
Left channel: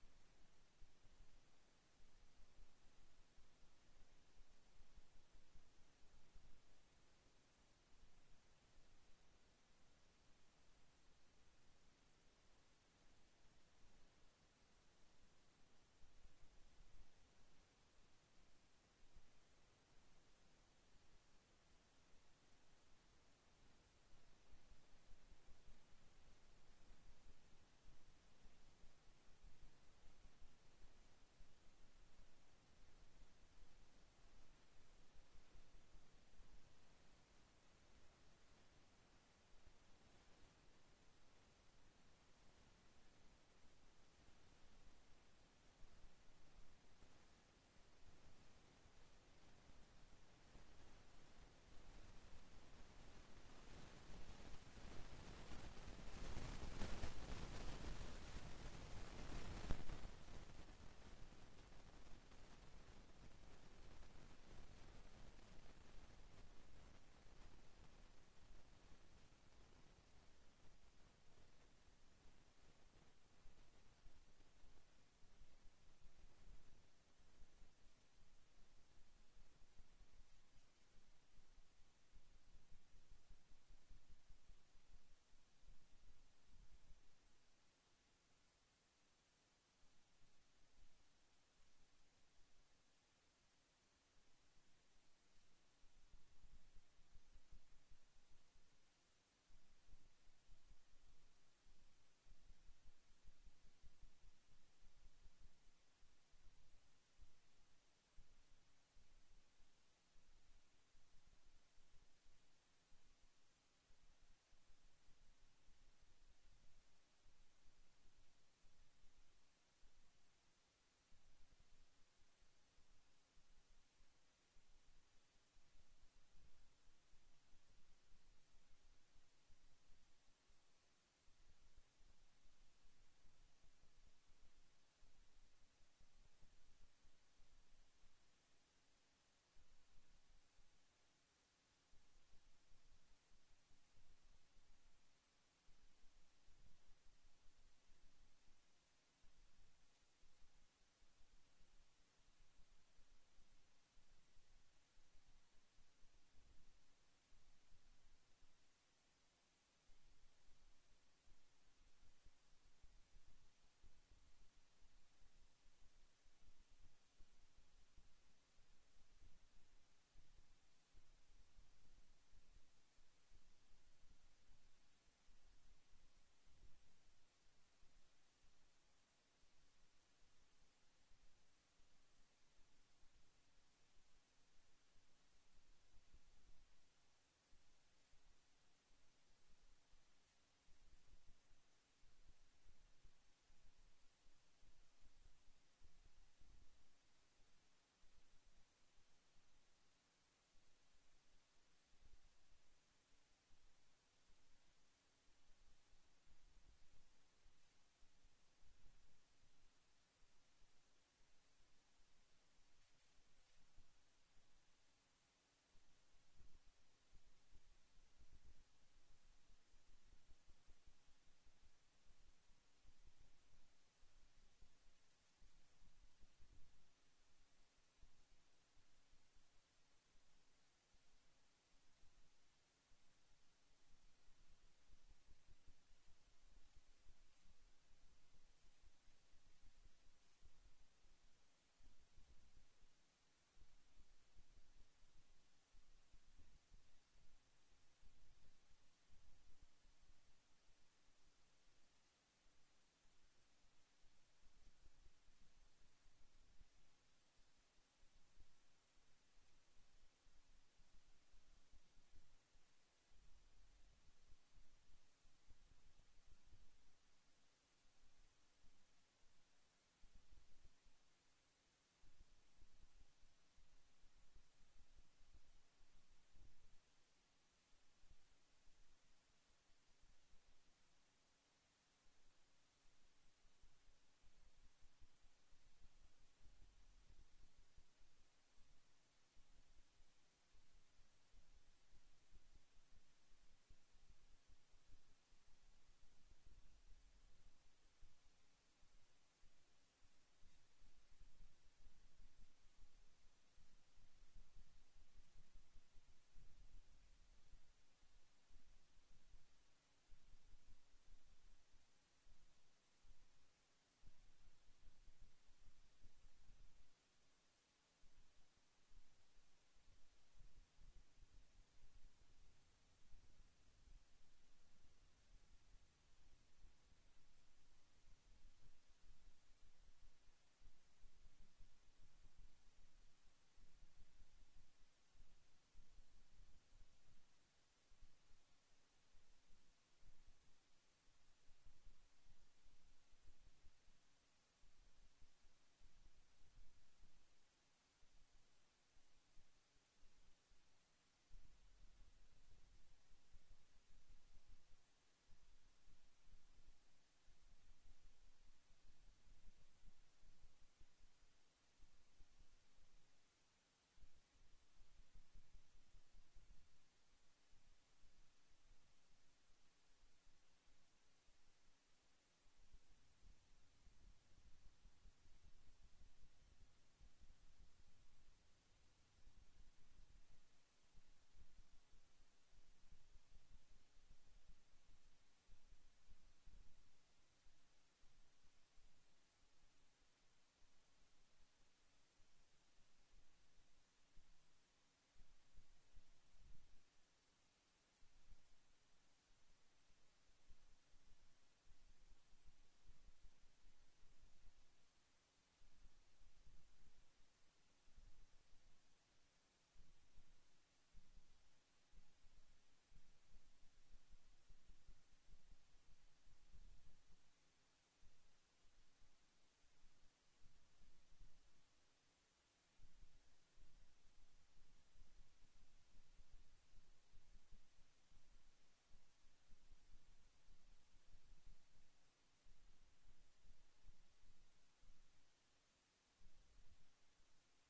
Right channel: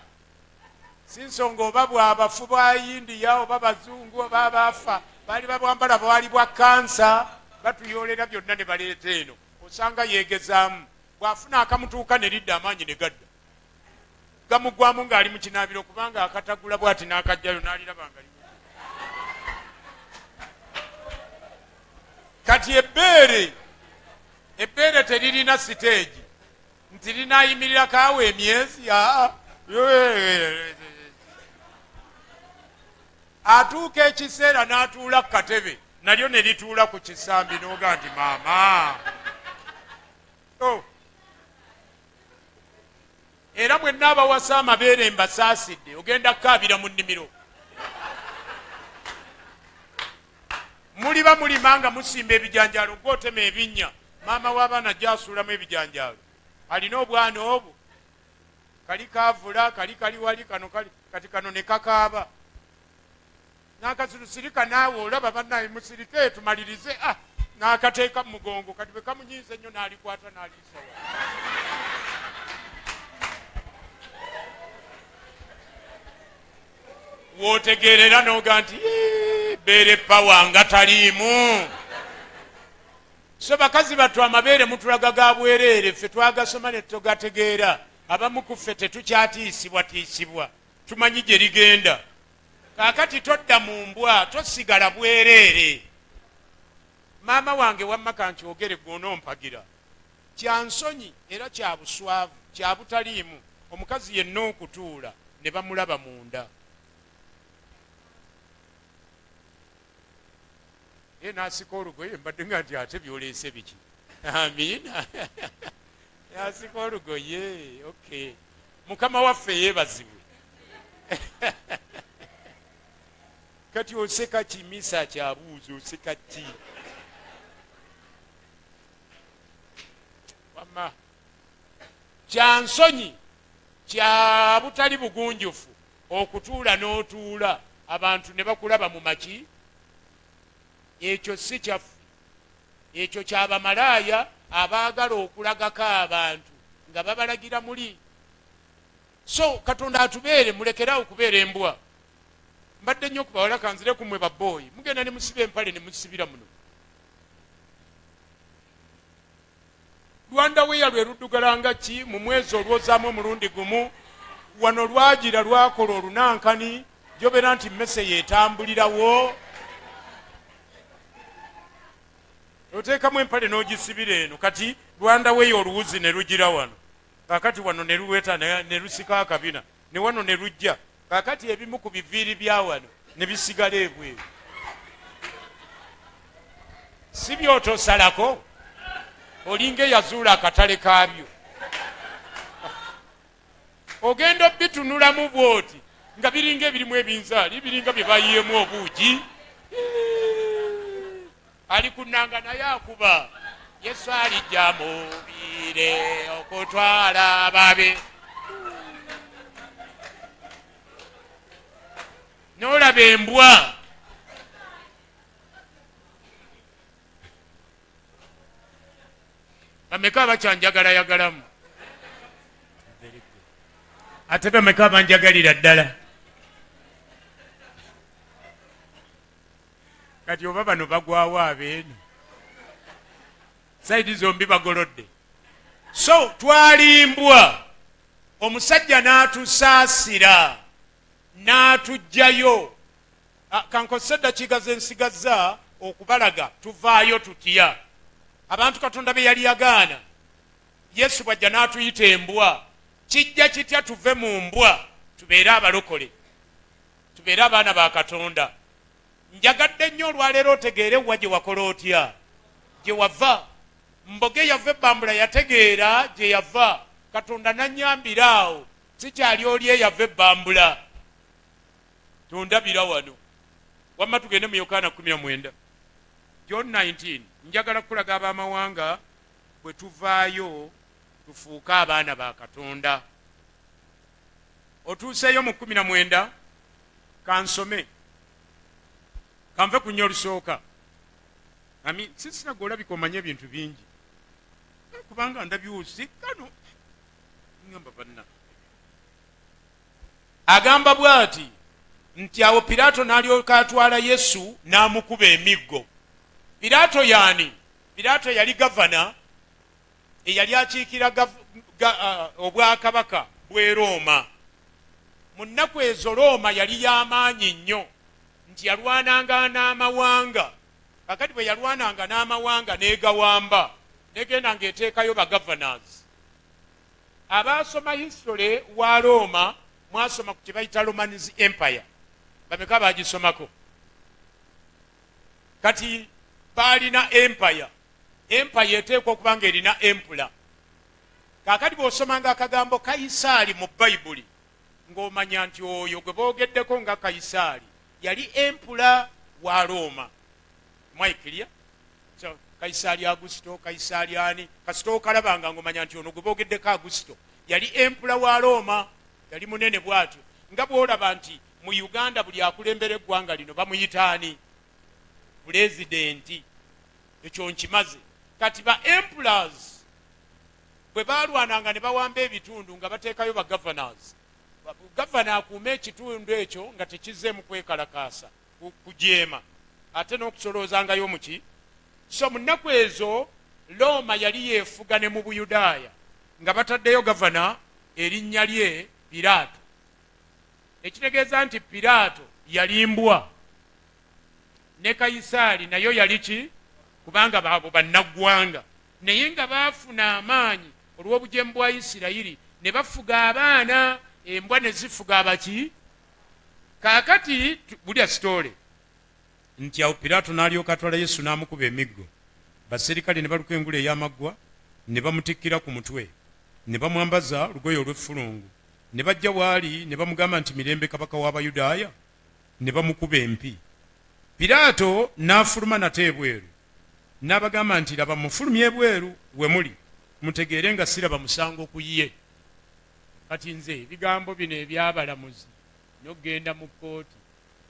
si nsonga oba bw'abafu bwa India oba bazungu oba abaafa baali babwambala bwali bwa kansa, batuyoolera byonna ne baleeta eno. Osanga yeegezaamu, bw'afuna akamutuuka ne lidda amaanyi ne gadda. Gamugwamu ng'ali mu kinaabiro kubanga akatagula bw'ati n'akajjayo n'aliraba nga limu. Kati ebbeere teririna siteegi nti linaayimirira kaawe emyezi. Atuuka ekiseera n'atuula ku katebe, nalyo ne lituula ku kisambi n'oga nti maama. Era mwenna abawasa amabeere mbasaasidde, ogenda kukaabira mu nnimiro. Muliba mulima nga musimba ebijanjaalo, gw'otema ebinnya, maama w'abaana ajja asuulamu ebijanjaalo. Alina obwana obwo, kali kaavula, kali wali, kati kano ne kakaaba. N'akasilusirika naawe olaba bannaye musirike tumalirize, n'akateeka mu mugongo, kati bwe kamunyiiza ennyo n'alikwata n'aliisa. W'otegeerera n'oga nti bbeere pawa nga taliimu. So bakazi battu amabeere mutulaga ga bwereere, ffe twagasoma ne tugategeera. Abamu ku ffe tetukyatiisibwa, tumanyi gye ligenda. Kaakati todda mu mbwa, tosigala bwereere. Maama wange wamma kankyogere gw'onoompagira. Kya nsonyi era kya buswavu, kya butaliimu omukazi yenna okutuula ne bamulaba munda. Ye n'asika olugoye, mbadde nga nti ate byoleese biki? Amiina. N'asika olugoye, okay. Mukama waffe yeebazibwe. Kati oseka kimisa kyabuuza, oseka ki? Wamma kya nsonyi, kya butali bugunjufu okutuula n'otuula abantu ne bakulaba mu maki. Ekyo si kyaffe, ekyo ky'abamalaaya abaagala okulagako abantu nga babalagira muli. So Katonda atubeere, mulekerawo okubeera embwa. Mbadde nnyo kubawala kanzire kumwe babbooyi, mugenda ne musiba empale ne musibira muno. Rwanda we lwe luddugalanga ki mu mwezi olwozaamu omulundi gumu. Wano lwagira lwakola olunankani jobera nti mmese yeetambulirawo. Oteekamu empale n'ogisibira eno kati lwandaweyo oluwuzi ne lugira wano. Kakati wano ne luweta ne lusika akabina ne wano ne lujja. Kakati ebimu ku biviiri bya wano ne bisigala ebweru. Si byotosalako olinga eyazuula akatale kaabyo. Ogenda bitunulamu bwoti nga biringa ebirimu ebinzaali biringa bye bayiyeemu obuugi. Ali kunanga naye akuba Yesu alijja mubire okutwala ababe. N'olaba embwa bameka abakyanjagalayagalamu ate bameka abanjagalira ddala. Kati oba bano bagwawo abeeno saidi zombi bagolodde. So twalimbwa, omusajja n'atusaasira n'atugjayo. Kankozesa eddakiika ze nsigazza okubalaga tuvaayo tutya. Abantu Katonda be yali yagaana, Yesu bw'ajja n'atuyita embwa, kijja kitya tuve mu mbwa tubeere abalokole, tubeere abaana ba Katonda. Njagadde nnyo olwaleero otegeere wa gye wakola otya, gye wava. Mboge yava ebbambula yategeera gye yava. Katonda nannyambira awo, sikyali oli eyava ebbambula. Tondabira wano. Wamma tugende mu Yokaana 19. John 19. Njagala kulaga ab'amawanga bwe tuvaayo tufuuke abaana ba Katonda. Otuuseeyo mu 19. Kansome. Kanve ku nnyo olusooka. Sisina gw'olabika omanye ebintu bingi. Kubanga ndabyusi kano. Ngamba banna. Agamba bw'ati nti awo Piraato n'alyoka atwala Yesu n'amukuba emiggo. Piraato yaani? Piraato yali gavana eyali akiikira obwakabaka bw'e Rooma. Mu nnaku ezo Rooma yali y'amaanyi nnyo nti yalwananga n'amawanga. Kakati bwe yalwananga n'amawanga n'egawamba negenda ng'eteekayo bagavanazi. Abaasoma history wa Rooma mwasoma ku kye bayita Roman Empire. Bameka baagisomako? Kati baalina empire. Empire eteekwa okuba nga erina empula. Kaakati bw'osomanga akagambo Kayisaali mu Bayibuli ng'omanya nti oyo gwe boogeddeko nga Kayisaali yali empula wa Rooma. Mwaikirya? So, Kayisaali Agusito, Kayisaali ani? Kasito okalabanga ng'omanya nti ono gwe boogeddeko Agusito yali empula wa Rooma, yali munene bw'atyo. Nga bw'olaba nti mu Uganda buli akulembera eggwanga lino bamuyita ani? Pulezidenti. Ekyo nkimaze. Kati ba emperors bwe baalwananga ne bawamba ebitundu nga bateekayo ba governors. Gavana akuuma ekitundu ekyo nga tekizzeemu kwekalakaasa kujeema ate n'okusoloozangayo muki. So mu nnaku ezo Looma yali yeefuga ne mu Buyudaaya nga bataddeyo gavana erinnya lye Piraato. Ekitegeeza nti Piraato yalimbwa ne Kayisaali nayo yali ki? Kubanga baabo bannaggwanga naye nga baafuna amaanyi olw'obujeemu bwa Isirayiri ne bafuga abaana, embwa ne zifuga abaki. Kaakati bulya sitole nti awo Piraato n'alyoka atwala Yesu n'amukuba emiggo. Baserikale ne baluka engule ey'amaggwa ne bamutikkira ku mutwe ne bamwambaza lugoye olw'effulungu ne bajja waali ne bamugamba nti mirembe kabaka w'Abayudaaya, ne bamukuba empi. Piraato n'afuluma nate ebweru n'abagamba nti laba mufulumye ebweru we muli mutegeere nga siraba musango ku ye. Kati nze ebigambo bino ebyabalamuzi n'ogenda mu kkooti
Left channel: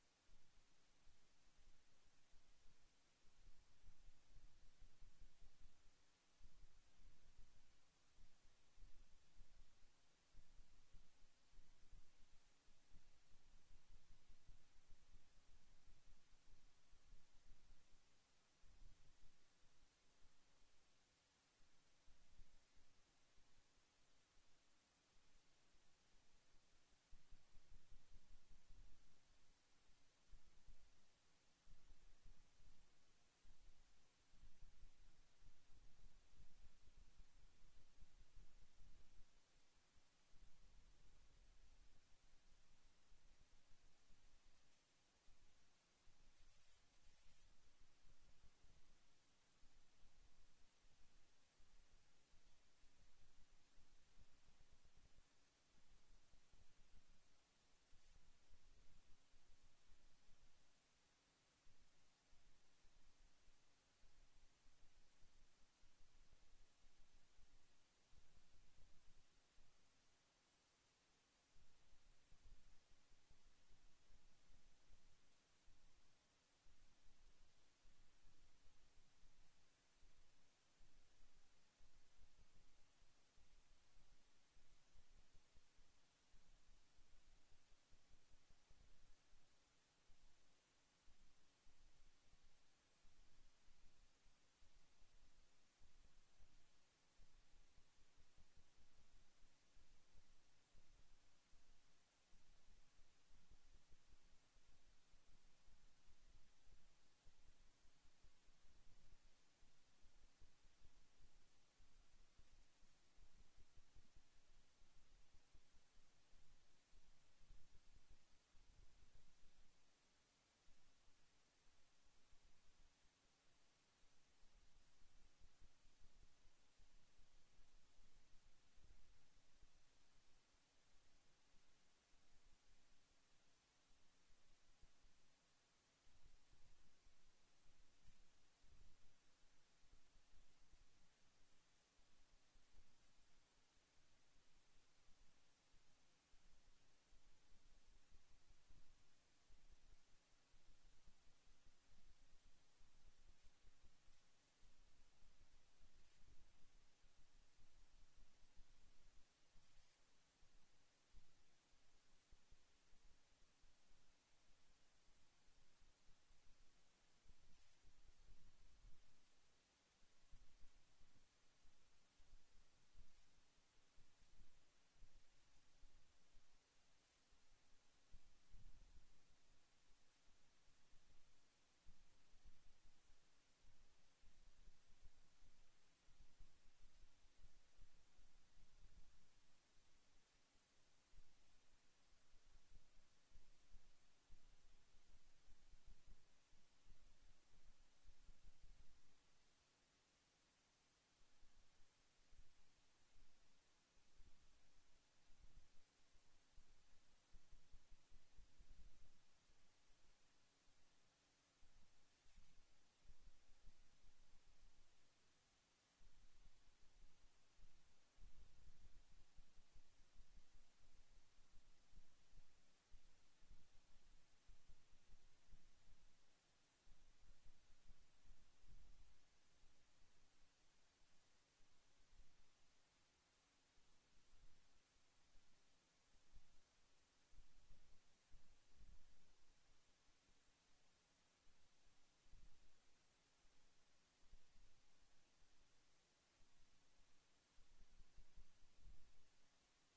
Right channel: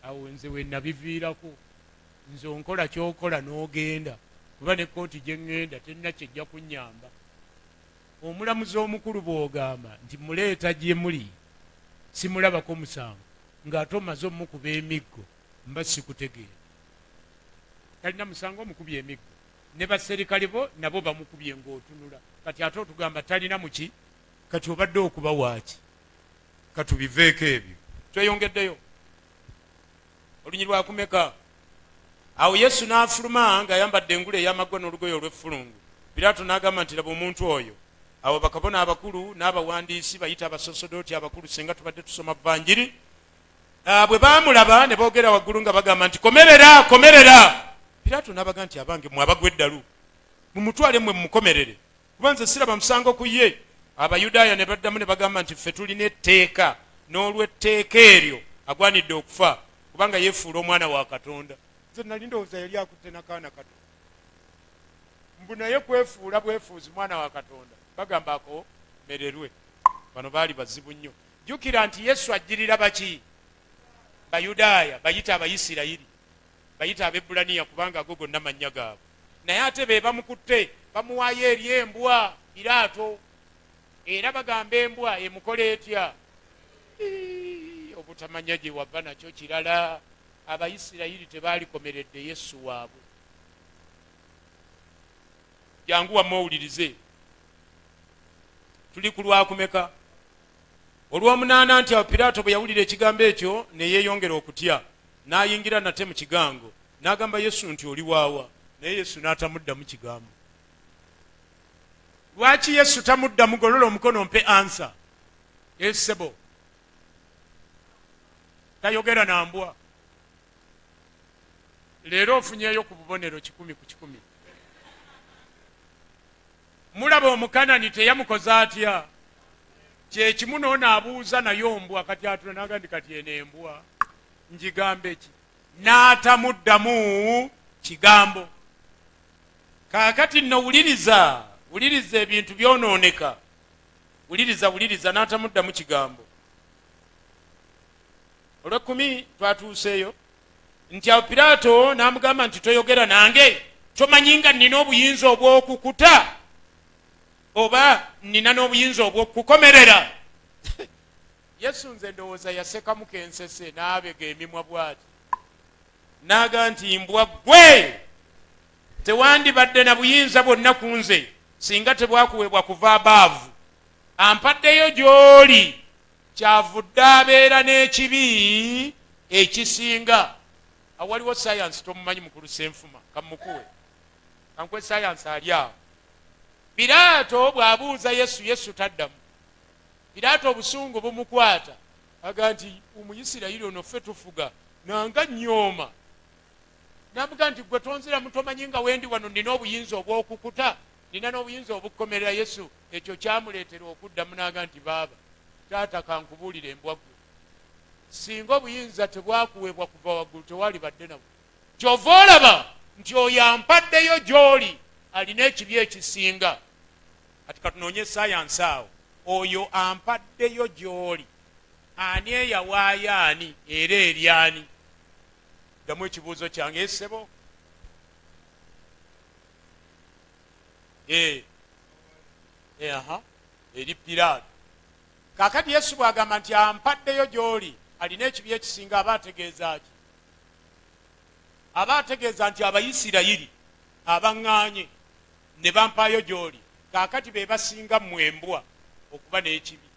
awo nze we nabiviirako. Nze onkola ky'okola n'ogenda kuba ne kkooti gye ŋŋenda tenna kyejja kunnyamba. Omulamuzi omukulu bw'ogamba nti muleeta gye muli simulabako musango ng'ate omaze omukuba emiggo mba sikutegeera. Talina musango omukubye emiggo. ne baserikale bo nabo bamukubye ng'otunula. Kati ate otugamba talina muki, kati obadde okuba waaki, katubiveeko ebyo. Tweyongeddeyo olunyiri lwakumeka. Awo Yesu n'afuluma ng'ayambadde engule ey'amaggwa n'olugoye olw'effulungu. Piraato n'agamba nti laba omuntu oyo. Awo bakabona abakulu n'abawandiisi bayita abasosodooti abakulu, singa tubadde tusoma Vvanjiri, bwe baamulaba ne boogera waggulu nga bagamba nti komerera, komerera. Piraato n'abaga nti abange mwe abagwa eddalu, mumutwale mwe mumukomerere, kuba nze siraba musango ku ye. Abayudaaya ne baddamu ne bagamba nti ffe tulina etteeka, n'olw'etteeka eryo agwanidde okufa kubanga yeefuula omwana wa Katonda. Nze nali ndowooza yali akutte n'akaana kato, mbu naye kwefuula bwefuuzi mwana wa Katonda. Bagamba akomererwe. Bano baali bazibu nnyo. Jjukira nti Yesu ajjirira baki? Bayudaaya, bayita Abayisirayiri, bayita Abebbulaniya kubanga ago gonna mannya gaabwe. Naye ate be bamukutte bamuwaayo eri embwa Piraato, era bagamba embwa emukola etya? Obutamanya gye wava nakyo kirala. Abayisirayiri tebaalikomeredde Yesu waabwe. Jangu wamme owulirize. Tuli ku lwakumeka? Olw'omunaana. Nti awo Piraato bwe yawulira ekigambo ekyo ne yeeyongera okutya, n'ayingira nate mu kigango n'agamba Yesu nti oli waawa. Naye Yesu n'atamuddamu kigambo. Lwaki Yesu tamuddamu? Golola omukono mpe ansa. Esebo tayogera na mbwa. Leero ofunyeeyo ku bubonero 100 ku 100. Mulaba Omukanani teyamukoza atya? Kyekimu n'onaabuuza nayo mbwa, kati atula n'agandi kati eno embwa njigambe ki? N'atamuddamu kigambo. Kaakati nno wuliriza ebintu byonooneka. Wuliriza n'atamuddamu kigambo. Olw'ekkumi twatuuseeyo nti awo Piraato n'amugamba nti toyogera nange? Tomanyi nga nnina obuyinza obw'okukuta oba nnina n'obuyinza obw'okukomerera? Yesu nze ndowooza yasekamu kensese n'abega emimwa bw'ati n'aga nti mbwa ggwe, tewandibadde na buyinza bwonna ku nze singa tebwakuweebwa kuva abaavu. Ampaddeyo gy'oli, kyavudde abeera n'ekibi ekisinga. Awaliwo sayansi tomumanyi mukulu Senfuma, kamukuwe kankwe sayansi ali awo. Piraato bw'abuuza Yesu taddamu. Piraato obusungu bumukwata aga nti Omuyisirayiri ono ffe tufuga nanga nyooma. N'amuga nti gwe tonziramu, tomanyi nga wendi wano nina obuyinza obw'okukuta, nina n'obuyinza obukukomerera. Yesu ekyo kyamuleetera okuddamu n'aga nti baaba taata kankubuulira embwa ggwe, singa obuyinza tebwakuweebwa kuva waggulu tewali badde nabwo. Kyova olaba nti oyo ampaddeyo gy'oli alina ekibi ekisinga. Kati katunoonye sayansi awo. Oyo ampaddeyo gy'oli ani eyawaayo ani era eri ani? Ddamu ekibuuzo kyange essebo. Eri Piraato. Kaakati Yesu bw'agamba nti ampaddeyo gy'oli alina ekibi ekisinga, aba ategeeza ki? Aba ategeeza nti Abayisirayiri abaŋŋaanye ne bampaayo gy'oli kaakati be basinga mmwe embwa okuba n'ekibi.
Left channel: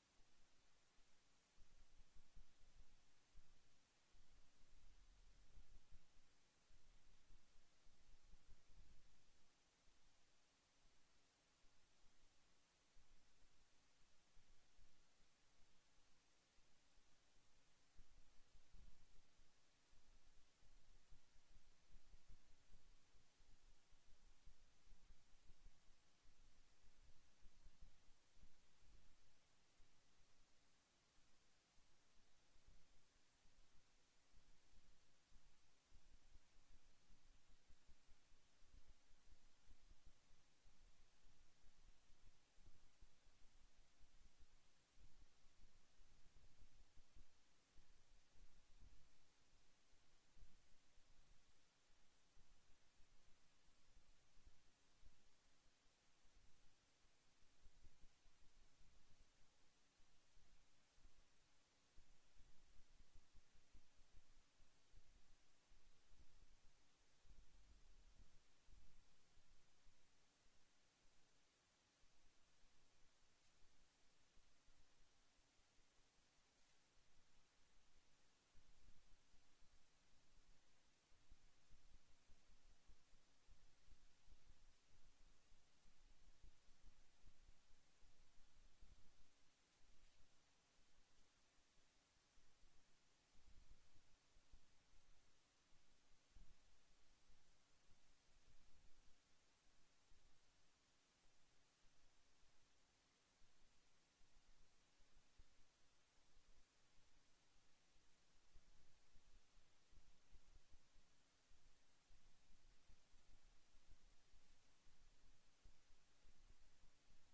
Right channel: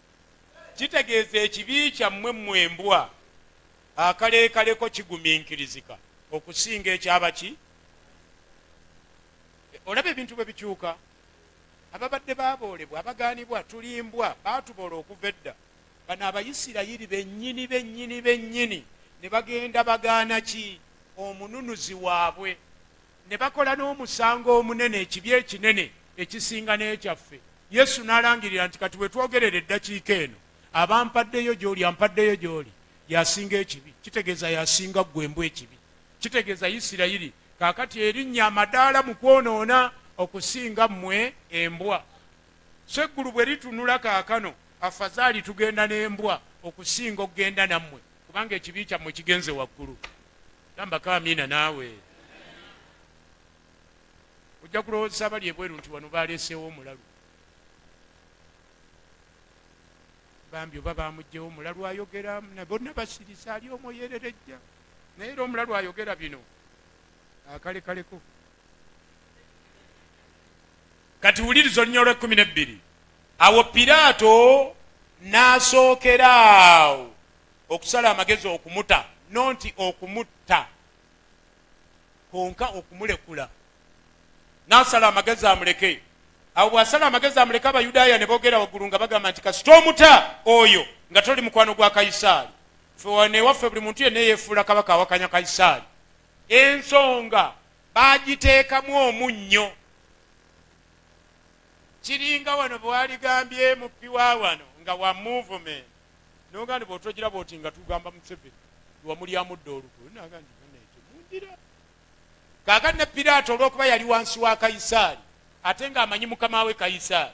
Kitegeeza ekibi kyammwe mmwe embwa akaleekaleko kigumiikirizika okusinga ekyabaki? Olaba ebintu bwe bikyuka. Ababadde baaboolebwa, abagaanibwa, tulimbwa, baatuboola okuva edda. Bano Abayisirayiri bennyini ne bagenda bagaana ki? Omununuzi waabwe. Ne bakola n'omusango omunene, ekibi ekinene ekisinga n'ekyaffe. Yesu n'alangirira nti kati bwe twogerera eddakiika eno, abampaddeyo gy'oli, ampaddeyo gy'oli yasinga ekibi. Kitegeeza yasinga ggwe embwa ekibi. Kitegeeza Isirayiri kaakati erinnya amadaala mu kwonoona okusinga mmwe embwa. So eggulu bwe litunula kaakano, afazaali tugenda n'embwa okusinga okugenda nammwe, kubanga ekibi kyammwe kigenze waggulu. Gambako amiina naawe. Ojja kulowooza abali ebweru nti wano baaleeseewo omulalu. Bambi oba bamuggyewo omulalu ayogera, bonna basirisa, ali omu oyererejja. Naye era omulalu ayogera bino akalekaleko. kati wuliriza olunya olw'12 awo Piraato n'asookera awo okusala amagezi okumuta, nonti okumutta konka okumulekula, n'asala amagezi amuleke. Awo bw'asala amagezi amuleke, Abayudaaya ne boogera waggulu nga bagamba nti kasita omuta oyo nga toli mukwano gwa Kayisaali. Ffe wanewaffe buli muntu yenna yeefuula kabaka awakanya Kayisaali. Ensonga baagiteekamu omunnyo. Kiringa wano bwaligambye mupiwa wano nga wa movement nogandi bw'otogira bw'oti nga tugamba Museveni wamulyamu dda olukulu nagandi mundira. Kaakati ne Piraato olw'okuba yali wansi wa Kayisaali ate ng'amanyi mukama we Kayisaali,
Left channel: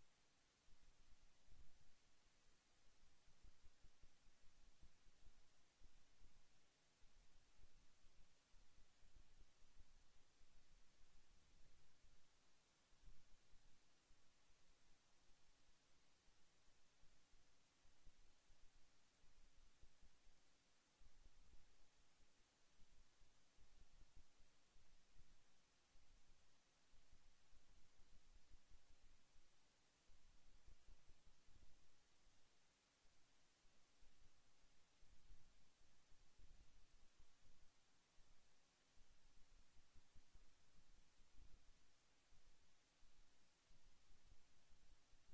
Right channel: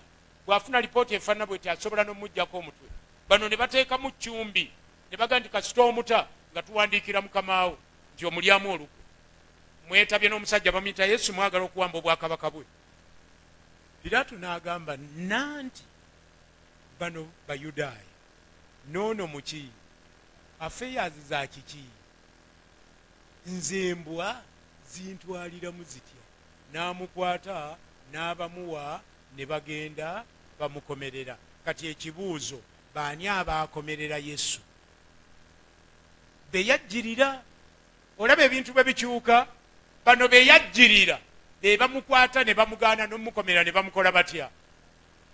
bw'afuna lipooti efaanana bw'eti asobola n'omuggyako omutwe. Bano ne bateekamu cumbi ne baga nti kasita omuta nga tuwandiikira mukama we nti omulyamu olukulu. Mwetabye n'omusajja bamuyita Yesu, mwagala okuwamba obwakabaka bwe. Piraato n'agamba nanti bano Bayudaaya noono muki affairs za kiki, nze embwa zintwaliramu zitya. N'amukwata n'abamuwa ne bagenda bamukomerera. Kati ekibuuzo, baani abaakomerera Yesu? Beyajjirira. Olaba ebintu bwe bikyuka. Bano beyajjirira be bamukwata ne bamugaana n'omukomera ne bamukola batya?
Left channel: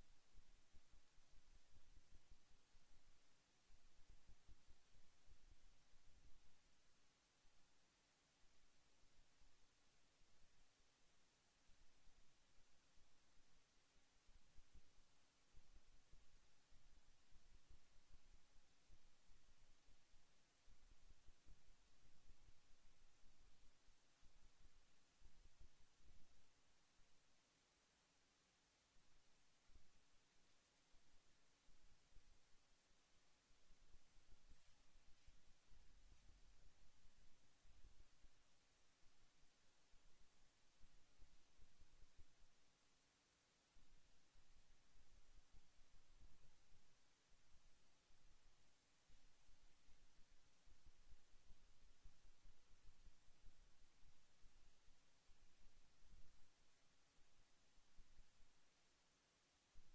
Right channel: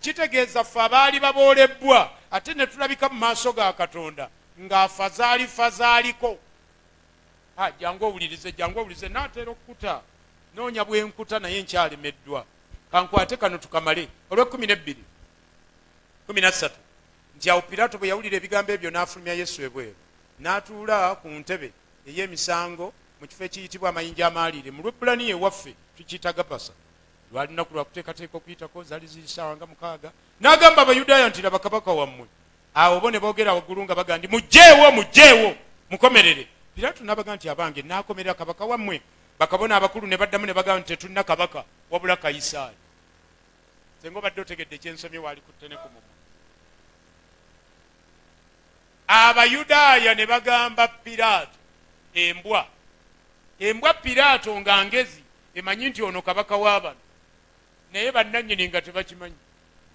Kitegeeza ffe abaali baboolebbwa ate ne tulabika mu maaso ga Katonda ng'afazaaliko. Jangu owulirize naatera okukuta noonya bwenkuta naye nkyalemeddwa. Kankwate kano tukamale. olw'12:13 nti awo Piraato bwe yawulira ebigambo ebyo n'afulumya Yesu ebweru, n'atuula ku ntebe ey'emisango mu kifo ekiyitibwa amayinja amaaliire. Mu Lwebbulaniya ewaffe tukiyita Gapasa. Lwali lunaku lwa kuteekateeka okuyitako, zaali ziri ssaawa nga 6. N'agamba Abayudaaya nti laba kabaka wammwe. Awo bo ne boogera waggulu nga baga nti mugjeewo mukomerere. Piraato n'abaga nti abange naakomerera kabaka wammwe. Bakabona abakulu ne baddamu ne bagamba nti tetulina kabaka wabula Kayisaali. Senga obadde otegedde ekyensomye waali ku ttene ku mumwa. Abayudaaya ne bagamba Piraato embwa Piraato nga ngezi emanyi nti ono kabaka w'abano, naye bannannyini nga tebakimanyi.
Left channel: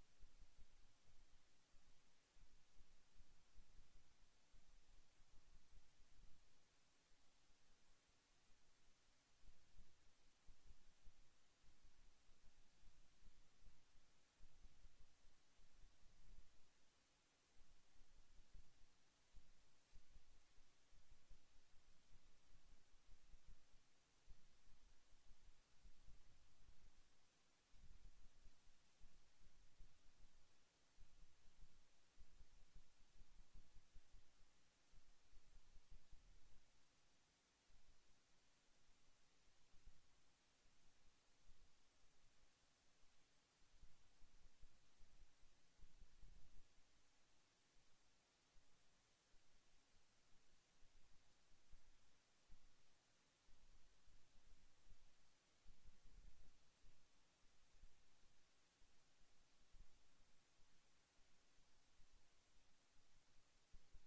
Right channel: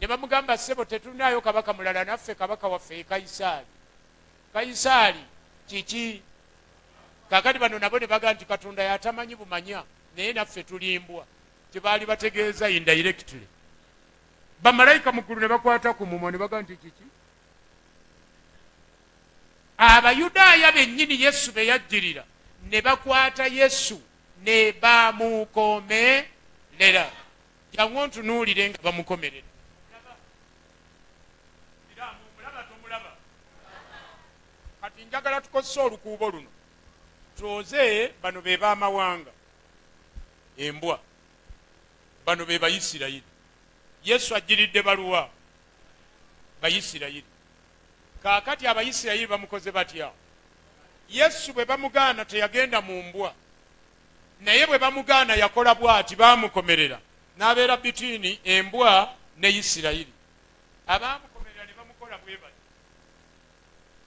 Ne bamugamba ssebo tetulinayo kabaka mulala, naffe kabaka waffe ye Kayisaali. Kayisaali kiki? Kaakati bano nabo ne baga nti Katonda yatamanyi bumanya, naye naffe tulimbwa. Kyebaali bategeeza indirectly. Bamalayika mu ggulu ne bakwata ku mumwa ne baga nti kiki? Abayudaaya bennyini Yesu be yajjirira ne bakwata Yesu ne bamukomerera. Jangu ontunuulire nga bamukomerera. Kati njagala tukozese olukuubo luno tuoze bano be baamawanga, embwa. Bano be Bayisirayiri. Yesu ajjiridde baluwa Bayisirayiri. Kaakati Abayisirayiri bamukoze batya? Yesu bwe bamugaana teyagenda mu mbwa, naye bwe bamugaana yakola bw'ati, baamukomerera n'abeera bitini embwa ne Isirayiri. Abaamukomerera ne bamukola bwe bati.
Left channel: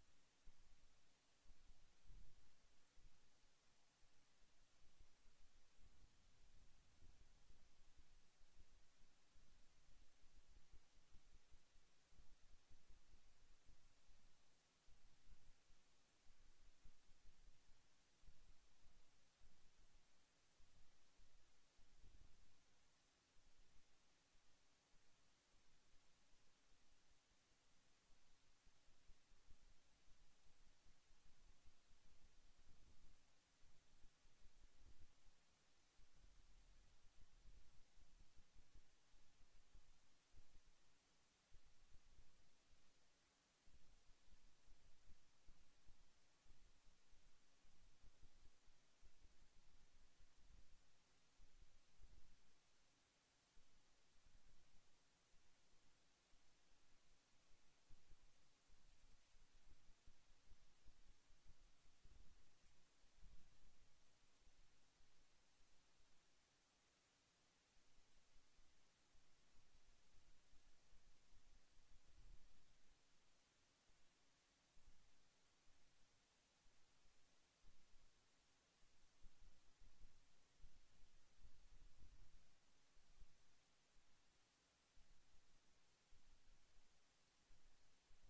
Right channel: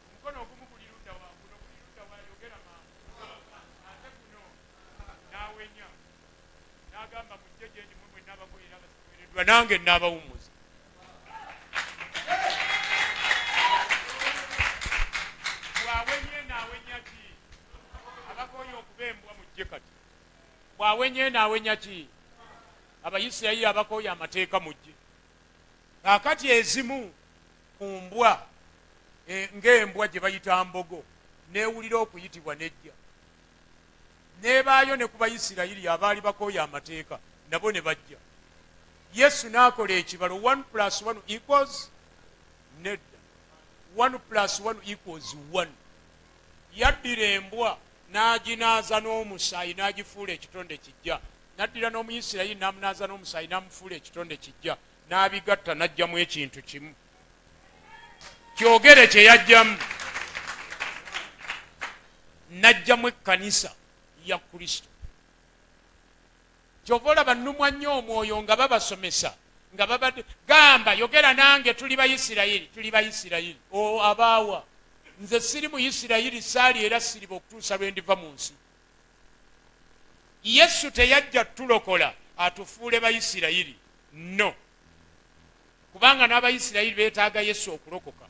Omukono ogumu guli ludda waggulu, guli ludda wayogera mangu, ate guno n'awenya n'agamba mujje gye ndi mmwe mwenna abakolera abasiwereddwa, nange n'abawummuza. Bw'awenye n'awenya ki? Abakoye okuba embwa mujje kati. Bw'awenye n'awenya ki? Abayisirayiri abakoye amateeka mujje. Kaakati ezimu ku mbwa ng'embwa gye bayita mbogo neewulira okuyitibwa nejja, neebaayo ne ku Bayisirayiri abaali bakoye amateeka nabo ne bajja. Yesu n'akola ekibalo 1+1 = nedda, 1+1 = 1. Yaddira embwa n'aginaaza n'omusaayi n'agifuula ekitonde kijja, n'addira n'Omuyisirayiri n'amunaaza n'omusaayi n'amufuula ekitonde kijja, n'abigatta n'aggyamu ekintu kimu. Kyogere kye yajjamu, n'aggyamu ekkanisa ya Kristo. Kyova olaba nnumwa nnyo omwoyo nga babasomesa nga babadde gamba yogera nange tuli Bayisirayiri. O abaawa, nze siri Muyisirayiri, saali era siriba okutuusa lwe ndiva mu nsi. Yesu teyajja tulokola atufuule Bayisirayiri, no, kubanga n'abayisirayiri beetaaga Yesu okulokoka.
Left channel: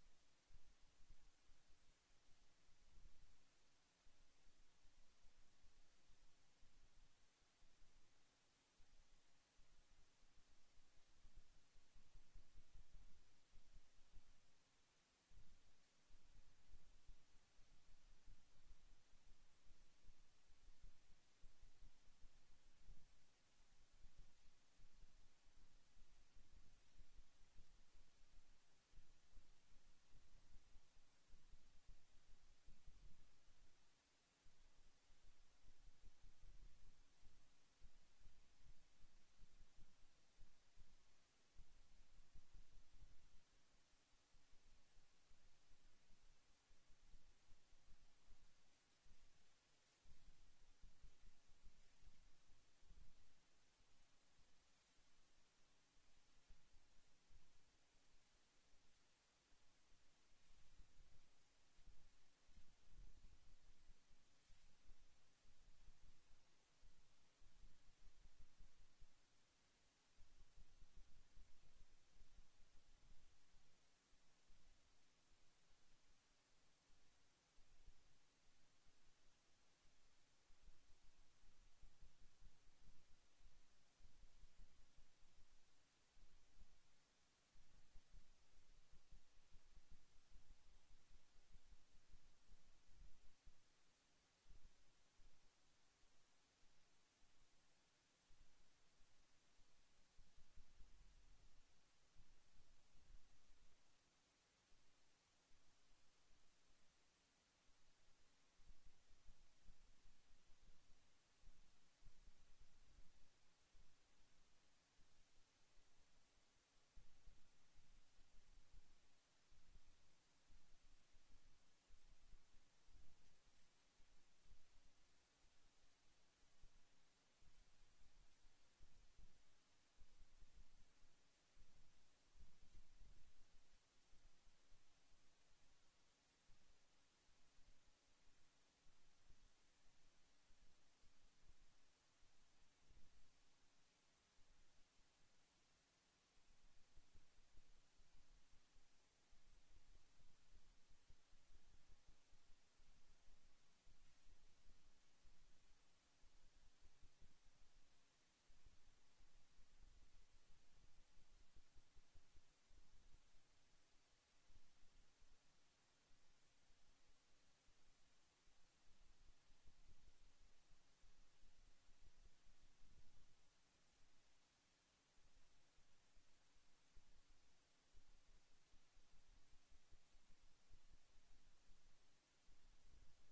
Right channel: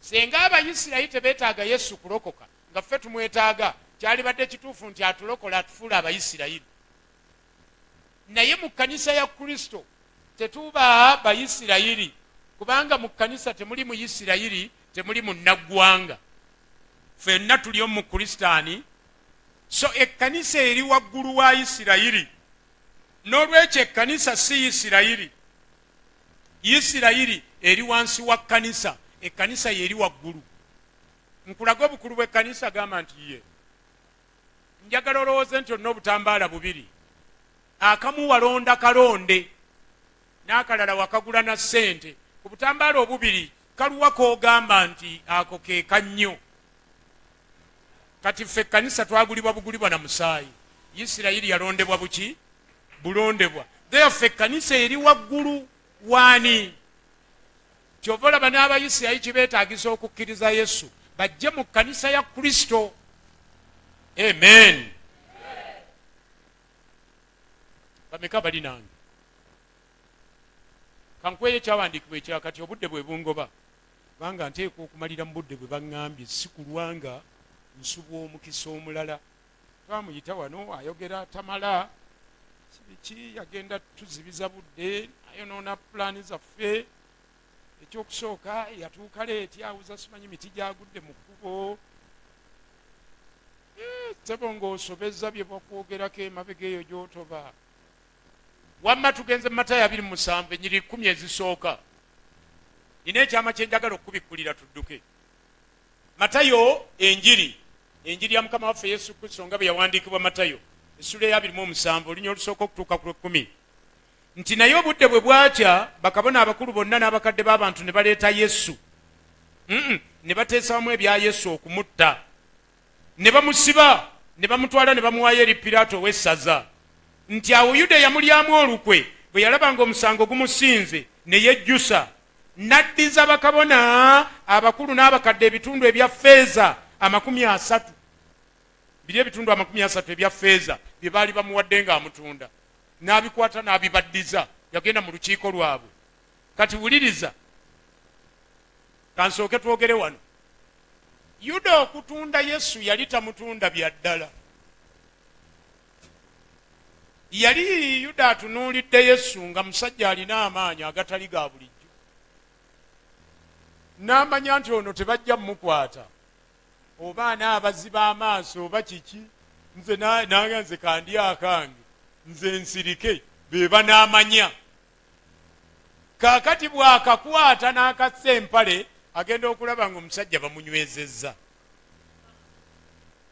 Senga abayisirayiri tebeetaaga Yesu kulokoka nga ffe tumwetaaga, kyalibadde kituufu nti atulokola atufuula abayisirayiri. Naye mu kkanisa ya Kristo tetuba bayisirayiri, kubanga mu kkanisa temuli muyisirayiri, temuli munnaggwanga, ffenna tuli omu Kristani. So ekkanisa eri waggulu wa Isirayiri, n'olwekyo ekkanisa si Isirayiri. Isirayiri eri wansi wa kkanisa, ekkanisa yeri waggulu. Nkulaga obukulu bw'ekkanisa, gamba nti ye njagala olowooze nti olina obutambaala bubiri, akamu walonda kalonde n'akalala wakagula na ssente. Ku butambaala obubiri kaluwa koogamba nti ako ke kannyo? Kati ffe ekkanisa twagulibwa bugulibwa na musaayi. Isirayiri yalondebwa buki? Bulondebwa. Ffe ekkanisa eri waggulu waani? Kyova olaba n'Abayisirayiri kibeetaagisa okukkiriza Yesu bajje mu kkanisa ya Kristo. Amen. Bameka bali nange? Kankweyo ekyawandiikibwa ekirala kati obudde bwe bungoba, kubanga nteekwa okumalira mu budde bwe baŋŋambye, si kulwanga nsubwa omukisa omulala. Twamuyita wano ayogera tamala, kibiki yagenda tuzibiza budde, ayonoona pulaani zaffe. Ekyokusooka yatuuka leeti awuza simanyi miti gyagudde mu kkubo. Sebo ng'osobezza bye bakwogerako emabega eyo gy'otoba. Wamma tugenze mu Matayo 27 ennyiri 10 ezisooka. Nina ekyama kye njagala okubikkulira tudduke. Matayo enjiri ya Mukama waffe Yesu Kristo nga bwe yawandiikibwa Matayo essula ya 27 olunya olusooka okutuuka ku 10. Nti naye obudde bwe bwakya bakabona abakulu bonna n'abakadde b'abantu ne baleeta Yesu. Ne bateesa wamu ebya Yesu okumutta. Ne bamusiba, ne bamutwala ne bamuwaayo eri Piraato ow'essaza. Nti awo Yuda yamulyamu olukwe, bwe yalaba ng'omusango gumusinze ne yejjusa. N'addiza bakabona abakulu n'abakadde ebitundu ebya ffeeza 30. Biri ebitundu 30 ebya ffeeza bye baali bamuwadde ng'amutunda. N'abikwata n'abibaddiza, yagenda mu lukiiko lwabwe. Kati wuliriza, kansooke twogere wano. Yuda okutunda Yesu yali tamutunda bya ddala. Yali Yuda atunuulidde Yesu nga musajja alina amaanyi agatali ga bulijjo. N'amanya nti ono tebajja mmukwata, oba anaabaziba amaaso oba kiki, nze nze kandi akange, nze nsirike, be banaamanya. Kaakati bw'akakwata n'akassa empale agenda okulaba ng'omusajja bamunywezezza.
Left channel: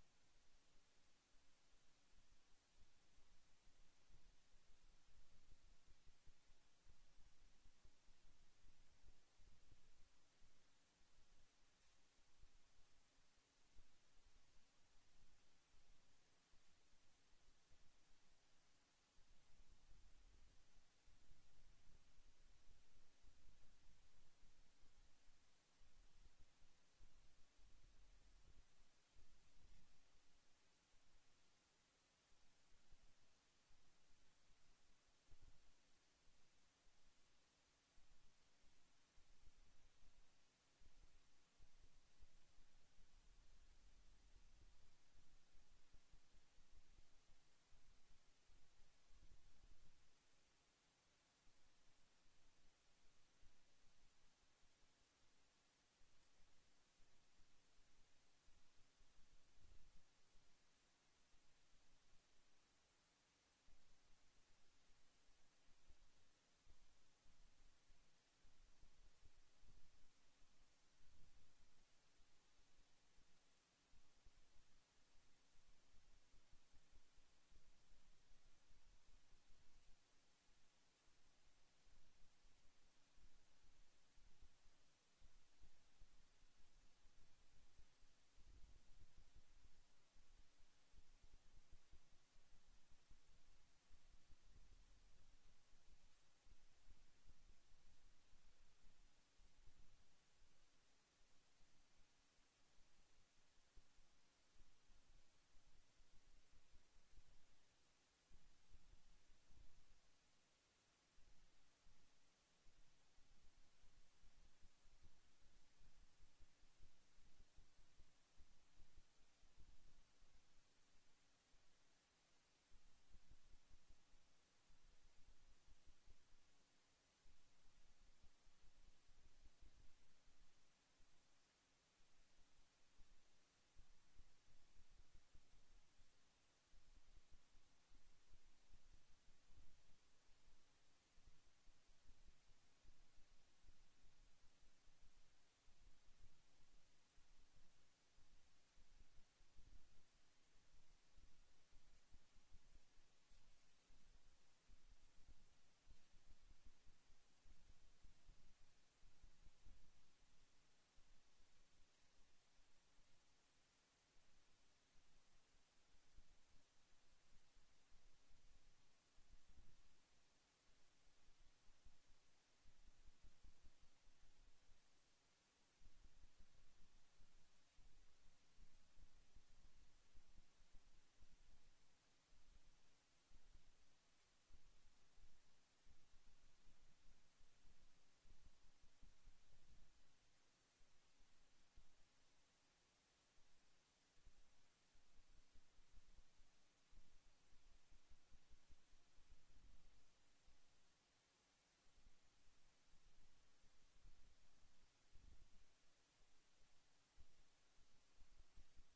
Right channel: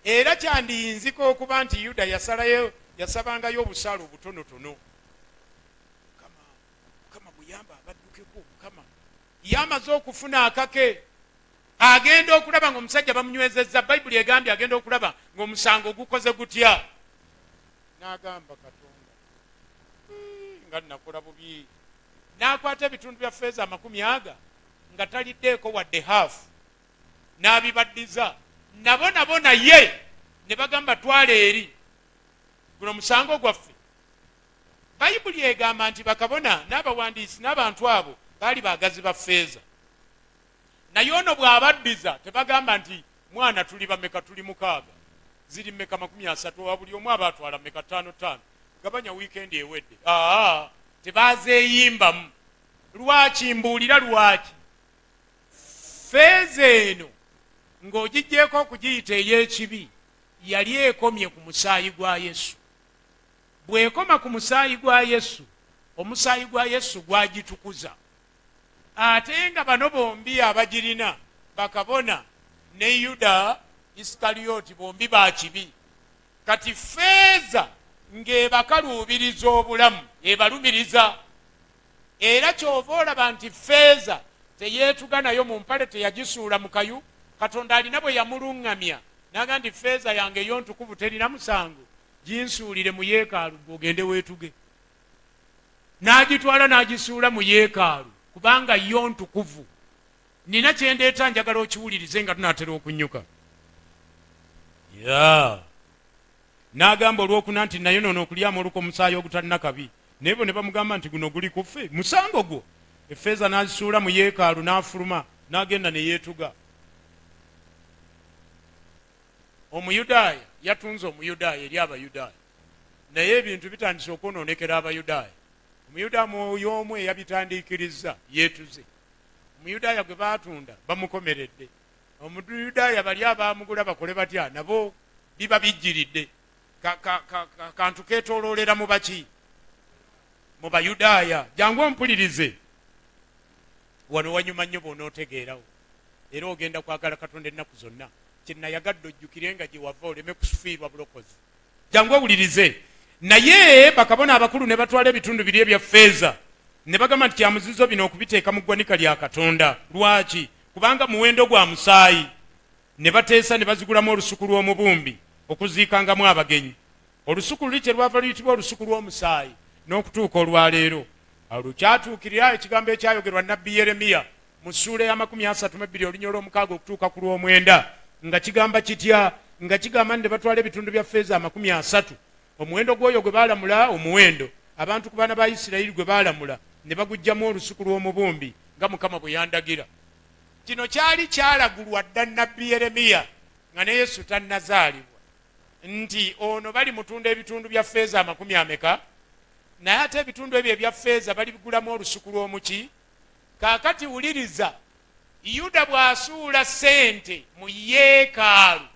Era kyandiyinzika okuba nti Yuda yasabangayo obusaale obutonotono. Mukama muyamba abaddukeko, Mukama yamaze okufuna akake, agenda okulaba ng'omusajja bamunywezezza. Bayibuli egambye agenda okulaba ng'omusango gukoze gutya. N'agamba Katonda, nga nakola bubi. N'akwata ebitundu bya ffeeza 50 nga taliddeeko wadde haafu, n'abibaddiza. Nabo naye ne bagamba twala eri, guno musango gwaffe. Bayibuli egamba nti bakabona n'abawandiisi n'abantu abo baali baagazi ba ffeeza. Naye ono bw'abaddiza tebagamba nti mwana tuli bameka, tuli 6, ziri meka 30, wa buli omu aba atwala meka 5. Gabanya wiikendi ewedde. Tebaazeeyimbamu. Lwaki mbuulira lwaki? Ffeeza eno ng'ogijjeeko okugiyita ey'ekibi yali ekomye ku musaayi gwa Yesu. Bw'ekoma ku musaayi gwa Yesu, omusaayi gwa Yesu gwagitukuza. Ate nga bano bombi abagirina, bakabona ne Yuda Isikaliyooti, bombi ba kibi. Kati ffeeza ng'ebakaluubiriza obulamu, ebalumiriza. Era kyova olaba nti ffeeza teyeetuga nayo mu mpale, teyagisuula mu kayu. Katonda alina bwe yamuluŋŋamya n'agamba nti ffeeza yange ey'ontukuvu terina musango, ginsuulire mu yeekaalu ogende weetuge. N'agitwala n'agisuula mu yeekaalu kubanga yo ntukuvu. Nina kye ndeeta njagala okiwulirize nga tunaatera okunnyuka. N'agamba olwokuna nti naye nono okulyamu olukwa omusaayi ogutalina kabi, naye bo ne bamugamba nti guno guli kuffe musango gwo. Effeeza n'azisuula mu yeekaalu n'afuluma n'agenda ne yeetuga. Omuyudaaya yatunze Omuyudaaya eri Abayudaaya, naye ebintu bitandise okwonoonekera Abayudaaya. Omuyudaaya oyo omu eyabitandiikirizza yeetuze. Omuyudaaya gwe baatunda bamukomeredde. Omuyudaaya bali abaamugula bakole batya nabo biba bijjiridde. Kantu keetooloolera mu baki? Mu Bayudaaya. Jangu ompulirize. Wano wanyuma nnyo bw'onootegeerawo era ogenda kwagala Katonda ennaku zonna. Kyenayagadde ojjukire nga gye wava oleme kufiirwa bulokozi. Jangu owulirize. Naye bakabona abakulu ne batwala ebitundu biri ebya ffeeza ne bagamba nti kyamuzizo bino okubiteeka mu ggwanika lya Katonda. Lwaki? Kubanga muwendo gwa musaayi. Ne bateesa ne bazigulamu olusuku lw'omubumbi okuziikangamu abagenyi. Olusuku luli kye lwava luyitibwa olusuku lw'omusaayi n'okutuuka olwaleero. Awo lukyatuukirira ekigambo ekyayogerwa nnabbi Yeremiya mu ssuula ya 32 olunya olw'omukaaga okutuuka ku lw'omwenda nga kigamba kitya? Nga kigamba nti ne batwala ebitundu bya ffeeza 30, omuwendo gw'oyo gwe baalamula, omuwendo abantu ku baana ba Isirayiri gwe baalamula ne bagujjamu olusuku lw'omubumbi nga Mukama bwe yandagira. Kino kyali kyalagulwa dda nnabbi Yeremiya nga ne Yesu tannazaalibwa nti ono bali mutunda ebitundu bya ffeeza 40, naye ate ebitundu ebyo ebya ffeeza balibigulamu olusuku lw'omuki? Kaakati wuliriza, Yuda bw'asuula ssente mu yeekaalu,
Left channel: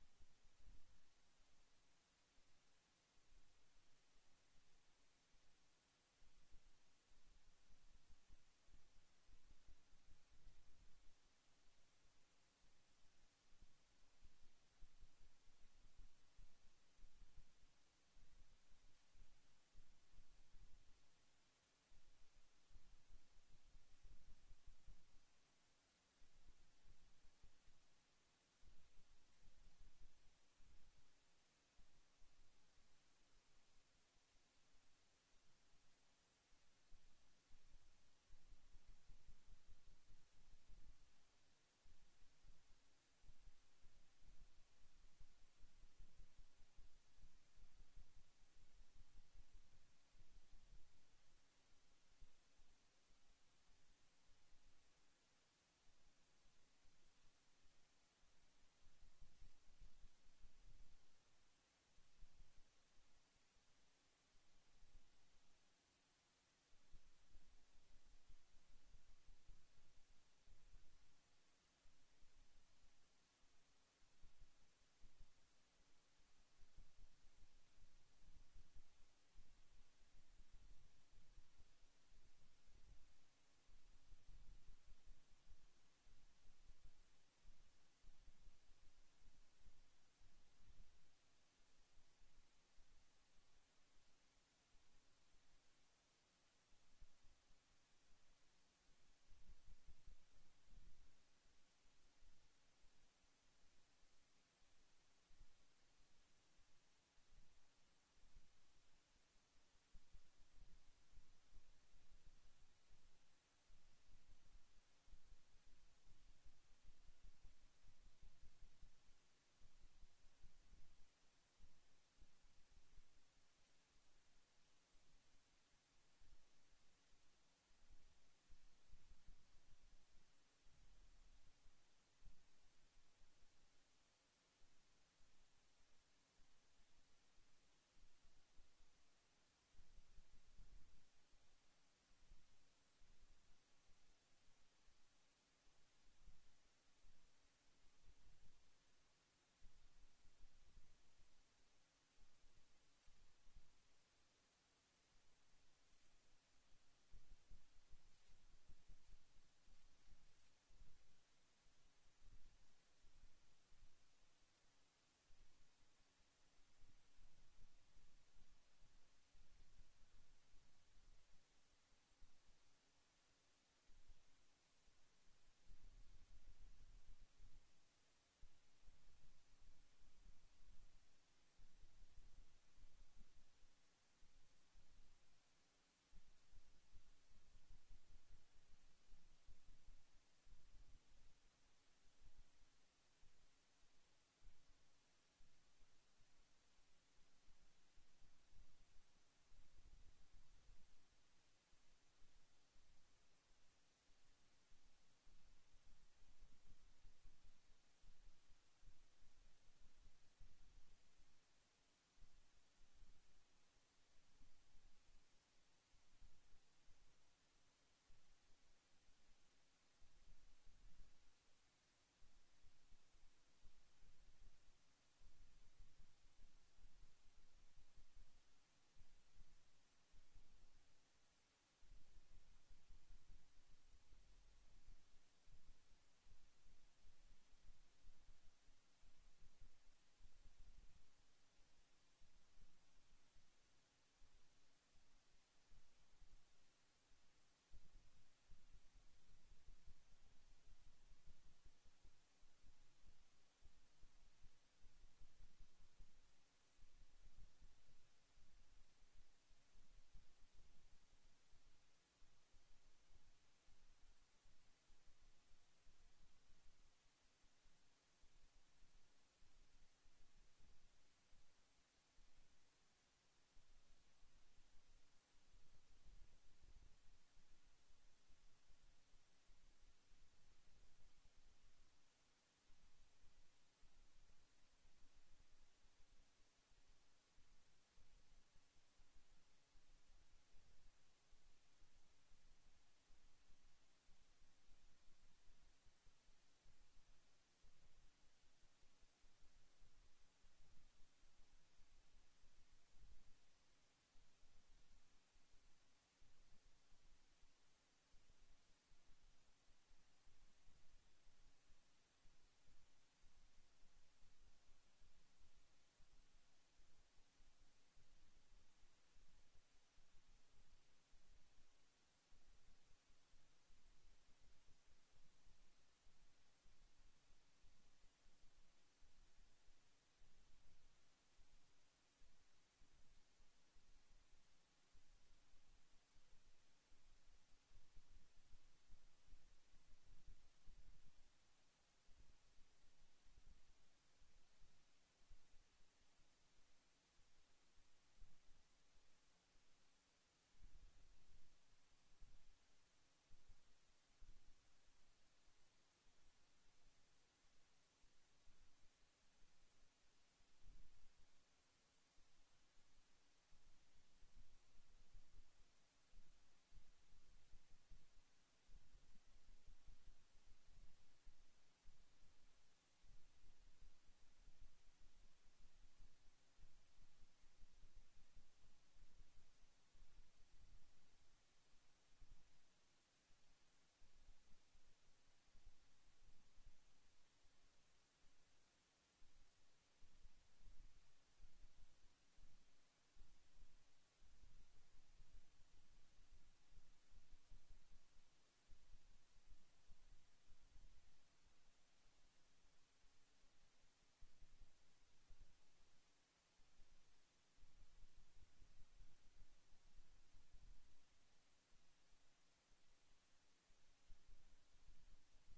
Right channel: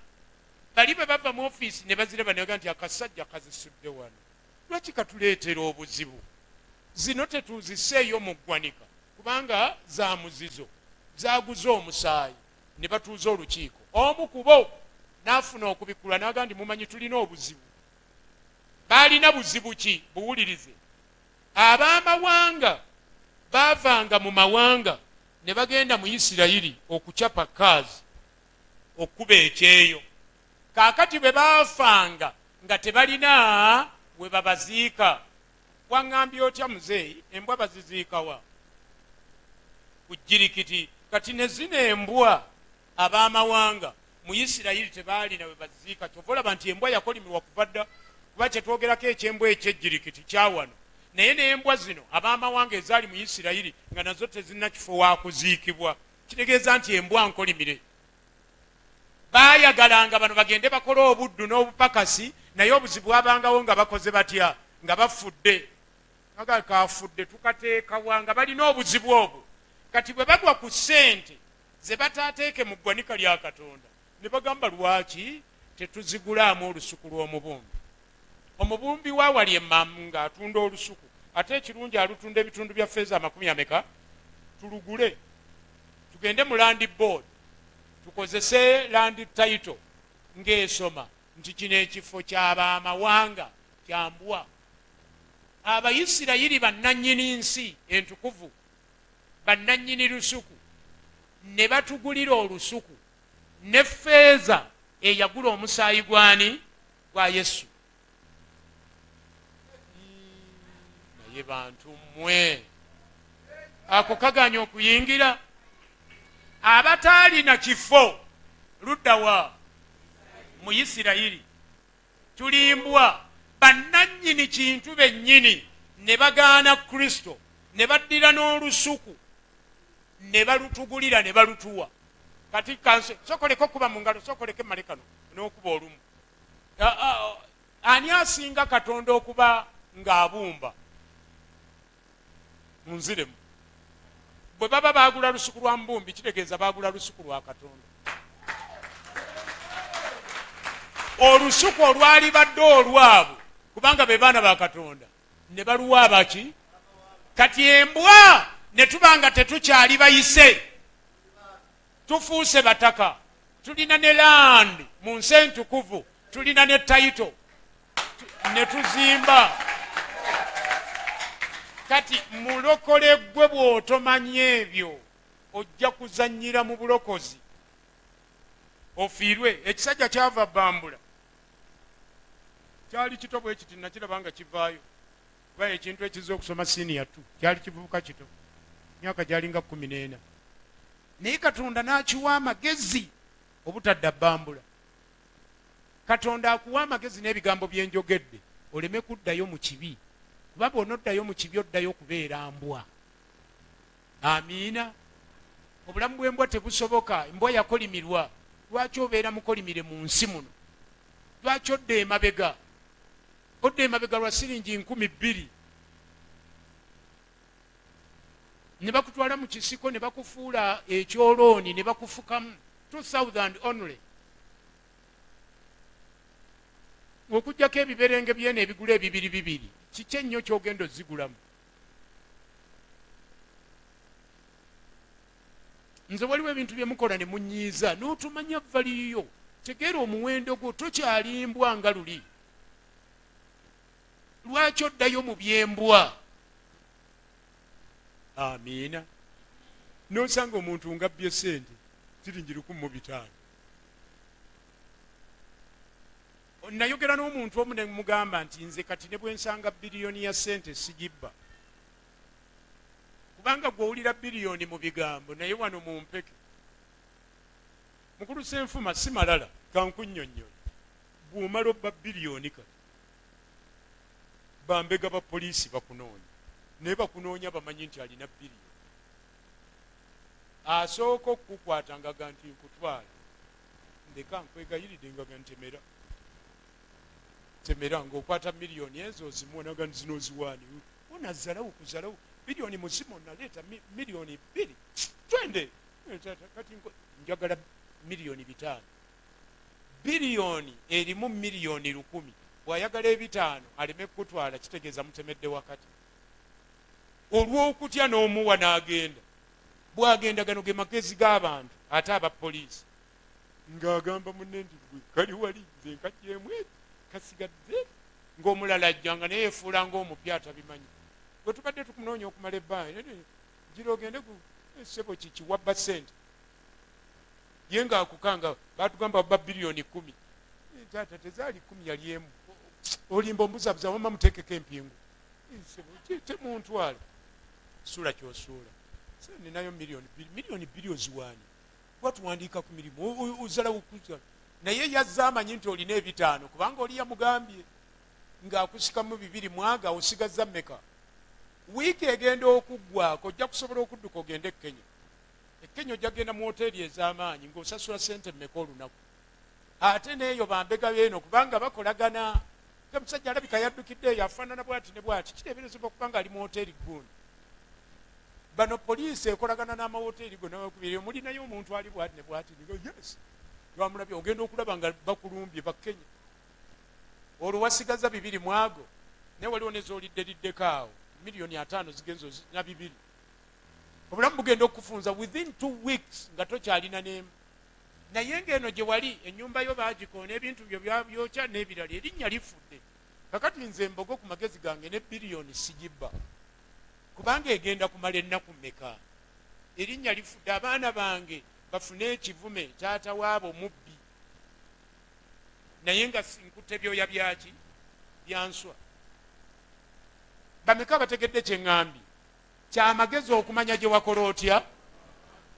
bali bwe bava mu ofiisi ne baziraba ne baga nti akasajja kazisudde wano, lwaki katuleetera obuzibu? Zino tetuuziseeyo mu ggwanika kubanga za muzizo, zaaguze omusaayi. Ne batuuza olukiiko, omu ku bo n'afuna okubikula n'aga nti mumanyi tulina obuzibu. Baalina buzibu ki? Buwulirize. Ab'amawanga baavanga mu mawanga ne bagenda mu Isirayiri okucapa kaazi, okkuba ekyeyo. Kaakati bwe baafanga nga tebalina we babaziika. Waŋŋambye otya muzeeyi? Embwa baziziika wa? Ku jjirikiti. Kati ne zino embwa ab'amawanga mu Isirayiri tebaalina we baziziika. Kyova olaba nti embwa yakolimirwa kuva dda, kuba kyetwogerako ekyembwa ekyejjirikiti kyawano. Naye n'embwa zino ab'amawanga ezaali mu Isirayiri nga nazo tezirina kifo wa kuziikibwa. Kitegeeza nti embwa nkolimire. Baayagalanga bano bagende bakole obuddu n'obupakasi, naye obuzibu bwabangawo nga bakoze batya? Nga bafudde. Nga kafudde tukateekawa nga balina obuzibu obwo. Kati bwe bagwa ku ssente ze bataateeke mu ggwanika lya Katonda ne bagamba lwaki tetuzigulaamu olusuku lw'omubumbi? Omubumbi waawali emmamu ng'atunda olusuku, ate ekirungi alutunda ebitundu bya ffeeza 40, tulugule tugende mu land board tukozese land title ng'esoma nti kino ekifo ky'ab'amawanga kyambwa. Abayisirayiri bannannyini nsi entukuvu, bannannyini lusuku, ne batugulira olusuku ne ffeeza eyagula omusaayi gwani? Gwa Yesu. Naye bantu mmwe ako kaganya okuyingira? Abataalina kifo ludda wa? Mu Isirayiri tulimbwa bannannyini kintu bennyini ne bagaana Kristo ne baddira n'olusuku ne balutugulira ne balutuwa. Kati kanse sokoleko kuba mu ngalo, sokoleke malekano n'okuba olumu. Ani asinga Katonda okuba ng'abumba? Munziremu. Bwe baba baagula lusuku lwa mbumbi kitegeeza baagula lusuku lwa Katonda. Olusuku olwali badde olwabwe kubanga be baana ba Katonda ne baluwa baki? Kati embwa ne tubanga tetukyali bayise, tufuuse bataka, tulina ne land mu nsi entukuvu, tulina ne title ne tuzimba. Kati mulokole gwe bw'otomanya ebyo ojja kuzannyira mu bulokozi ofiirwe. Ekisajja kyava Bambula kyali kito bwe kiti nakiraba nga kivaayo, kuba ekintu ekizza okusoma senior 2 kyali kivubuka kito, myaka gyalinga 14, naye Katonda n'akiwa amagezi obutadda Bambula. Katonda akuwa amagezi n'ebigambo bye njogedde oleme kuddayo mu kibi kuba bw'onoddayo mu kibi oddayo kubeera mbwa. Amiina. Obulamu bw'embwa tebusoboka. Embwa yakolimirwa. Lwaki obeera mukolimire mu nsi muno? Lwaki odda emabega? Odda emabega lwa siringi 2,000 ne bakutwala mu kisiko ne bakufuula ekyolooni ne bakufukamu 2,000 only. Okujjako ebiberenge byene ebigula 2,200 kiki ennyo kyogenda ozigulamu? Nze waliwo ebintu bye mukola ne munyiiza n'otumanya valiyo. Tegeera omuwendo gwo tokyalimbwa nga luli. Lwaki oddayo mu byembwa? Amiina. N'osanga omuntu ngabbye sente siringi 1,500. Nayogera n'omuntu omu ne mugamba nti nze kati ne bwe nsanga biliyoni ya sente sigibba. Kubanga gw'owulira biliyoni mu bigambo naye wano mu mpeke. Mukulu Ssenfuma si malala kankunnyonnyola. Bw'omala obba biliyoni kati bambega ba poliisi bakunoonya. Naye bakunoonya bamanyi nti alina biliyoni. Asooka okukukwata ngaga nti nkutwala. Ndeka nkwegayiridde ngaga ntemera. Temera ng'okwata miliyoni ezo ozimuonaga zino ziwaani. Onazzalawo kuzalawo. Biliyoni muzimu naleeta miliyoni 2. Twende. Kati njagala miliyoni 5. Biliyoni erimu miliyoni 1,000. Bw'ayagala 5 aleme kutwala kitegeeza mutemedde wakati. Olw'okutya n'omuwa n'agenda. Bw'agenda gano ge magezi g'abantu ate aba poliisi. Ng'agamba munne nti gwe kali wali nze nkajjeemu kasigadde ng'omulala ajjanga naye yeefuula ng'omupya atabimanyi. Bwe tubadde tukunoonya okumala ebbanga gira ogende ku ssebo kiki wabba ssente. Ye ng'akukanga baatugamba wabba biliyoni 10. Taata tezaali 10 yali emu. Olimba ombuzabuza wama muteekeko empingu. Temuntwala. Suula ky'osuula. Ninayo miliyoni 2 oziwaani. Watuwandiika ku mirimu ozalawo kuza. Naye yazza amanyi nti olina 5 kubanga oli yamugambye ng'akusikamu 2 mwaga osigazza mmeka. Wiiki egenda okuggwako ojja kusobola okudduka ogende e Kenya. E Kenya ojja kugenda mu hoteeri ez'amaanyi ng'osasula ssente mmeka olunaku. Ate n'eyo bambega beeno kubanga bakolagana. Omusajja alabika yaddukidde eyo afaanana bw'ati ne bw'ati. Kiteeberezebwa kubanga ali mu hoteeri gundi. Bano poliisi ekolagana n'amawoteeri go n'abakubiri. Mulinayo omuntu ali bw'ati ne bw'ati. Yes. Lwamulabye ogenda okulaba nga bakulumbye bakenya. Olwo wasigaza 2 mwago. Naye waliwo n'ezoolidderiddeko awo. Miliyoni 5 zigenzo na 2. Obulamu bugenda okufunza within 2 weeks nga tokyalina n'emu. Naye ng'eno gye wali ennyumba yo baagikoona ebintu byo byokya n'ebirala erinnya lifudde. Kakati nze mbogo ku magezi gange ne biliyoni sigibba. Kubanga egenda kumala ennaku mmeka. Erinnya lifudde. Abaana bange bafune ekivume taata waabo mubbi. Naye nga nkutte byoya byaki byanswa. Bameka bategedde kye ŋŋambye. Kyamagezi okumanya gye wakola otya.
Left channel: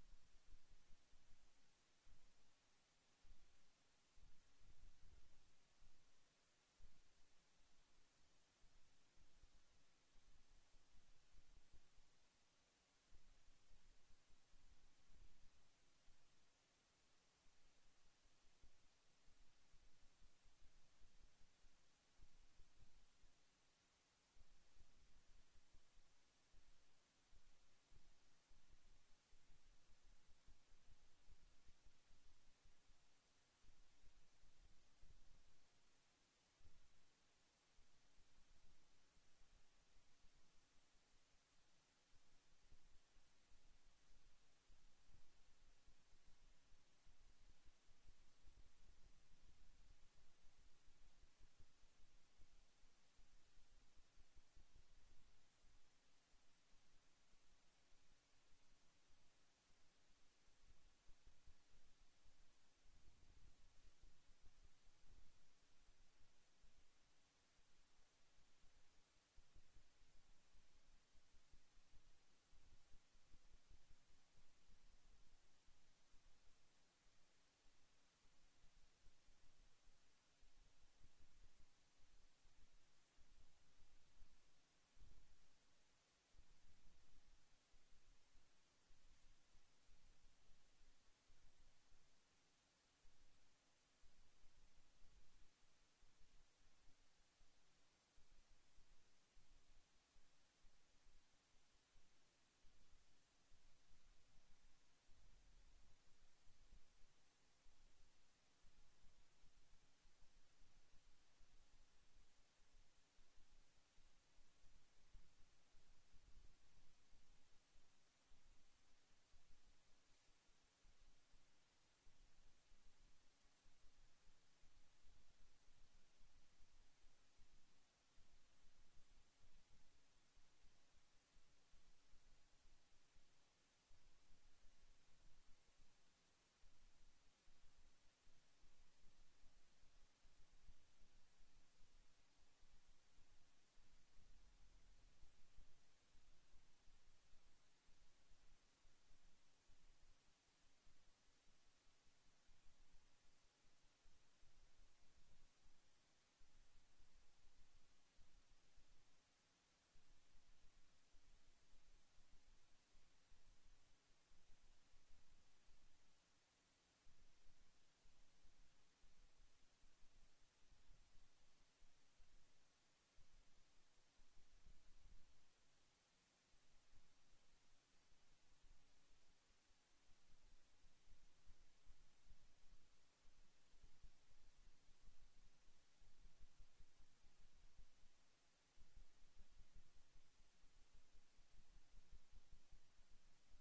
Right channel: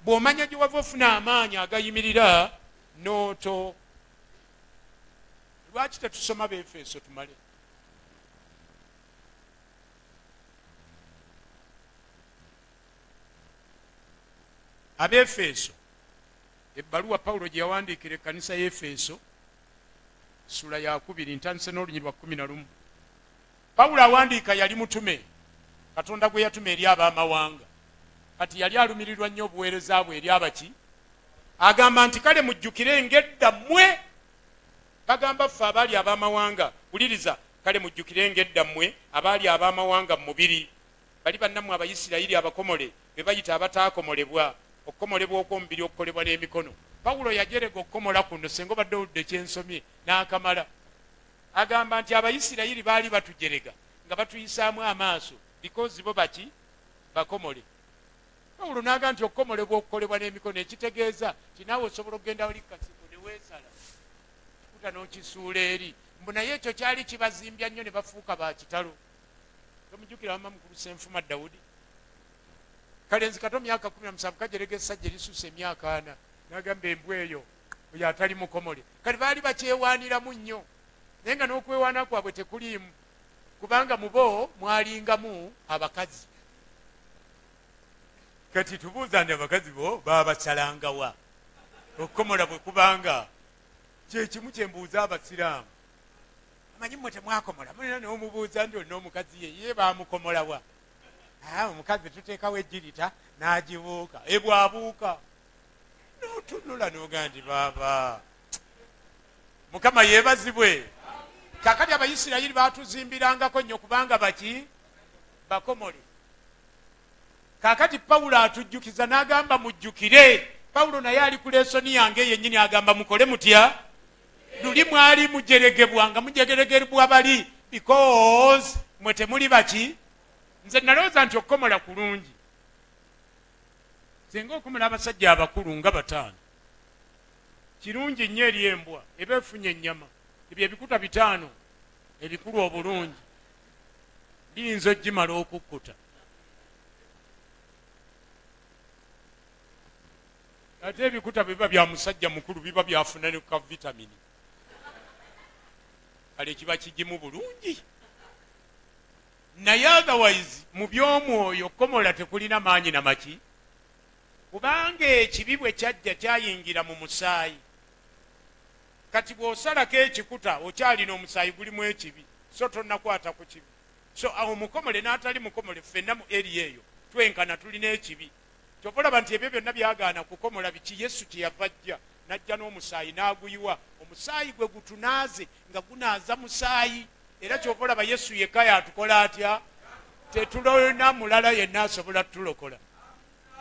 Bw'omanya gye wava ofuna amaanyi agayimirira n'oto. Lwaki tetusoma Befeso tumale? Abefeso ebbaluwa Pawulo gye yawandiikira ekkanisa y'Efeso ssula ya 2 ntandise n'olunyi lwa 11. Pawulo awandiika yali mutume. Katonda gwe yatuma eri ab'amawanga. Kati yali alumirirwa nnyo obuweereza bwe eri abaki. Agamba nti kale mujjukire ng'edda mmwe. Bagamba ffe abaali ab'amawanga. Wuliriza, kale mujjukire ng'edda mmwe abaali ab'amawanga mu mubiri. Bali bannammwe Abayisirayiri abakomole be bayita abataakomolebwa. Okukomolebwa okw'omubiri okukolebwa n'emikono. Pawulo yajerega okukomola kuno senga obadde oludde kyensomye n'akamala. Agamba nti Abayisirayiri baali batujerega nga batuyisaamu amaaso because bo baki bakomole. Pawulo n'agamba nti okukomolebwa okukolebwa n'emikono ekitegeeza nti naawe osobola okugenda oli kasiko ne weesala kikuta n'okisuula eri. Mbu naye ekyo kyali kibazimbya nnyo ne bafuuka ba kitalo. Tomujjukira wamma mukulu Ssenfuma Dawudi. Kale nzi kato myaka 17 kajerega essajja erisuuse emyaka 4 n'agamba embwa eyo oyo atali mukomole. Kale baali bakyewaaniramu nnyo naye nga n'okwewaana kwabwe tekuliimu kubanga mubo mwalingamu abakazi. Kati tubuuza nti abakazi bo babasalangawa okukomola bwe kubanga kyekimu kyembuuza abasiraamu. Amanyi mmwe temwakomola mulina n'omubuuza nti olina omukazi ye bamukomolawa. Omukazi tuteekawo ejjirita n'agibuuka ebwabuuka n'otunula n'ogaa nti baaba Mukama yeebazibwe. Kakati Abayisirayiri baatuzimbirangako nnyo kubanga baki bakomole. Kakati Pawulo atujjukiza n'agamba mujjukire. Pawulo naye ali ku lesoni yange yennyini agamba mukole mutya. Luli mwali mujeregebwa nga mujeregebwa bali because mwe temuli baki. Nze nalowooza nti okukomola kulungi. Singa okomola abasajja abakulu nga 5 kirungi nnyo eri embwa eba efunye ennyama. Ebyo ebikuta 5 ebikulu obulungi biyinza ogimala okukkuta. Ate ebikuta biba bya musajja mukulu biba byafuna ne ka vitamini. Kale kiba kigimu bulungi. Naye otherwise mu by'omwoyo komola tekulina maanyi na maki. Kubanga ekibi bwe kyajja kyayingira mu musaayi. Kati bw'osalako ekikuta okyalina omusaayi gulimu ekibi, so tonnakwata ku kibi. So awo mukomole n'atali mukomole ffenna mu eri eyo twenkana tulina ekibi. Kyova olaba nti ebyo byonna byagaana kukomola biki. Yesu kyeyava ajja n'ajja n'omusaayi n'aguyiwa. Omusaayi gwe gutunaaze nga gunaaza musaayi. Era kyova olaba Yesu yekka yatukola atya. Tetulina mulala yenna asobola tulokola.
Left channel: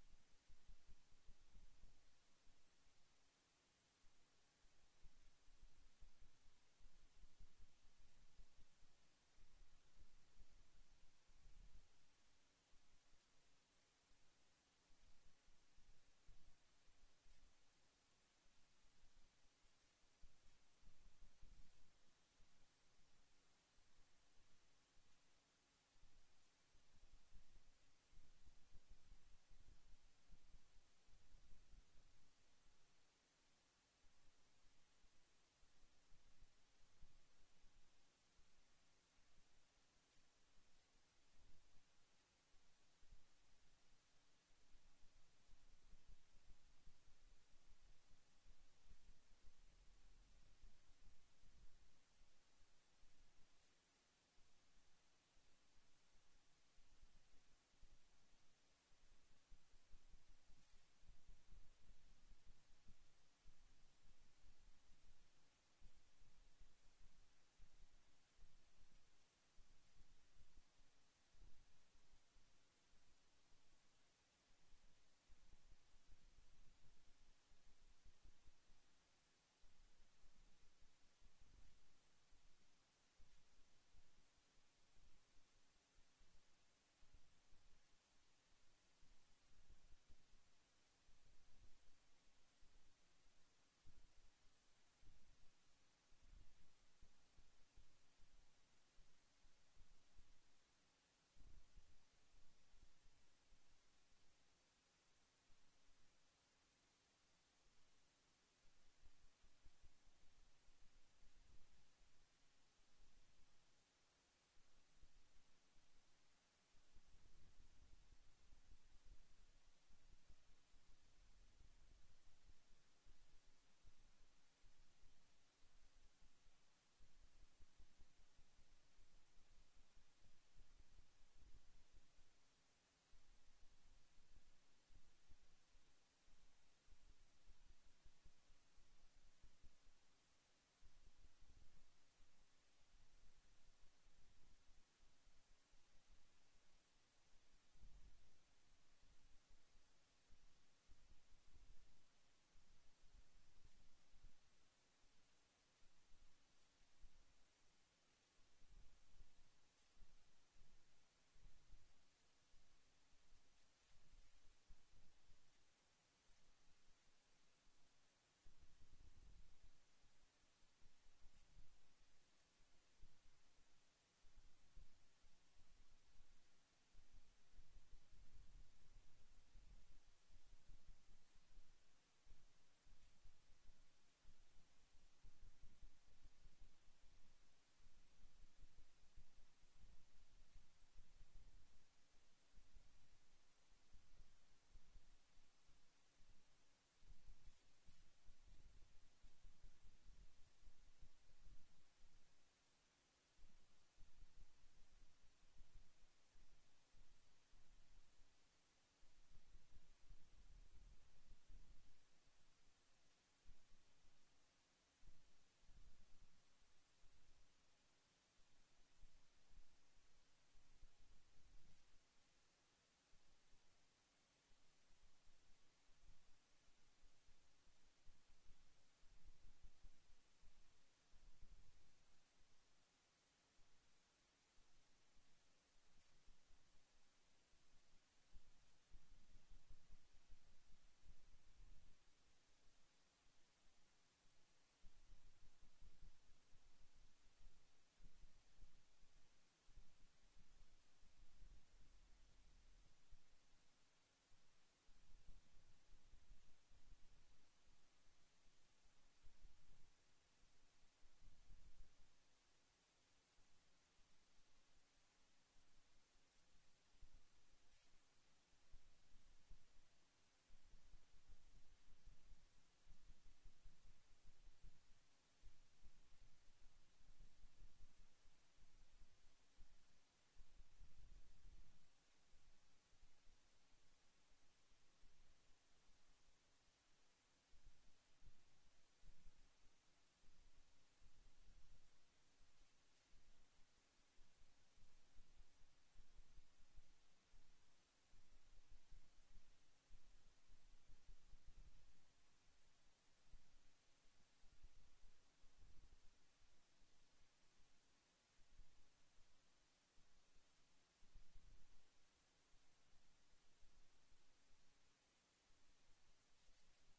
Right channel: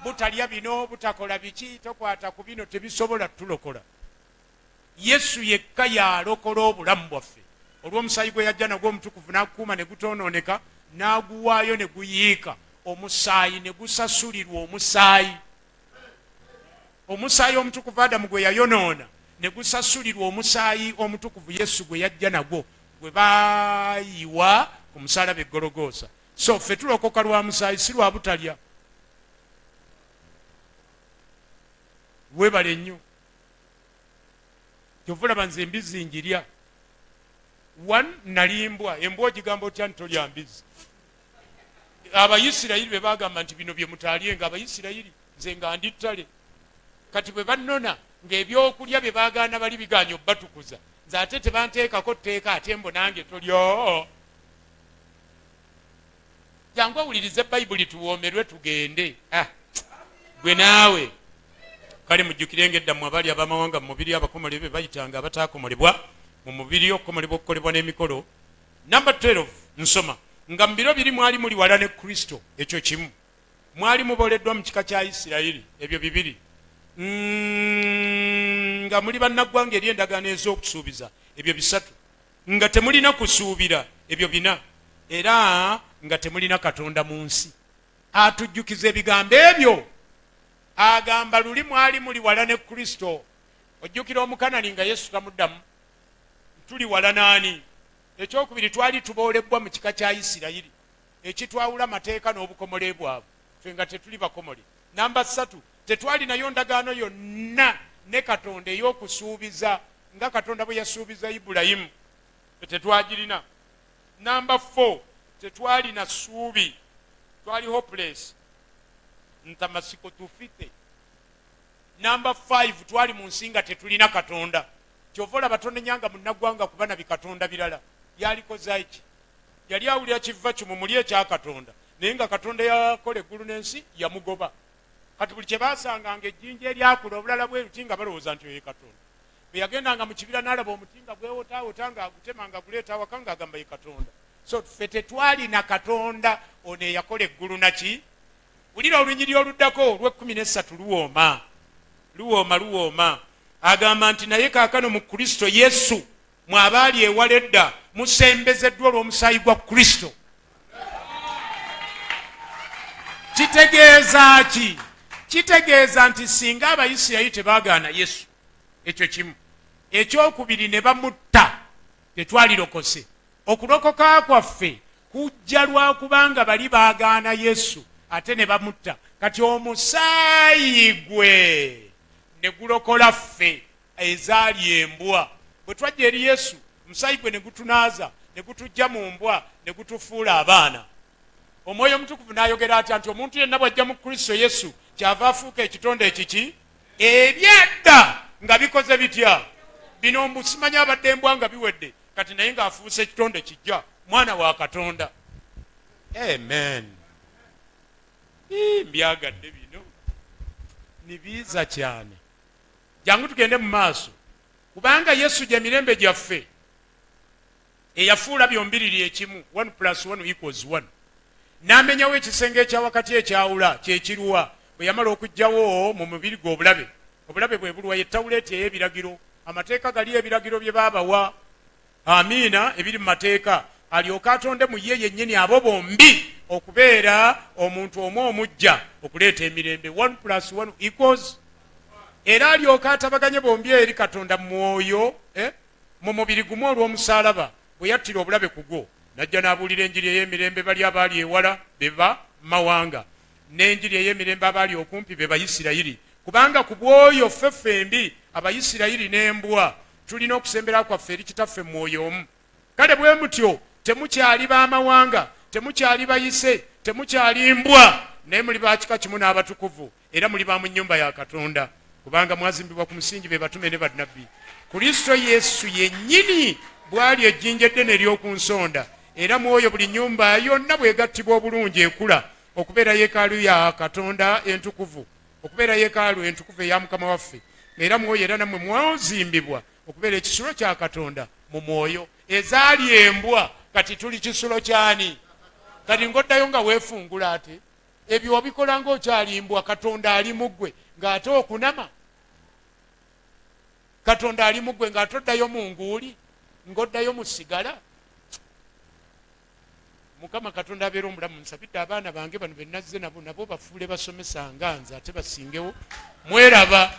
Butalya bino butakola biki tokwata ku bino tebisobola tulokola. Yesu yekka yalokola obulamu bwaffe. Olw'omusaayi gwe yajja nagwo omutukuvu n'akuuma ne gutonooneka n'aguwaayo ne guyiika. Omusaayi ne gusasulirwa omusaayi. Omusaayi omutukuvu Adamu gwe yayonoona ne gusasulirwa omusaayi omutukuvu Yesu gwe yajja nagwo gwe baayiwa ku musaalaba e Gologoosa. So ffe tulokoka lwa musaayi si lwa butalya. Weebale nnyo. Kyova olaba nze embizi njirya. Nalimbwa embwa ogigamba otya nti tolya mbizi. Abayisirayiri be bagamba nti bino bye mutaalyenga. Abayisirayiri nze nga ndi ttale. Kati bwe bannona ng'ebyokulya bye baagaana bali bigaanya obbatukuza. Nze ate tebanteekako tteeka ate mbo nange tolya. Jangu owulirize Bayibuli tuwoomerwe tugende. Gwe naawe. Kale mujjukire ng'eddamu abali abamawanga mu mubiri abakomole be bayitanga abataakomolebwa mu mubiri okukomolebwa okukolebwa n'emikolo. Number 12 nsoma. Nga mu biro biri mwali muli wala ne Kristo. Ekyo kimu. Mwali muboleddwa mu kika kya Isirayiri. Ebyo bibiri. Nga muli bannaggwanga eri endagaano ez'okusuubiza. Ebyo 3. Nga temulina kusuubira. Ebyo 4. Era nga temulina Katonda mu nsi. Atujjukiza ebigambo ebyo. Agamba luli mwali muli wala ne Kristo. Ojjukira Omukanani nga Yesu tamuddamu. Tuli wala naani? Ekyokubiri twali tuboolebbwa mu kika kya Isirayiri. Ekitwawula amateeka n'obukomole bwabwe. Ffe nga tetuli bakomole. Namba 3. Tetwali nayo ndagaano yonna ne Katonda ey'okusuubiza nga Katonda bwe yasuubiza Ibulayimu. Tetwagirina. Namba 4. Tetwali na ssuubi. Twali hopeless. Ntamasiko tufite. Namba 5. Twali mu nsi nga tetulina Katonda. Kyova olaba tonnenyanga munnaggwanga kuba na bikatonda birala. Yalikoza iki? Yali awulira kiva kimumuli ekya Katonda. Naye nga Katonda yakola eggulu n'ensi yamugoba. Kati buli kye baasanganga ejjinja eryakula obulala bweruti nga balowooza nti oyo Katonda. Bwe yagendanga mu kibira n'alaba omuti nga gwewotaawota ng'agutema ng'aguleeta awaka ng'agamba ye Katonda. So ffe tetwali na Katonda ono eyakola eggulu naki? Wulira olunyiri oluddako olw'13 luwooma. Luwooma. Agamba nti naye kaakano mu Kristo Yesu mwabaali ewala edda musembezeddwa olw'omusaayi gwa Kristo. Kitegeeza ki? Kitegeeza nti singa Abayisirayiri tebaagaana Yesu. Ekyo kimu. Ekyokubiri ne bamutta tetwalirokose. Okulokoka kwaffe kujja lwa kubanga bali baagaana Yesu ate ne bamutta. Kati omusaayi gwe ne gulokola ffe ezaali embwa. Bwe twajja eri Yesu omusaayi gwe ne gutunaaza ne gutujja mu mbwa ne gutufuula abaana. Omwoyo Omutukuvu n'ayogera atya nti omuntu yenna bw'ajja mu Kristo Yesu kyava afuuka ekitonde ekiki ebyadda nga bikoze bitya bino mbu simanya abadde embwa nga biwedde kati naye ng'afuuse ekitonde kijja mwana wa Katonda. Amen. Mbyagadde bino nibiiza cyane. Jangu tugende mu maaso kubanga Yesu gye mirembe gyaffe eyafuula byombiriri ekimu 1+1=1 n'amenyawo ekisenge ekya wakati ekyawula kyekiruwa bwe yamala okugjawo mu mubiri gwe obulabe bwe bulwa ye tawuleeti ey'ebiragiro. Amateeka gali ebiragiro bye baabawa, amiina, ebiri mu mateeka, alyoke atonde mu ye yennyini abo bombi okubeera omuntu omu omujja okuleeta emirembe 1+1=, era alyoke atabaganye bombi eri Katonda mu mwoyo mu mubiri gumu olw'omusaalaba bwe yattira obulabe ku gwo najja n'abuulira enjiri ey'emirembe bali abaali ewala be ba mawanga n'enjiri ey'emirembe abaali okumpi be Bayisirayiri, kubanga ku bwoyo ffembi Abayisirayiri n'embwa tulina okusembera kwaffe eri kitaffe mu mwoyo omu. Kale bwe mutyo temukyali baamawanga, temukyali bayise, temukyali mbwa, naye muli ba kika kimu n'abatukuvu era muli ba mu nnyumba ya Katonda, kubanga mwazimbibwa ku musingi be batume ne bannabbi. Kristo Yesu yennyini bwali ejjinja eddene ery'oku nsonda, era mwoyo buli nnyumba yonna bwegattibwa obulungi ekula okubeera yeekaalu ya Katonda entukuvu, okubeera yeekaalu entukuvu eya Mukama waffe, era mwoyo era nammwe mwazimbibwa okubeera ekisulo kya Katonda mu mwoyo. Ezaali embwa kati tuli kisulo kyani? Kati ng'oddayo nga weefungula ate ebyo wabikola ng'okyali mbwa. Katonda ali mu ggwe ng'ate okunama, Katonda ali mu ggwe ng'ate oddayo mu nguuli, ng'oddayo mu sigala. Mukama Katonda abeera omulamu. Nsabidde abaana bange bano be nazze nabo bafuule basomesa nga nze ate basingewo. Mweraba.